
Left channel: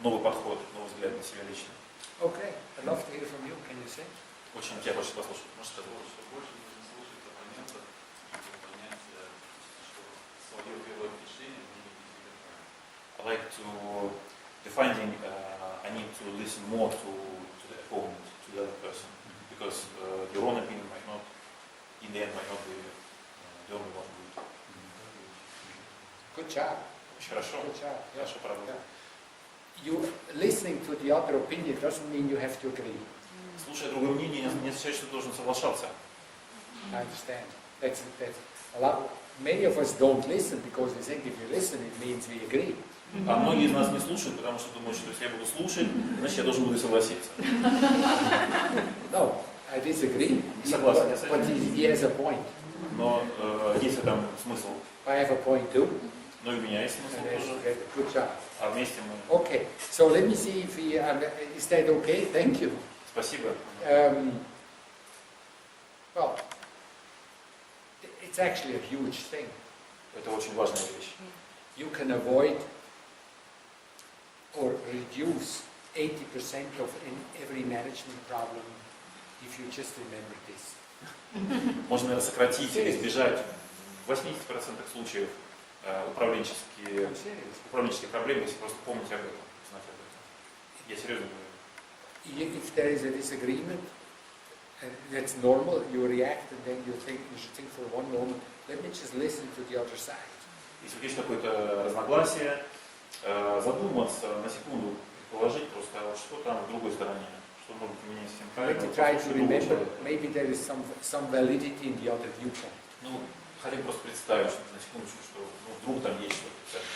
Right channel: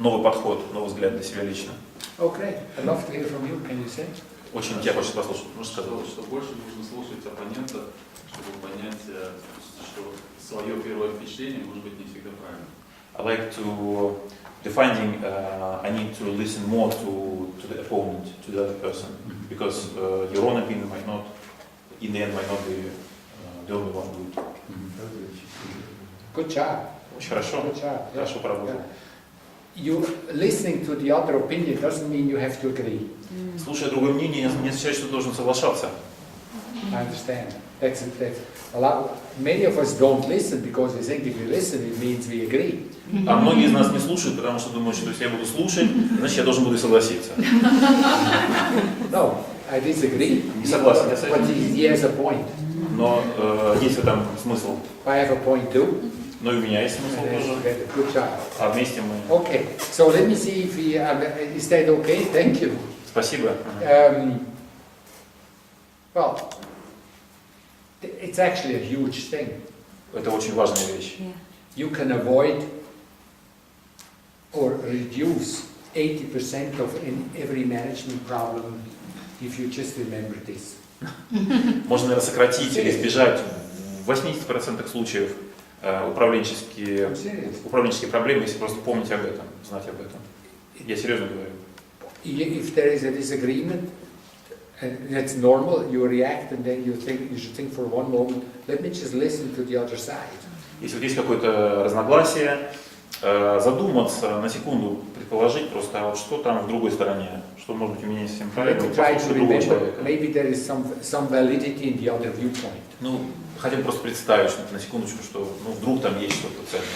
новый подход, новый взгляд для себя лично? Okay, I'd love to hear from you. Can you say? Очень тебя хочется послушать. Можешь сказать? Что больше нужно слушать оппонента, чтобы понять, что свое первое впечатление может быть не всегда правильно. I like to defining. I need to listen more to the opponent, to the other person, because your own opinion might not, in the end, might not be the only one good. Good job. Очень хорошо. Good job. Хорошо поработал. You listening to the other opinion doesn't mean you have to agree. Слушая другое мнение, не означает, что ты должен соглашаться. I understand. That's a lot. Many of us don't listen because we think if we listen, it means we agree. А многие из нас не слушают, потому что думают, что если я буду слушать, значит я должен буду согласиться. No, I disagree. Не согласен я с But этим. he has a point. Но есть в этом смысл. I have a point too. Но и у меня есть смысл тоже. Good job. А вместе мы. Okay, so let me see if we. Is that okay? Thank you. Спасибо. Well, it's actually a huge thing. Это очень важная вещь. You can avoid or reduce 80% of every management problem if you just remember this. Можно, наверное, сократить или избежать в 80% случаев управленческие проблемы, если просто помнить об этом, знать об этом. Я серьезно говорю. If there is a disagreement, and that's normal, you react and then you should think for one moment, let me just listen to the other side. Если вот есть какое-то разногласие, задуматься на секунду, предположить просто, а вот что там в другой стороне, что может быть у меня не совсем правильно, послушать другого человека. Maybe there is some validity in the other viewpoint. Ну, хотя бы просто представить, что на секундочку, что вдруг там есть что-то ценное.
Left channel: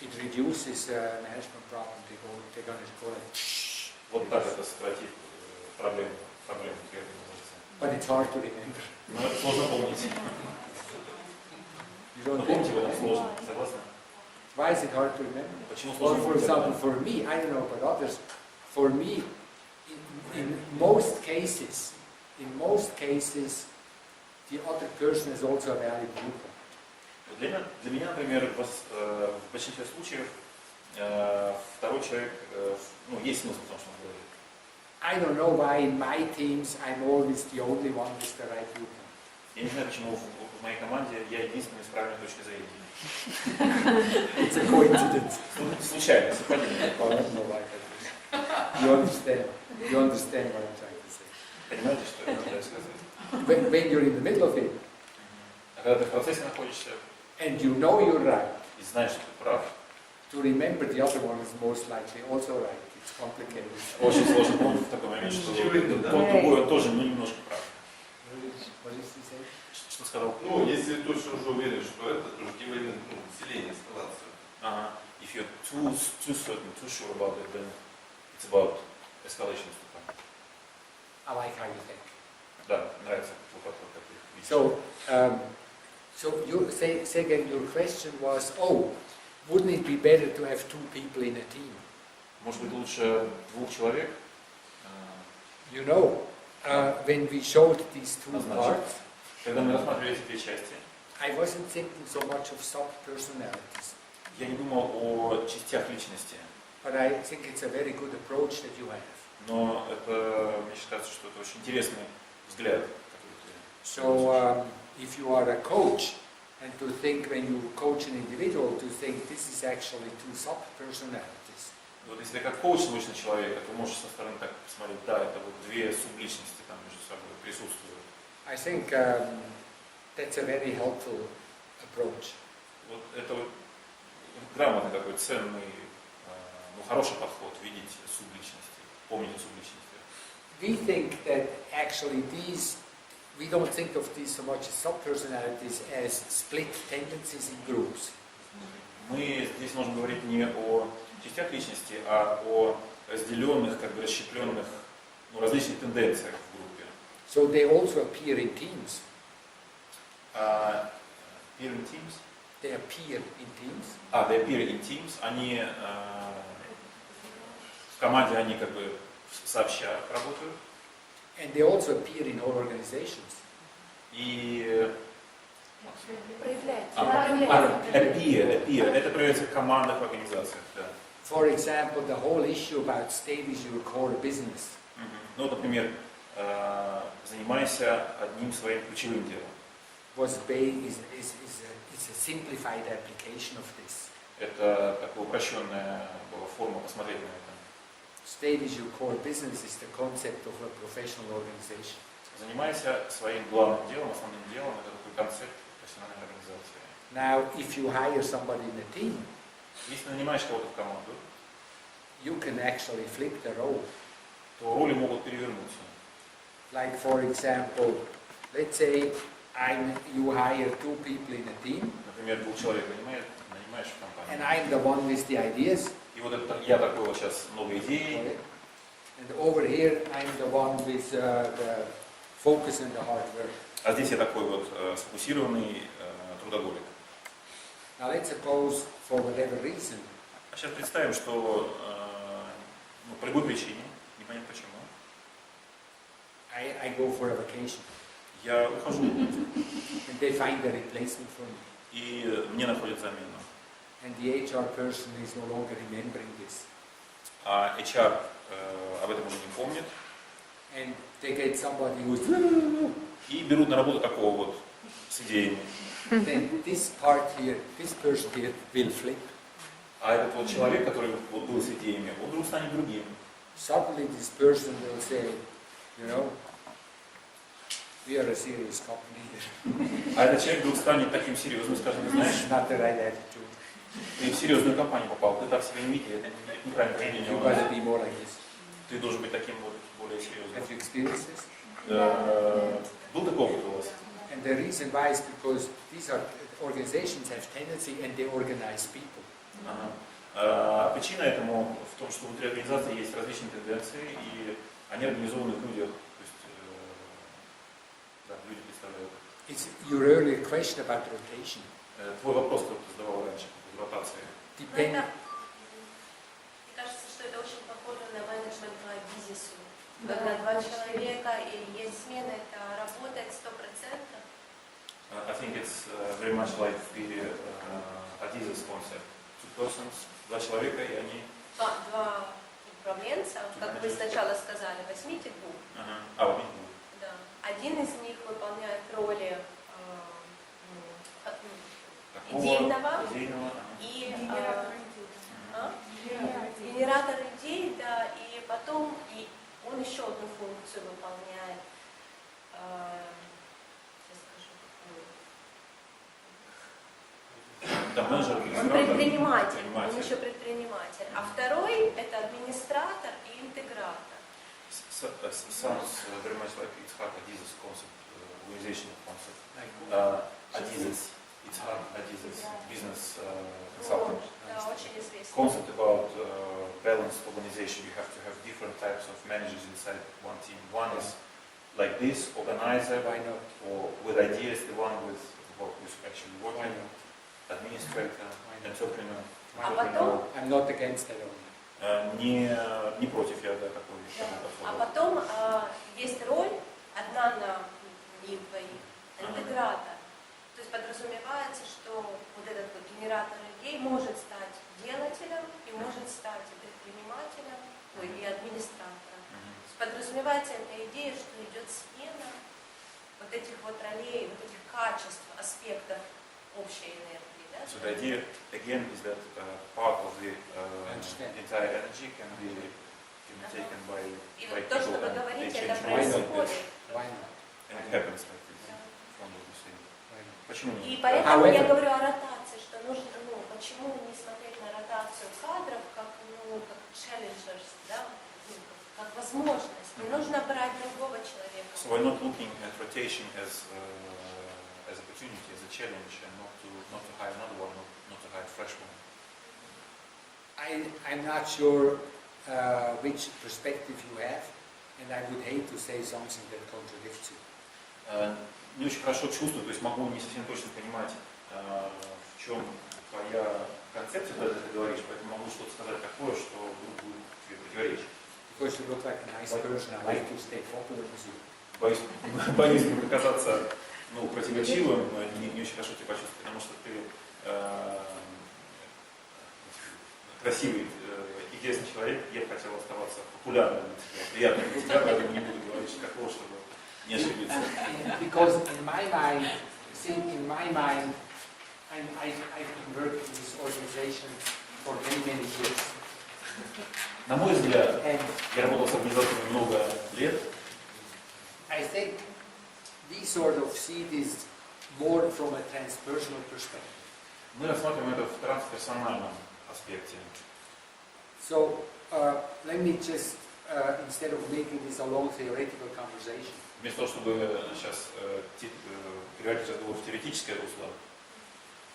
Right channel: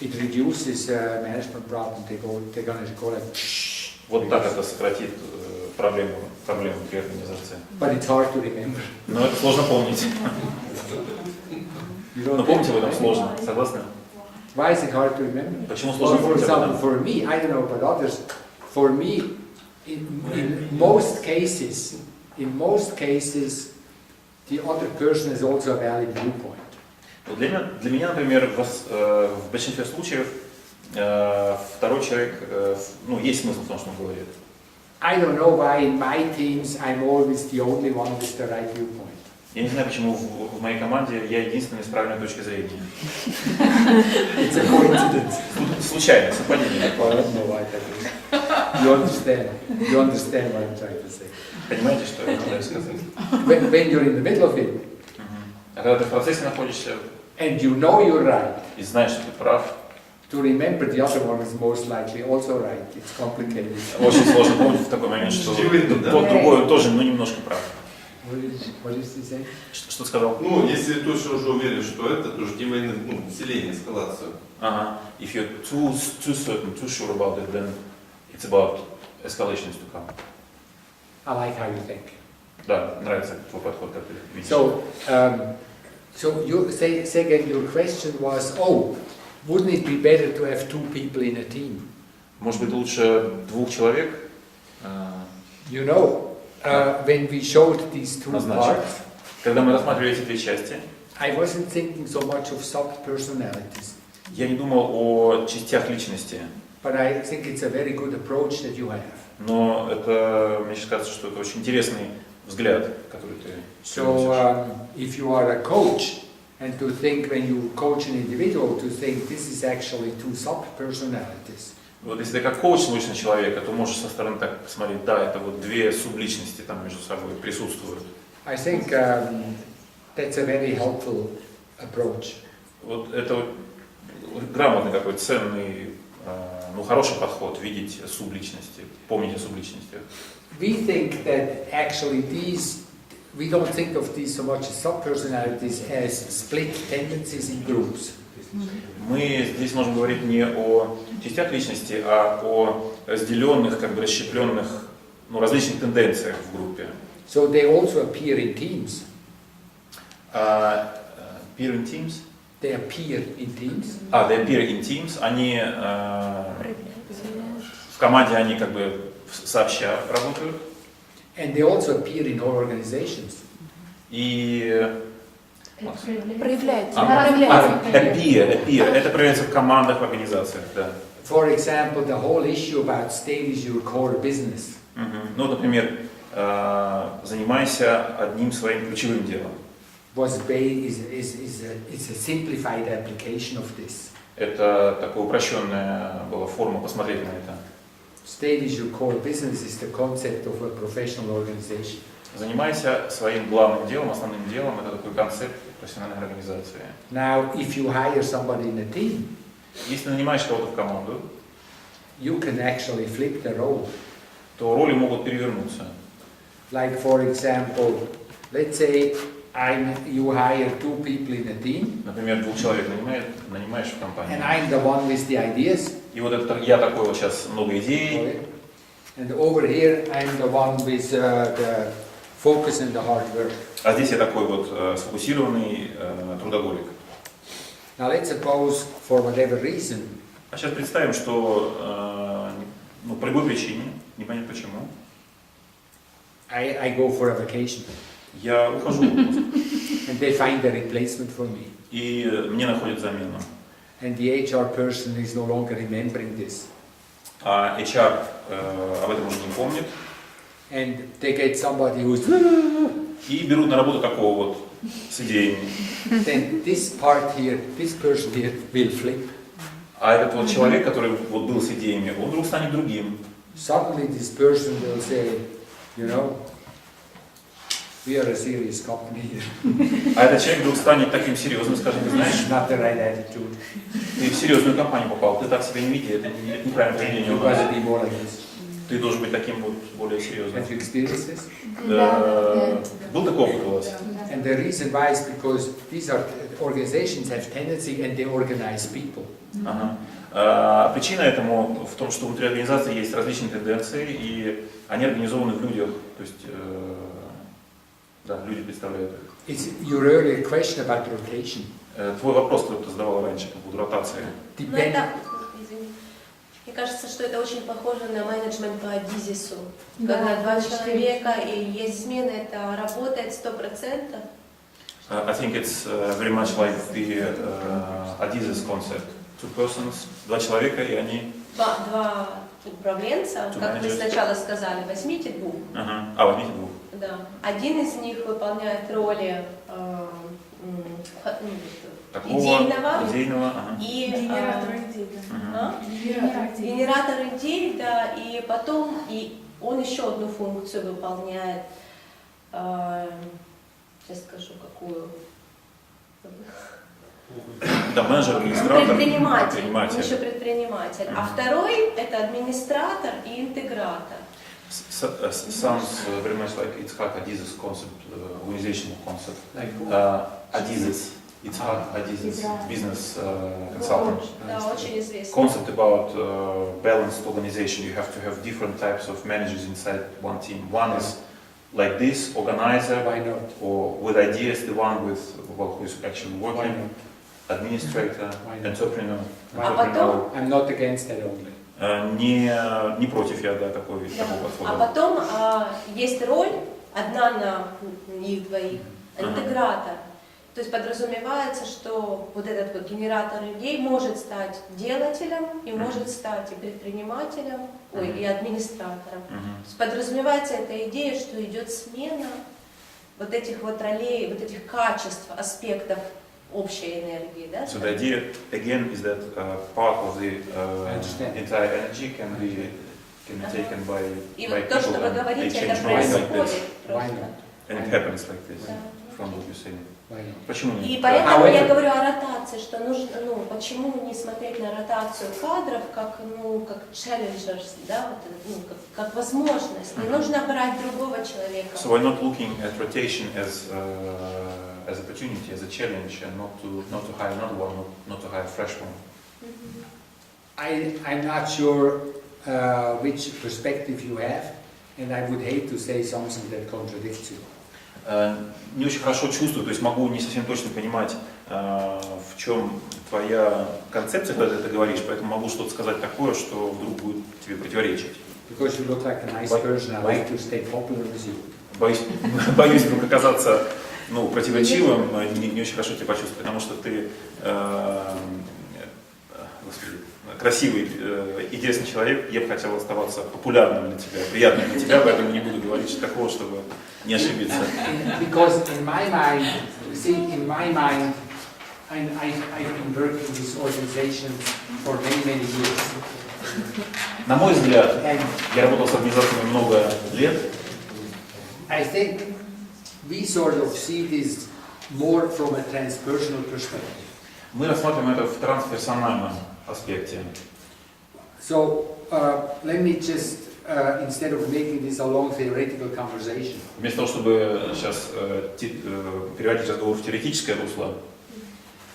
It reduces management problem. They're going to go like. Вот так это сократит проблему внутри организации. But it's hard to remember. Но это сложно помнить. Но помните в этом сложно, согласны? Why is it hard to remember? Почему сложно For помнить об example, этом? for me, I don't know about others. For me, in most cases, the other person has also a valid viewpoint. Для меня, например, в большинстве случаев второй человек, есть смысл в том, что он говорит. I don't know why in my teams I'm always the only one with the right viewpoint. Я не знаю, почему в моей команде я единственный с правильной точки зрения. It's a coincidence. Случайно, совпадение. I don't know why that is. You understand what I'm trying to say. Понимаете, что я пытаюсь сказать? When you're in the middle of it, А когда ты в процессе находишься and you know you're right, и знаешь, что ты прав, to remember the other one is most likely also right. It's complicated. очень сложно помнить в такой момент, что тот другой тоже, немножко прав. What is he saying? Что сказал? Если ты точно уже уверен, что это, то жди войны, население, эскалацию. Ага. If you're too certain, too sure about it, then it's about escalations to come. I like how you think. Да, нравится твой подход, как ты видишь. So you say again. Your question was, wouldn't it be better to have two people in a team? Может быть, лучше двух человек? You know, when we showed these two parts, когда мы рассматривали эти две части, I wasn't thinking so much of sub-personalities. Я не думал о частях личности. But I think it's a very good approach that you have. Но это, мне кажется, что это очень интересный взгляд, который ты So, if you are a coach, And to think, when you coach an individual, to think this is actually two sub-personalities. Вот если ты как коуч научный человека, то можешь со стороны так посмотреть, да, это вот две субличности там между собой присутствуют. I think that's a very helpful approach. Вот это вот грамотный такой ценный, ну, хороший подход, видеть субличности, помнить о субличностях. We think that actually we don't think of these so much as sub-personalities as split tendencies in groups. Мы здесь можем говорить не о частях личности, а о разделенных, как бы расщепленных, ну, различных тенденциях в группе. So they also appear in teams. Peer in teams? They appear in teams. They appear in teams. Они в команде, они как бы сообща работают. And they also appear in all organizations. И Проявляется. appear. Это проявляется в командах, в организациях, да. For example, the whole issue about stay with your core business. Ну, например, занимайся одним своим ключевым делом. It's a simplified application of this. Это такая упрощенная была форма посмотреть на это. Stay with your core business is the concept of a professional organization. Занимайся своим главным делом, основным делом. Это такой концепт профессиональной организации. Now, if you hire somebody in a team, если нанимаешь кого-то в команду, you can actually flip the role. То роли могут перевернуться. Like, for example, let's say you hire two people in a team. Например, двух человек нанимаешь в компании. And I'm the one with the ideas. И вот это, я такой вот сейчас много идей. And over here I'm the one with the focus and the hard work. А здесь я такой вот сфокусированный трудоголик. Now let's suppose, for whatever reason, А сейчас представим, что ну, по любой причине, непонятно почему, I go for a vacation. Я ухожу в отпуск. And they find a replacement for me. И мне находят замену. And the HR person is no longer remembering this. А HR об этом уже не помнит. And they get somebody who's И берут на работу такого вот с идеями. Then this part here, this person here will flip. А этот вот человек, который вот был с идеями, он вдруг станет другим. Suddenly this person will say, you know, we are a serious company here. А этот человек вдруг станет таким серьезным, скажем, ты знаешь, Not the right attitude. ты в серьезную компанию попал, ты так себя не веди, это неправильное поведение у You нас. gotta be more like this. Ты должен быть таким вот более серьезным. Have you experienced this? Был такой опыт у вас? And the reason why is because these organizations have tendency and they organize people. Причина этому в том, что внутри организации есть различные тенденции, и они организованы в людях, то есть да, люди представляют их. It's your earlier question about rotation. Твой вопрос, который ты задавал раньше по поводу ротации. Мне кажется, что это очень похоже на менеджмент по бизнесу. Когда два человека и есть смена, это работает 100%. I think it's very much like the Adizes concept. Two persons, два человека, и они... Два управленца, как вы сначала сказали, возьмите двух. Возьмите двух. Да. Один из них выполняет роли идейного и генератор идей, да, и потом он еще одну функцию выполняет. Сейчас скажу, какую. Да, менеджер, администратор, предприниматель. Еще предприниматель. А второй это администратор и интегратор. Sounds very much like Itzhak Adizes concept, organizational concept. Adizes, Itzhak Adizes, business consultant. Concept about balanced organization. You have to have different types of managers inside one team. One is like this, organizer, or with ideas, the one with who is actually working, administrator, entrepreneur. I'm not against that only. Не против я, да, такого подхода. А потом есть роль, одна на них двоих, интегратор. То есть подразумевается, что вот этот вот генератор идей может стать делателем и может стать и предпринимателем, и администратором. То есть подразумевается эта идея, что идет смена вот этих вот ролей, вот этих качеств, аспектов общей энергии, да? So the idea again is that part of the entire energy can be taken by И вот то, что people вы and they говорите, change это roles like происходит. this. Why not? And it happens like this from what you're saying. Why not? Почему И нет? поэтому я However- говорю о ротации, что нужно, почему не смотреть на ротацию кадров как, как challengers, да, вот, как возможность. Не нужно брать другого человека. So we're not looking at rotation as opportunity, as a challenge, and not to hire another one, not to hire a fresh one. I'm not sure which perspective you have, and I would hate to say something that contradicts you. Не очень хорошо чувствую, то есть могу не совсем точно понимать, в чем твоя концепция, когда ты это говоришь, поэтому могу что-то сказать такое, что вдруг будет тебе противоречить. Because you look like a nice person, I like to stay popular with you. Боюсь вдруг оказаться противоречивым, не очень хорошо тебя почувствовать, потому что ты красивый, интересный человек, я бы хотел оставаться популярным для тебя, приятным для тебя, поэтому не буду говорить такого, чтобы не ошибиться. Because in my mind, I've been working with this organization for many years. На мой взгляд, я работал с организациями много лет. I think we sort of see this more from a transpersonal perspective. Мы рассматриваем это в трансперсональном аспекте. So let me just, instead of making this a long theoretical conversation, Вместо того, чтобы сейчас переводить разговор в теоретическое русло,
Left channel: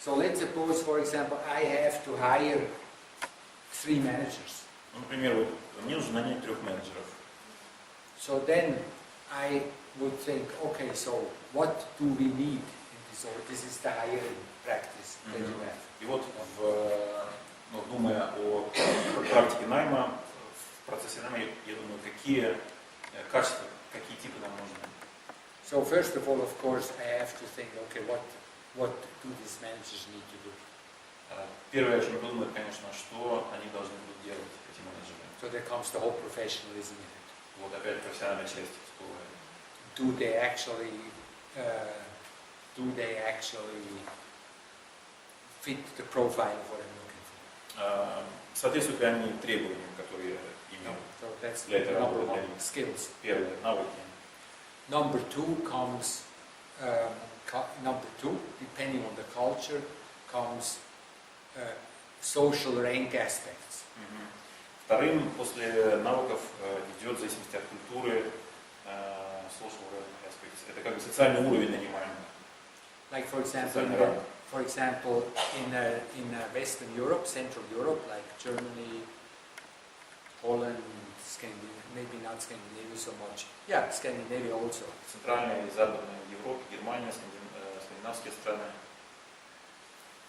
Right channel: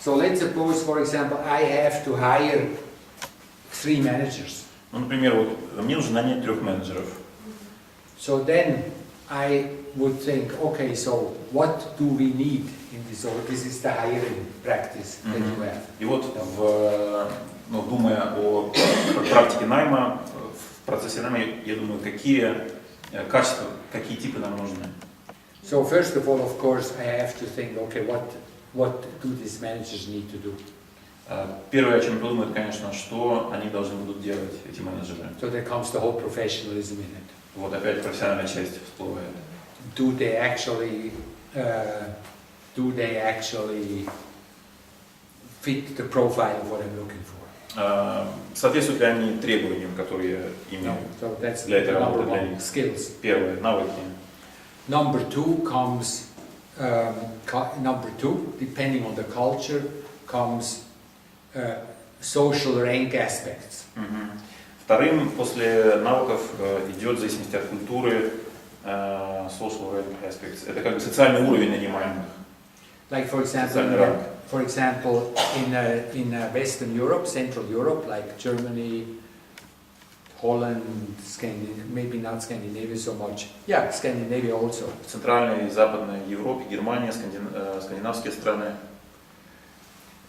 so let's suppose, for example, I have to hire 3 managers. например, вот мне нужно нанять 3 менеджеров. So then I would think, okay, so what do we need in this? Or this is the hiring practice that you have. И вот, думая о практике найма, в процессе найма, я думаю, какие качества, какие типы нам нужны. So first of all, of course, I have to think, okay, what do these managers need to do? Первое, о чем я подумаю, это, конечно, что они должны будут делать, эти менеджеры. So there comes the whole professionalism in it. Вот опять профессиональная часть всплывает. Do they actually fit the profile of what I'm looking for? Соответствуют ли они требованиям, которые я имею So that's для этой number работы, для one, них? skills. Первое, навыки. Number two comes, depending on the culture, comes social rank aspects. Вторым, после навыков, идет, в зависимости от культуры, social rank aspects. Это как бы социальный уровень нанимаемых. Like for example, in Western Europe, Central Europe, like Germany, Holland, maybe not Scandinavia so much. Yeah, Scandinavia also. В Центральной и Западной Европе, Германия, скандинавские страны.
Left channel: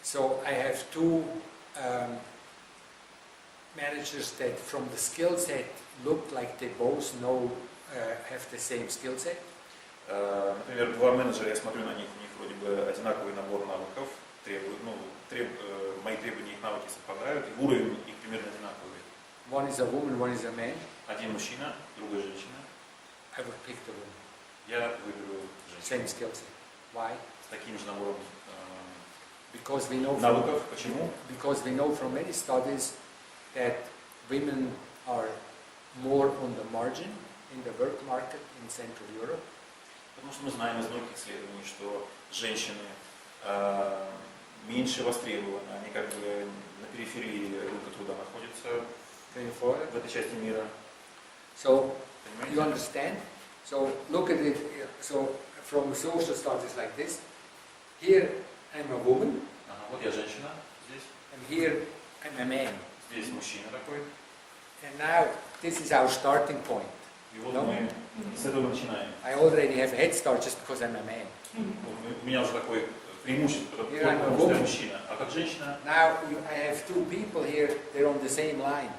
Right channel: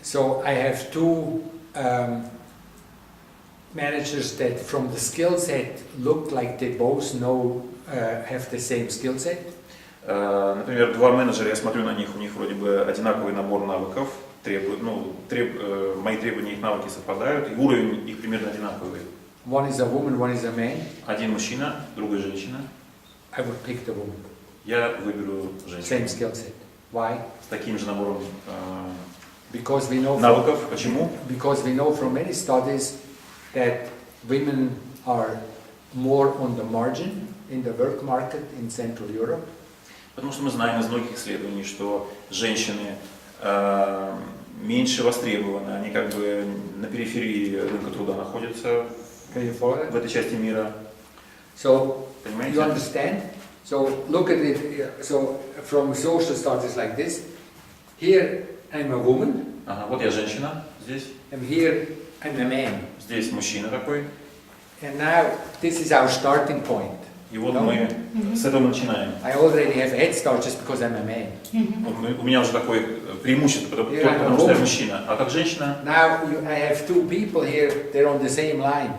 So I have 2 managers that from the skill set look like they both have the same skill set. Например, 2 менеджера, я смотрю на них, у них вроде бы одинаковый набор навыков, мои требования, их навыки совпадают, и уровень их примерно одинаковый. One is a woman, one is a man. Один мужчина, другая женщина. I would pick the woman. Я выберу женщину. Same skill set. Why? С таким же набором навыков. Почему? Because we know from many studies that women are more on the margin in the work market in Central Europe. Потому что мы знаем из многих исследований, что женщины меньше востребованы, они как бы на периферии рынка труда находятся в этой части мира. So, you understand? So, look at it, so from social studies like this, here I'm a woman. Вот я женщина здесь. And here I'm a man. Здесь мужчина такой. And now, this is our starting point. И вот мы с этого начинаем. I already have a head start just because I'm a man. У меня уже такое преимущество, потому что я мужчина. А как женщина? Now I have 2 people here, they're on the same line.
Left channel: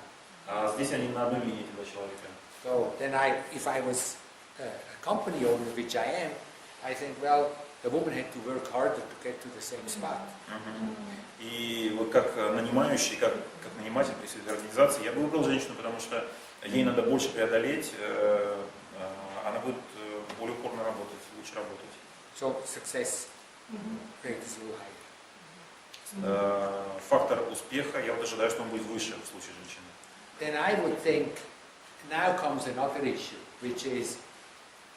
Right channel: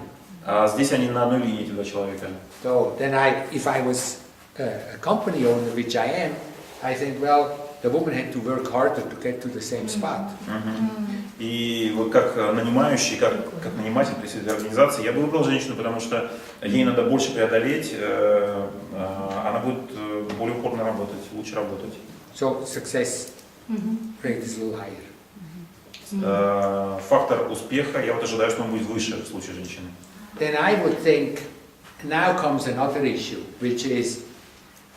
А здесь они на одной линии, эти 2 человека. So then if I was a company owner, which I am, I think, well, the woman had to work harder to get to the same spot. И вот как нанимающий, как наниматель, представитель организации, я бы выбрал женщину, потому что ей надо больше преодолеть, она будет более упорно работать, лучше работать. So success rate is a little higher. фактор успеха, я вот ожидаю, что он будет выше в случае женщины. Then I would think, now comes another issue, which is,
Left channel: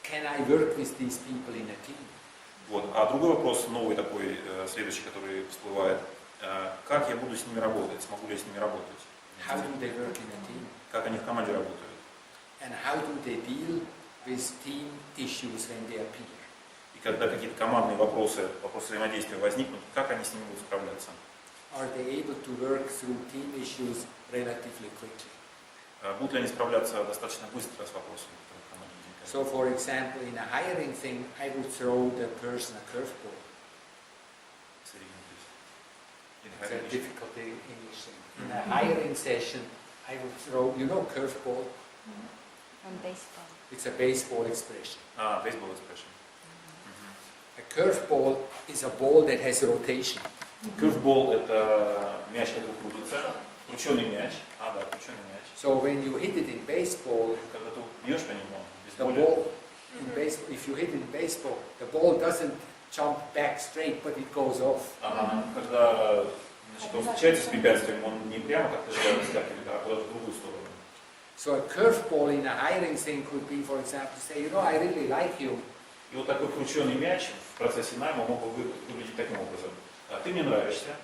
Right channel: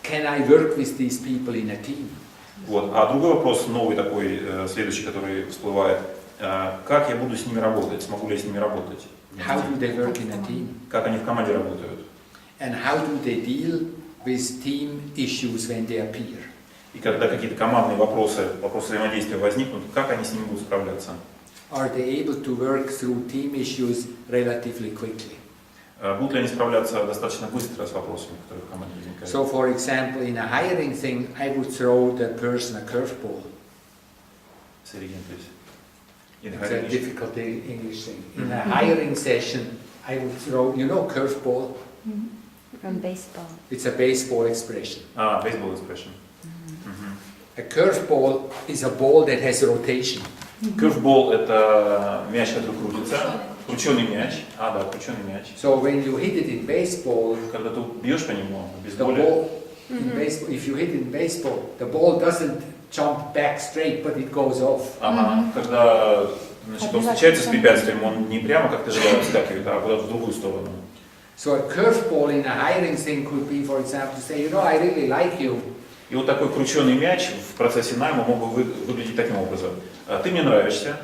can I work with these people in a team? Вот. А другой вопрос, новый такой, следующий, который всплывает, как я буду с ними работать, смогу ли я с ними работать? How do they work in a team? Как они в команде работают? And how do they deal with team issues when they appear? И когда какие-то командные вопросы взаимодействия возникнут, как они с ними будут справляться? Are they able to work through team issues relatively quickly? Будут ли они справляться достаточно быстро с вопросами, которые в команде возникают? So, for example, in a hiring thing, I would throw the person a curveball. Say it again, please. In It's a hiring issue. difficult English thing. In a hiring session, I would throw, you know, curveball? From baseball. It's a baseball expression. Baseball expression. A curveball is a ball that has rotation. Curveball — это мяч, который крутится. Крученый мяч. Да, крученый мяч. So when you hit it in baseball, Когда ты бьешь по нему в the бейсболе, ball in baseball, if you hit it in baseball, the ball doesn't jump back straight, but it goes off. когда значит, он встречается с препятствием, он не прямо, как ты ожидал, вскакивает, а куда-то в другую сторону. So a curveball in a hiring thing could be, for example, to say, you know, I really like you. И вот такой крученый мяч в процессе найма мог бы выглядеть таким образом. Ты мне нравишься,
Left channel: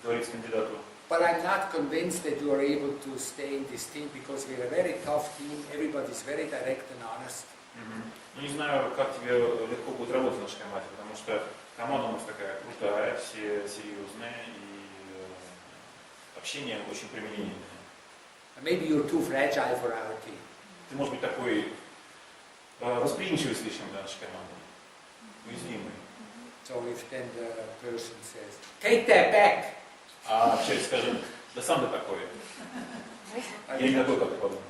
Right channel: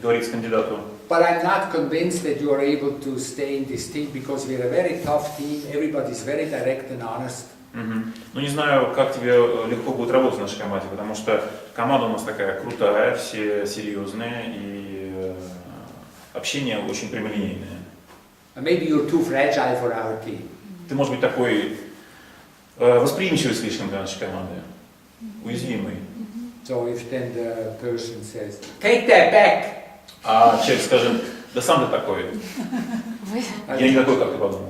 говорит кандидату. But I'm not convinced that you are able to stay in this team because we're a very tough team, everybody's very direct and honest. Ну не знаю, как тебе легко будет работать в нашей команде, потому что команда у нас такая крутая, все серьезные и общение очень прямолинейное. Maybe you're too fragile for our team. Ты, может быть, такой восприимчивый слишком для нашей команды, уязвимый. So if then the person says, take that back. А человек скажет, да сам ты такой. Я не такой, как ты подумал.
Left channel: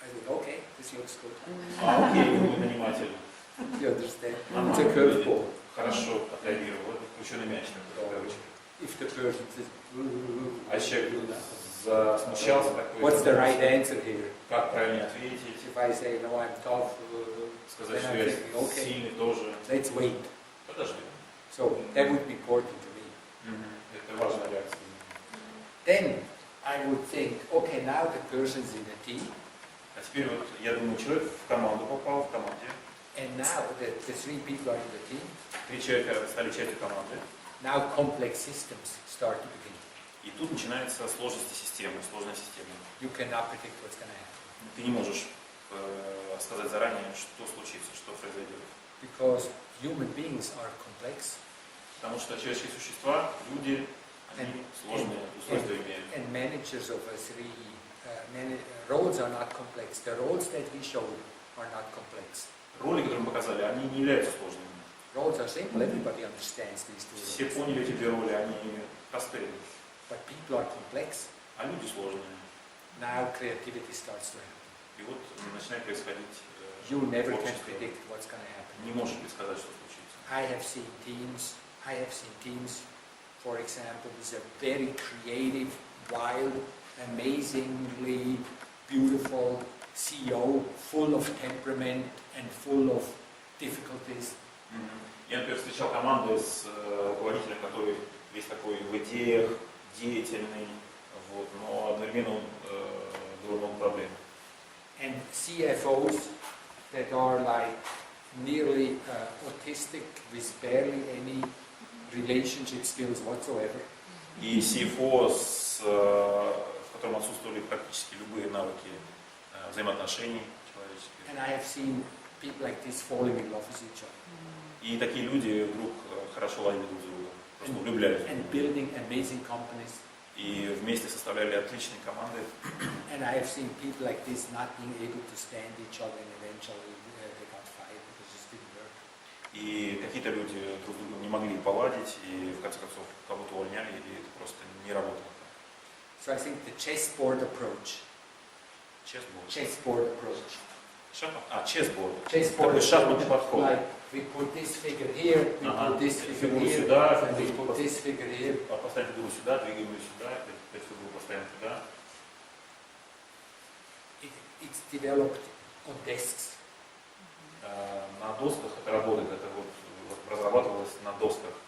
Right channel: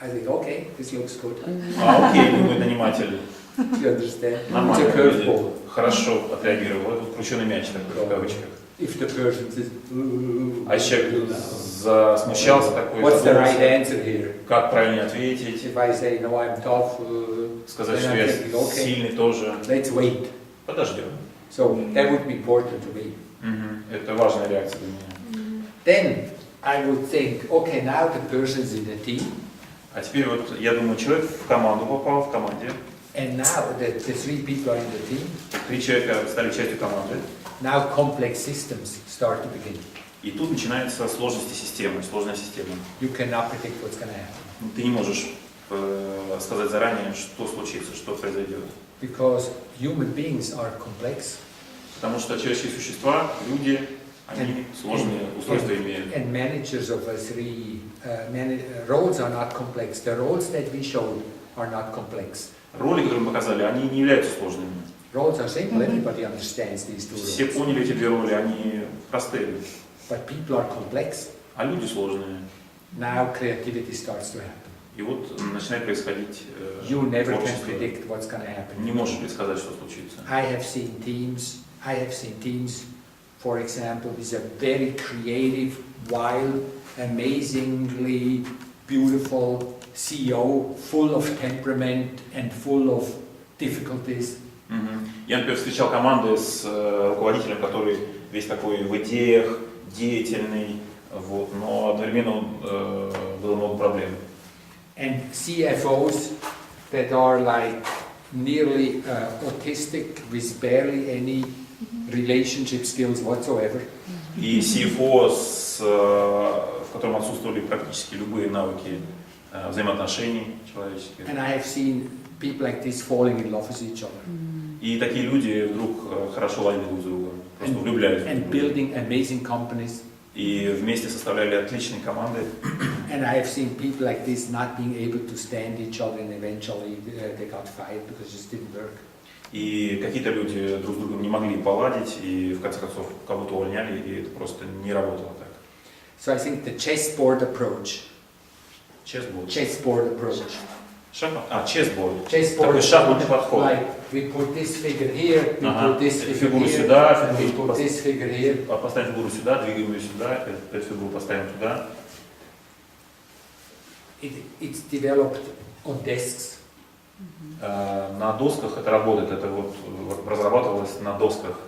I think, okay, this looks good. Окей, думает наниматель. You understand? Нормально. It's a curveball. Хорошо отреагировал. Это крученый мяч такой, в кавычках. If the person says, А человек засмущался такой. what's the right answer here? Как правильно ответить? If I say, no, I'm tough, Сказать, then что I'm я thinking, okay, сильный тоже. let's wait. Подождем. So that would be important to me. Это важная реакция для меня. Then I would think, okay, now the person's in the team. А теперь вот, я думаю, человек в команду попал, в команде. And now the three people are in the team. 3 человека стали частью команды. Now complex systems start to begin. И тут начинаются сложности системы, сложная система. You cannot predict what's going to happen. Ты не можешь сказать заранее, что случится, что произойдет. Because human beings are complex. Потому что человеческие существа, люди, они сложные устройства имеют. And managers of roles are not complex. The roles that we showed are not complex. Роли, которые мы показали, они не являются сложными. Roles are simple. Everybody understands these two Все roles. поняли эти 2 роли, они простые. But people are complex. А люди сложные. Now creativity starts to happen. И вот начинает происходить You never can творчество. predict what's going to happen. Не можешь предсказать, что случится. I have seen teams, for example, with a very creative, wild, amazingly beautiful CEO, full of temperament and full of difficulties. Я, например, встречал команды с руководителем, который весь такой в идеях, деятельный, вот, но одновременно было много проблем. And CFOs that are like nearly autistic with barely any relationship skills whatsoever. И CFO, в котором отсутствовали практически любые навыки взаимоотношений человеческих. And I have seen people like this falling in love with each other. И такие люди вдруг хорошо ладили друг с другом, просто влюблялись друг в And друга. building amazing companies. И вместе составляли отличные команды. And I have seen people like this not being able to stand each other, and eventually they got fired because it just didn't work. И какие-то люди друг с другом не могли поладить, и в конце концов кого-то увольняли, и это просто не работало так. So I think the chessboard approach. Chessboard approach. Chessboard. Chessboard Такой шахматный подход. Like we put this figure here, we put this figure Фигуру here, сюда, and we put this figure here. поставим фигуру сюда, двигаем ее сюда, эту фигуру поставим туда. It's developed on desks. На досках это работает, это вот разрабатывалось на досках.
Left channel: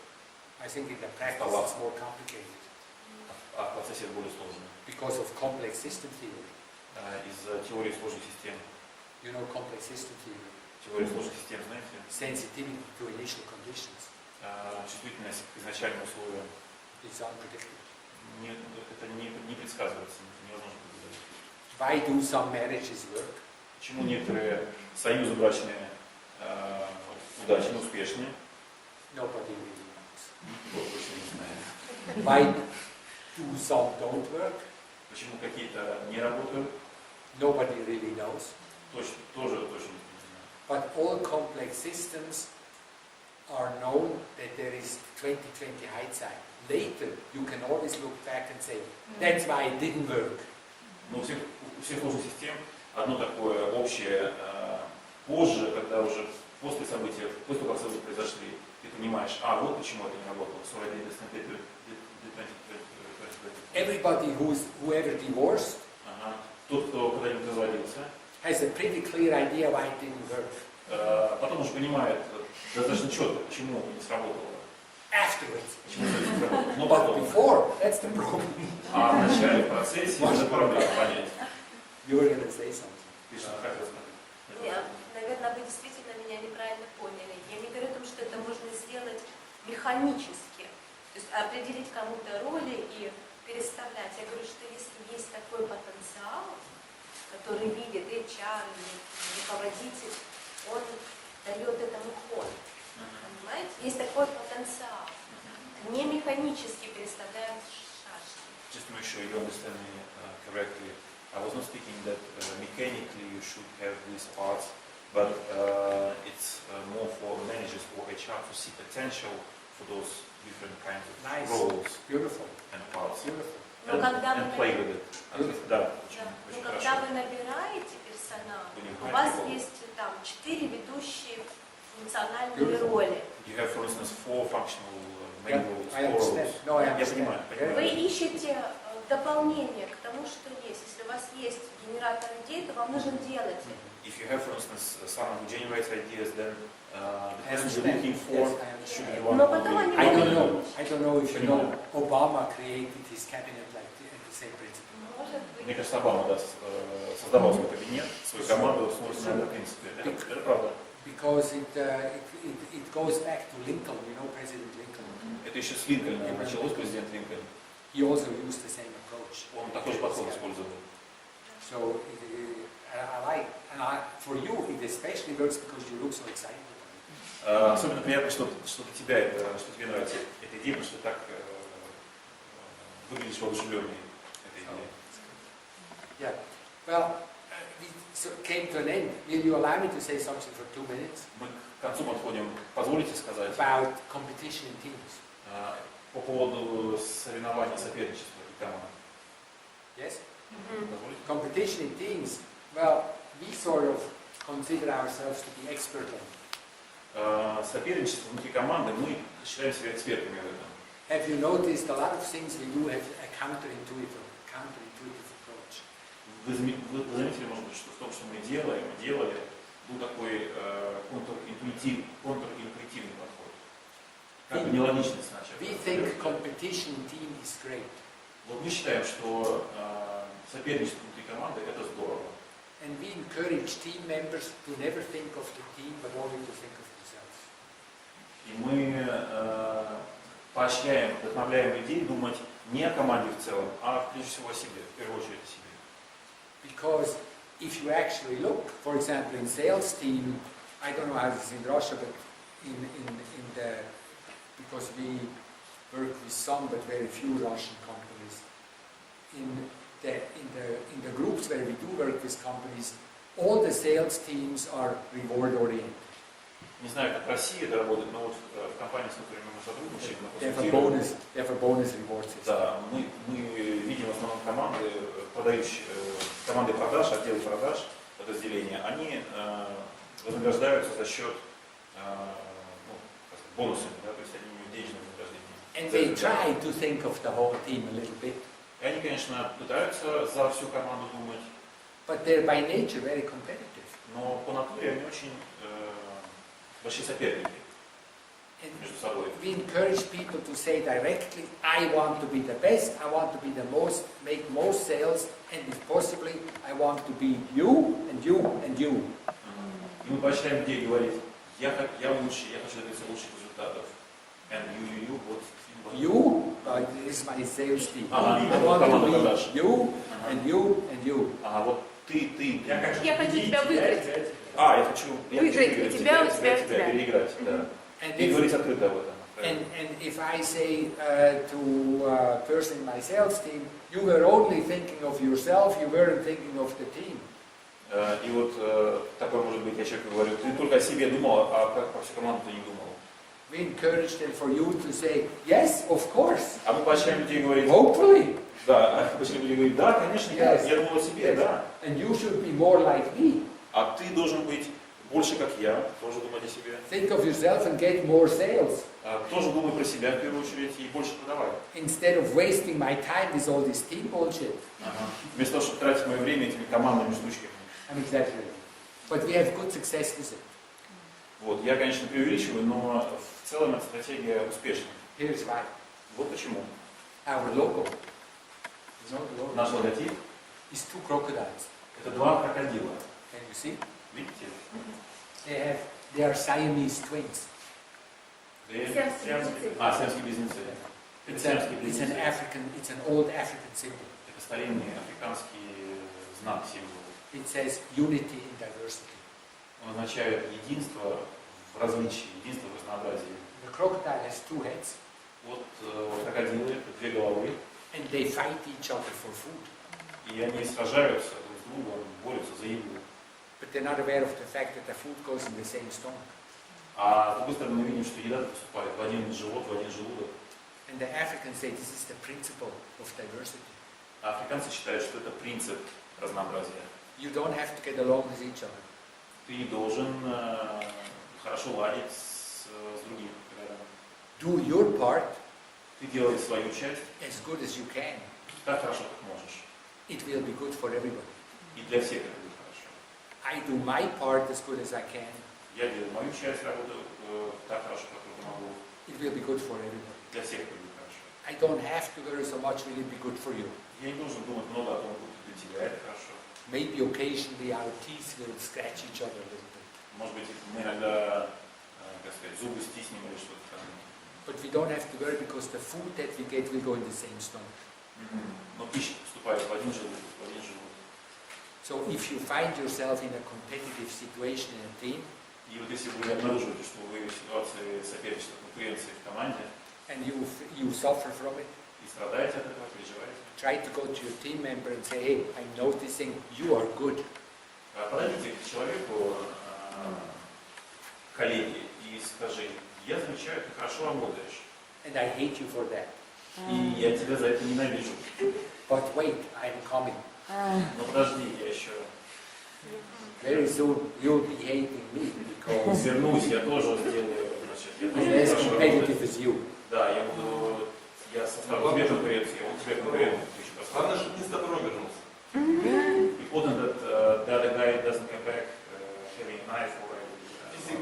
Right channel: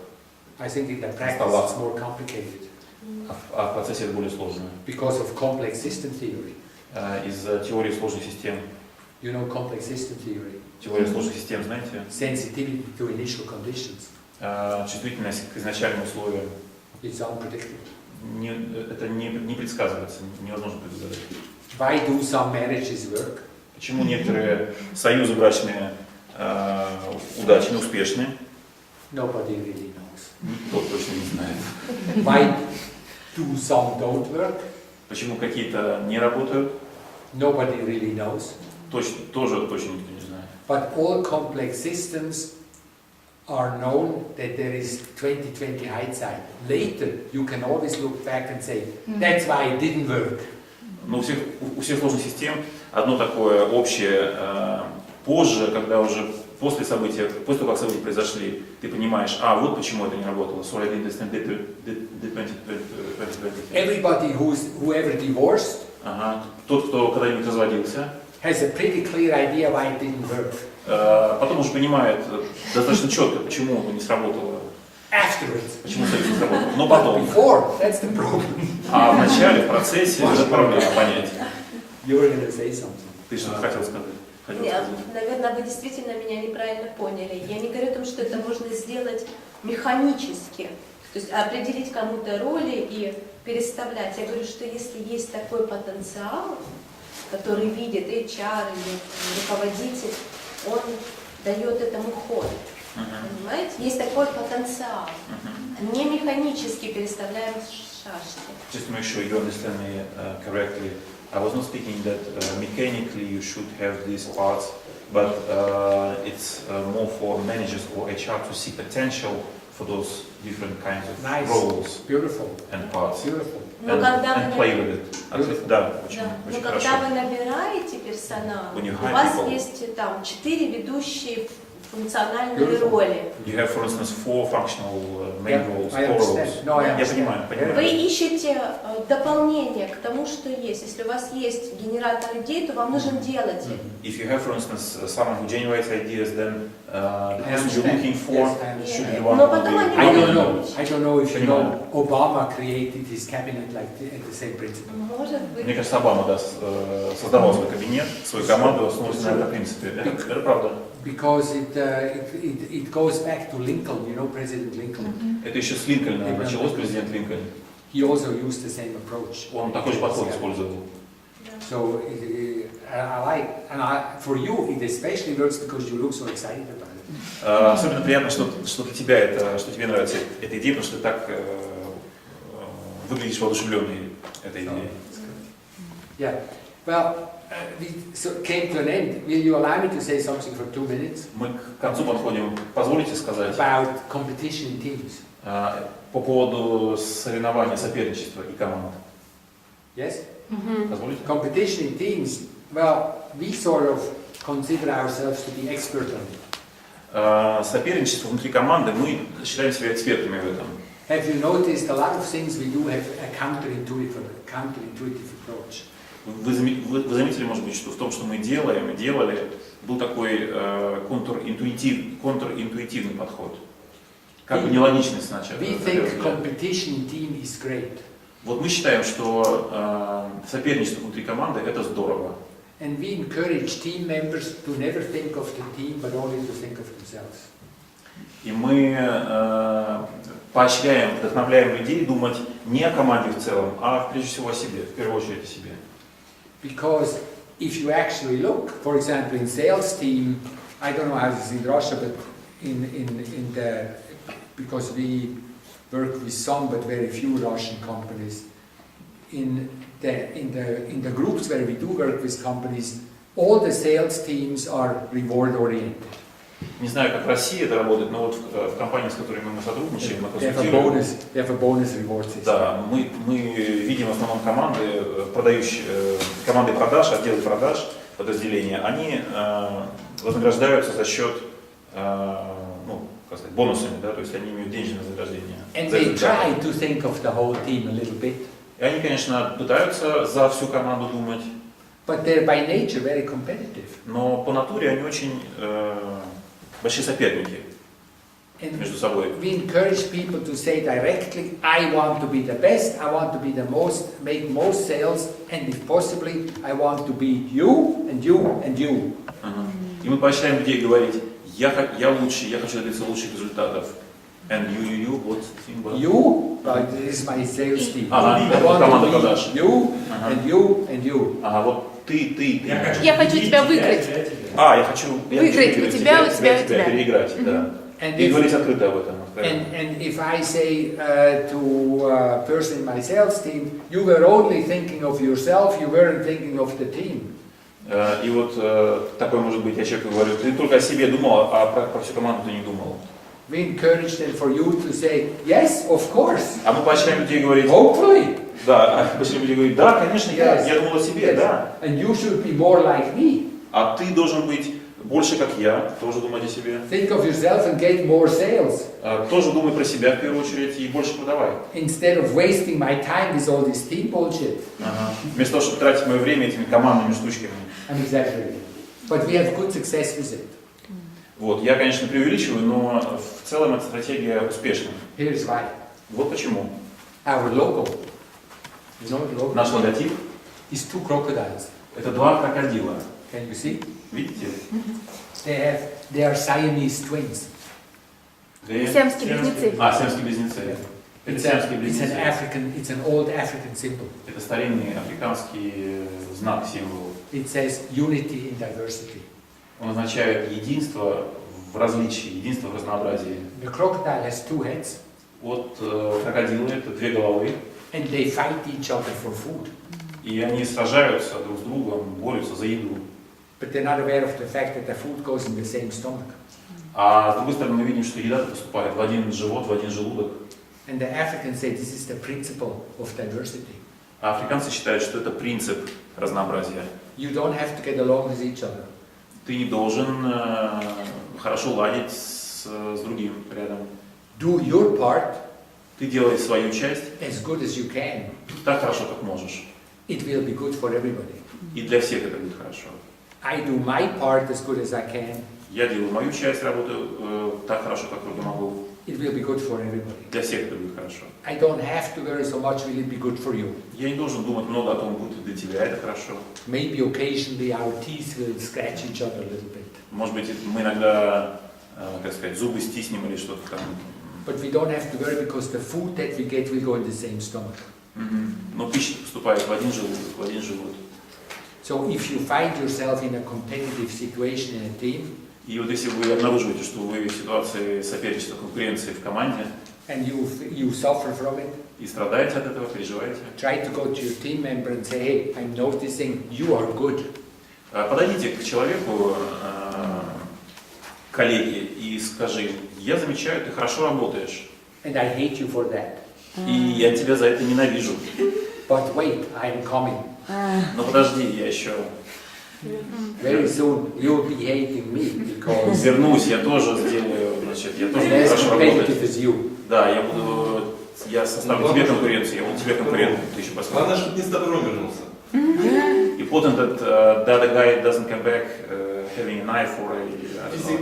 I think in the practice it's more complicated. А в процессе это более сложно. Because of complex system theory. Из-за теории сложных систем. You know complex system theory? Теория сложных систем, знаете? Sensitivity to initial conditions. Чувствительность к изначальным условиям. It's unpredictable. Это не предсказывается, невозможно предугадать. Why do some marriages work? Почему некоторые союзы брачные удачны, успешны? Nobody really knows. Никто точно не знает. Why do some don't work? Почему какие-то не работают? Nobody really knows. Тоже точно никто не знает. But all complex systems are known that there is 20/20 hindsight. Later, you can always look back and say, that's why it didn't work. Но у всех сложных систем одно такое общее. Позже, когда уже после того, как события произошли, ты понимаешь, вот почему это не работало. Sorry, I didn't understand the 2020. Everybody whoever divorced Тот, кто когда-нибудь разводился, has a pretty clear idea why it didn't work. Потом уже понимает достаточно четко, почему это не сработало. Afterwards. Почему это не сработало. Но But потом. before, that's the problem. А в начале, в процессе, это проблема понять. You were going to say something. Ты что-то хотел сказать? Нет, наверное, вы действительно меня неправильно поняли. Я не говорю о том, что это можно сделать механически. То есть определить кому-то роли и переставлять. Я говорю, что если есть такой потенциал, который видит HR или руководитель, он дает этому ход. Понимаете? Есть такой потенциал. Не механически переставляем шашки. Just to make sure you understand me correctly, I was not speaking that mechanically you should have these parts, but it's more for managers or HR to see potential for those different kinds of roles and parts. Beautiful. And play with it. Да, очень хорошо. Когда вы набираете персонал, у вас есть там 4 ведущие функциональные роли. You have, for instance, 4 functional main roles, 4 roles. No, I Я понимаю. Вы ищете дополнение к тому, что есть. Если у вас есть генератор идей, то вам нужно делать их. If you have, for instance, someone who generates ideas, then the person you're looking for should be the one who will be. I don't know if you know, Obama created his cabinet like the same principle. Мне кажется, Обама создавал свой кабинет, свою команду, основываясь на этом принципе. Это правда. Because it goes back to Lincoln, you know, President Lincoln. Это еще с Линкольна началось, президент Линкольн. He also used the same approach. Он такой же подход использовал. So for you it especially works because you look so excited about it. Особенно приятно, что для тебя что тебе нравится эта идея, потому что ты так выглядишь воодушевленной этой идеей. Yeah. Well, we came to an end. Will you allow me to say something for 2 minutes? Мы к концу подходим. Позволите сказать about competition in teams. По поводу соревнования, соперничества и команд. Yes? Позволите? Competition in teams. Well, we sort of consider ourselves to be expert on it. Соперничество внутри команды, мы считаем себя экспертами в этом. Have you noticed a lot of things we do have a counterintuitive approach? Вы заметили, может быть, что в том, что мы делали, был такой контринтуитивный подход. Как бы нелогичный сначала. We think competition in team is great. Вот мы считаем, что соперничество внутри команды это здорово. And we encourage team members to never think of the team, but only to think of themselves. И мы поощряем, вдохновляем людей думать не о команде в целом, а прежде всего о себе, в первую очередь о себе. Because if you actually look, for example, in sales team, I don't know how this is in Russia, but because we work with some but very few Russian companies, in the groups where we do work with companies, all the sales teams are reward oriented. Не знаю, как в России это работает, но вот в компании, с которыми мы сотрудничаем, мы They have a bonus reward system. Да, мы видим в основном команды продаж, отделы продаж, подразделения, они вознаграждаются за счет, бонусами, да, то есть они имеют денежное вознаграждение. And they try to think of the whole team a little bit. И они, конечно, пытаются за всю команду думать. But they're by nature very competitive. Но по натуре они очень большие соперники. между собой. We encourage people to say directly, I want to be the best, I want to be the most, make most sales, and if possibly, I want to be you, and you, and you. И мы поощряем людей говорить, я лучше, я хочу добиться лучших результатов. And you, what thing about? You, this is my sales team. Ага, I want команда to продаж. be you, and you, and you. Ага, вот ты. Я хочу тебя выиграть. Я хочу выиграть тебя, тебя, переиграть, да. И говорить открыто об этом. And if I say to a person in my sales team, you were only thinking of yourself, you weren't thinking of the team. И вот такой может быть, я человеку говорю, ты только о себе думал, а про всю команду ты не думал. We encourage them for you to say, yes, of course. А мы поощряем людей говорить, hopefully. Да, поощряем людей говорить, да, конечно, yes. я думал о себе, да. And you should be more like me. А ты должен быть больше как я, тоже думать о себе. Think of yourself and get more sales. Тоже думай про себя в первую очередь и больше продавай. Instead of wasting my time with all this team bullshit. Вместо того, чтобы тратить мое время этими командными штучками. I'm exaggerating. But we have good success with it. Вот, я, конечно, преувеличиваю, но в целом эта стратегия успешна. Here's why. Вот почему. Our logo. You know the logo? Наш логотип is 2 crocodiles. Это 2 крокодила. Can you see? Видите? They are Siamese twins. Сиамские близнецы. Сиамские близнецы. Это сиамские близнецы. It's an old African symbol. Это старинный африканский знак, символ. It says unity in diversity. Он означает единство в различии, единство в разнообразии. The crocodile has 2 heads. Вот крокодилы это 2 головы. And they fight each other for food. И они сражаются друг с другом, борются за еду. But they're not aware of the fact that the food goes in the same stomach. А с другой стороны мы видим, что еда поступает в один живот, в один желудок. And the Africans say this is the principle of diversity. А африканцы считают, что это принцип разнообразия. You don't have to get along with each other. Ты не должен хорошо ладить с другим рядом. Do your part. Ты делай свою часть. As good as you can. Так хорошо, как можешь. It will be good for everybody. И для всех это будет хорошо. I do my part as good as I can. Я делаю мою часть, работаю так хорошо, как только могу. It will be good for everybody. Для всех это будет хорошо. I don't have to worry so much, will it be good for you? Я не должен думать много о том, будет ли для тебя это хорошо. Maybe occasionally our teeth will scratch each other a little bit. Может быть, мы иногда, как сказать, зубы стиснем или что-то там. But we don't have to worry because the food that we get will go in the same stomach. Но пища поступает в один желудок, в один живот. So if you find yourself in a competitive situation in a team, и вот если вы обнаруживаете, что вы в ситуации соперничества, конкуренции в команде, and you suffer from it, и страдаете от этого, переживаете, try to go to your team member and say, hey, I'm noticing you are good. Подойдите к человеку, коллеге, и скажи, я замечаю, ты хорошо работаешь. And I hate you for that. И я тебя за это ненавижу. But wait, I'm coming. Но подожди, я еще... Very soon you'll be hating me because... Вернусь, я тоже сделаю, значит, я тоже I'm as хорошо работаю. competitive as you. Да, я составлю тебе конкуренцию, я буду тебе конкурентом, ты еще посмотришь. Главное, чтобы не с добром вернулся. Important that the other guy doesn't come back having a knife or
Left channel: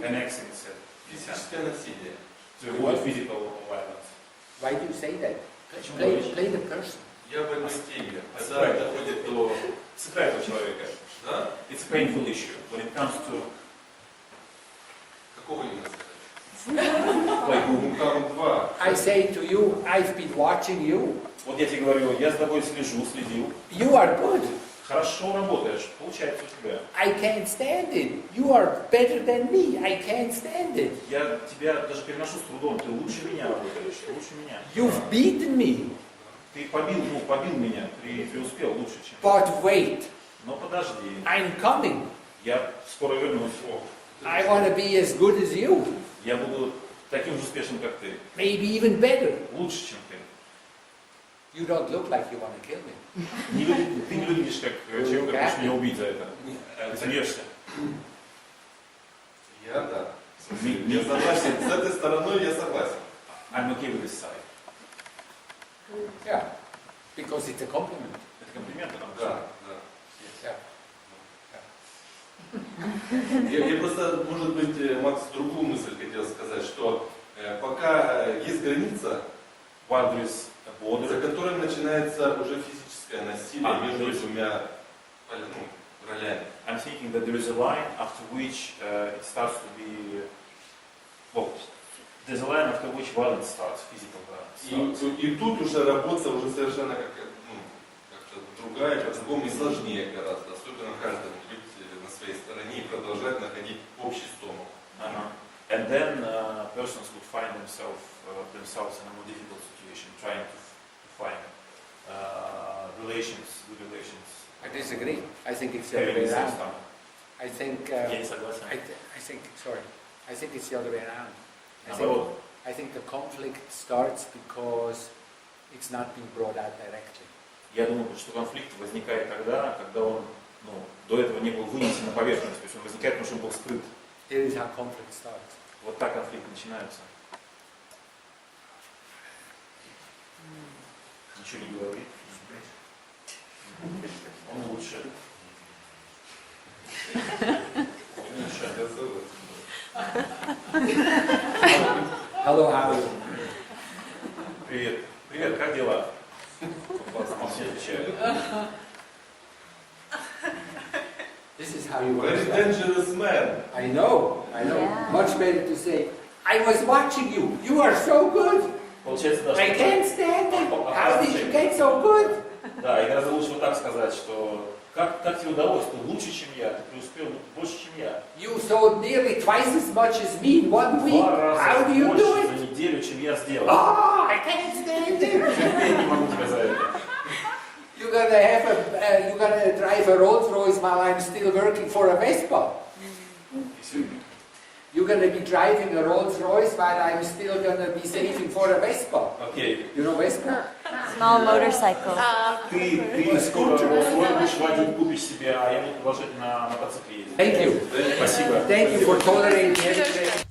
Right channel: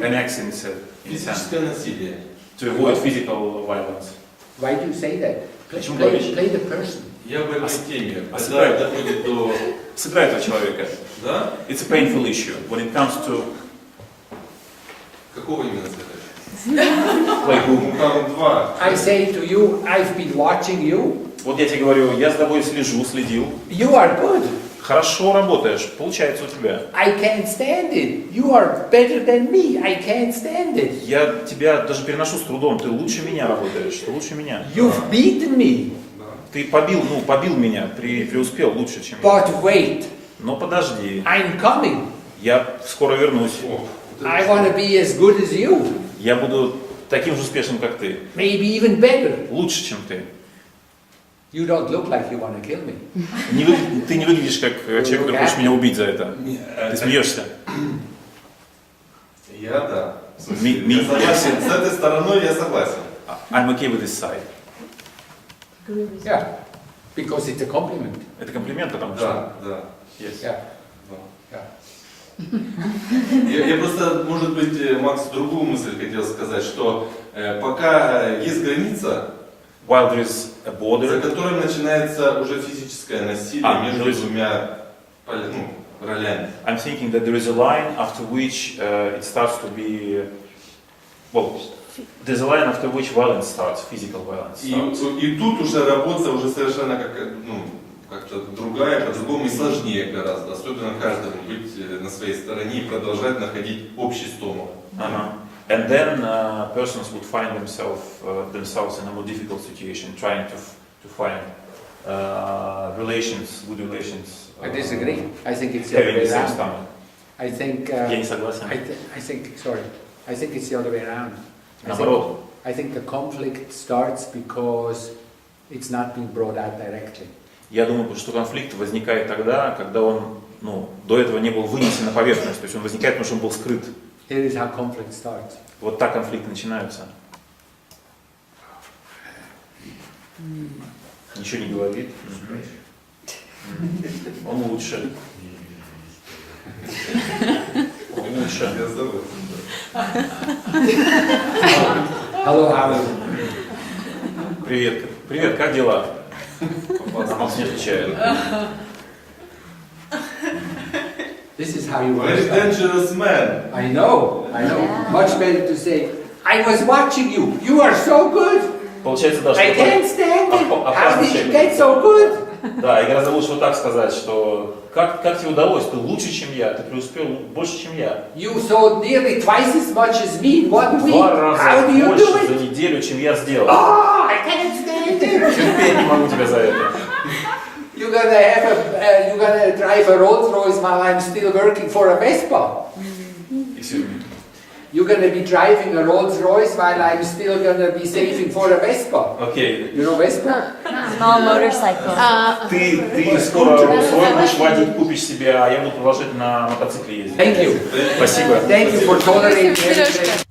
an axe in his hand. Физическое насилие. To avoid physical violence. Why do you say that? Почему Play the person. Я в этой теме. Когда доходит до... Сыграй этого человека. Да? It's a painful issue when it comes to... Какого именно сыграть? Play who? Ну там 2. I say to you, I've been watching you. Вот я тебе говорю, я за тобой следил. You are good. Хорошо работаешь, получается у тебя. I can't stand it. You are better than me. I can't stand it. Я тебя даже переношу с трудом, ты лучше меня работаешь, ты лучше меня. You've beaten me. Ты побил меня, преуспел лучше, чем я. But wait. Но подожди. I'm coming. Я скоро вернусь. I want to be as good as you. Я буду таким же успешным, как ты. Maybe even better. Лучше, чем ты. You don't look like you want to kill me. Ты не выглядишь как человек, который хочет меня убить за это. Ты смеешься. Я да. Я согласен. С этой стороной я согласен. I'm okay with this side. Yeah. Because it's a compliment. Это комплимент, потому что... Да. Yes. Yeah. Я просто, может быть, Макс, другую мысль хотел сказать, что Пока есть граница, while there is a за border, которым начинается уже физическое насилие между то есть- двумя ролями. I'm thinking that there is a line after which it starts to be, well, there's a line after which violence starts, physical violence starts. И тут уже работа уже совершенно как-то другая, по-другому и сложнее гораздо, особенно каждому быть на своей стороне и продолжать находить общий стомах. And then persons would find themselves in a more difficult situation, trying to find relations, good relations. I disagree. I think it's the other Having way the same around. stomach. I think. Я не согласен. I think. Sorry. I think it's the other way around. Наоборот. I think the conflict starts because it's not being brought out directly. Я думаю, что конфликт возникает тогда, когда он, до этого не был вынесен на поверхность, то есть он возникает, потому что он был скрыт. Here is how conflict starts. Вот так конфликт начинается. Ничего не говорит. Он лучше. Он лучше. Я согласен. Hello, how are you? Привет. Привет, как дела? Он не отвечает. This is how you want Very to start. dangerous man. I know. Yeah. Much better to say, I was watching you. You are so good. Получается, да, I что can't stand it. How опасный did you человек. get so good? Да, и гораздо лучше вот так сказать, что как тебе удалось, ты лучше, чем я, ты преуспел больше, чем я. You sold nearly twice as much as me in 1 week. Два раза How do you больше do за it? неделю, чем я сделал. Oh, I can't stand it. Терпеть не могу тебя за это. You're gonna drive a Rolls Royce while I'm still working for a Vespa. Excuse me. You're gonna be driving a Rolls Royce while I'm still gonna be saving for a Vespa. Окей. You know Vespa? Small motorcycle. Ты скоро свой будешь водить, купишь себе, а я буду продолжать на мотоцикле ездить. Thank you. Спасибо. Thank you for tolerating everything.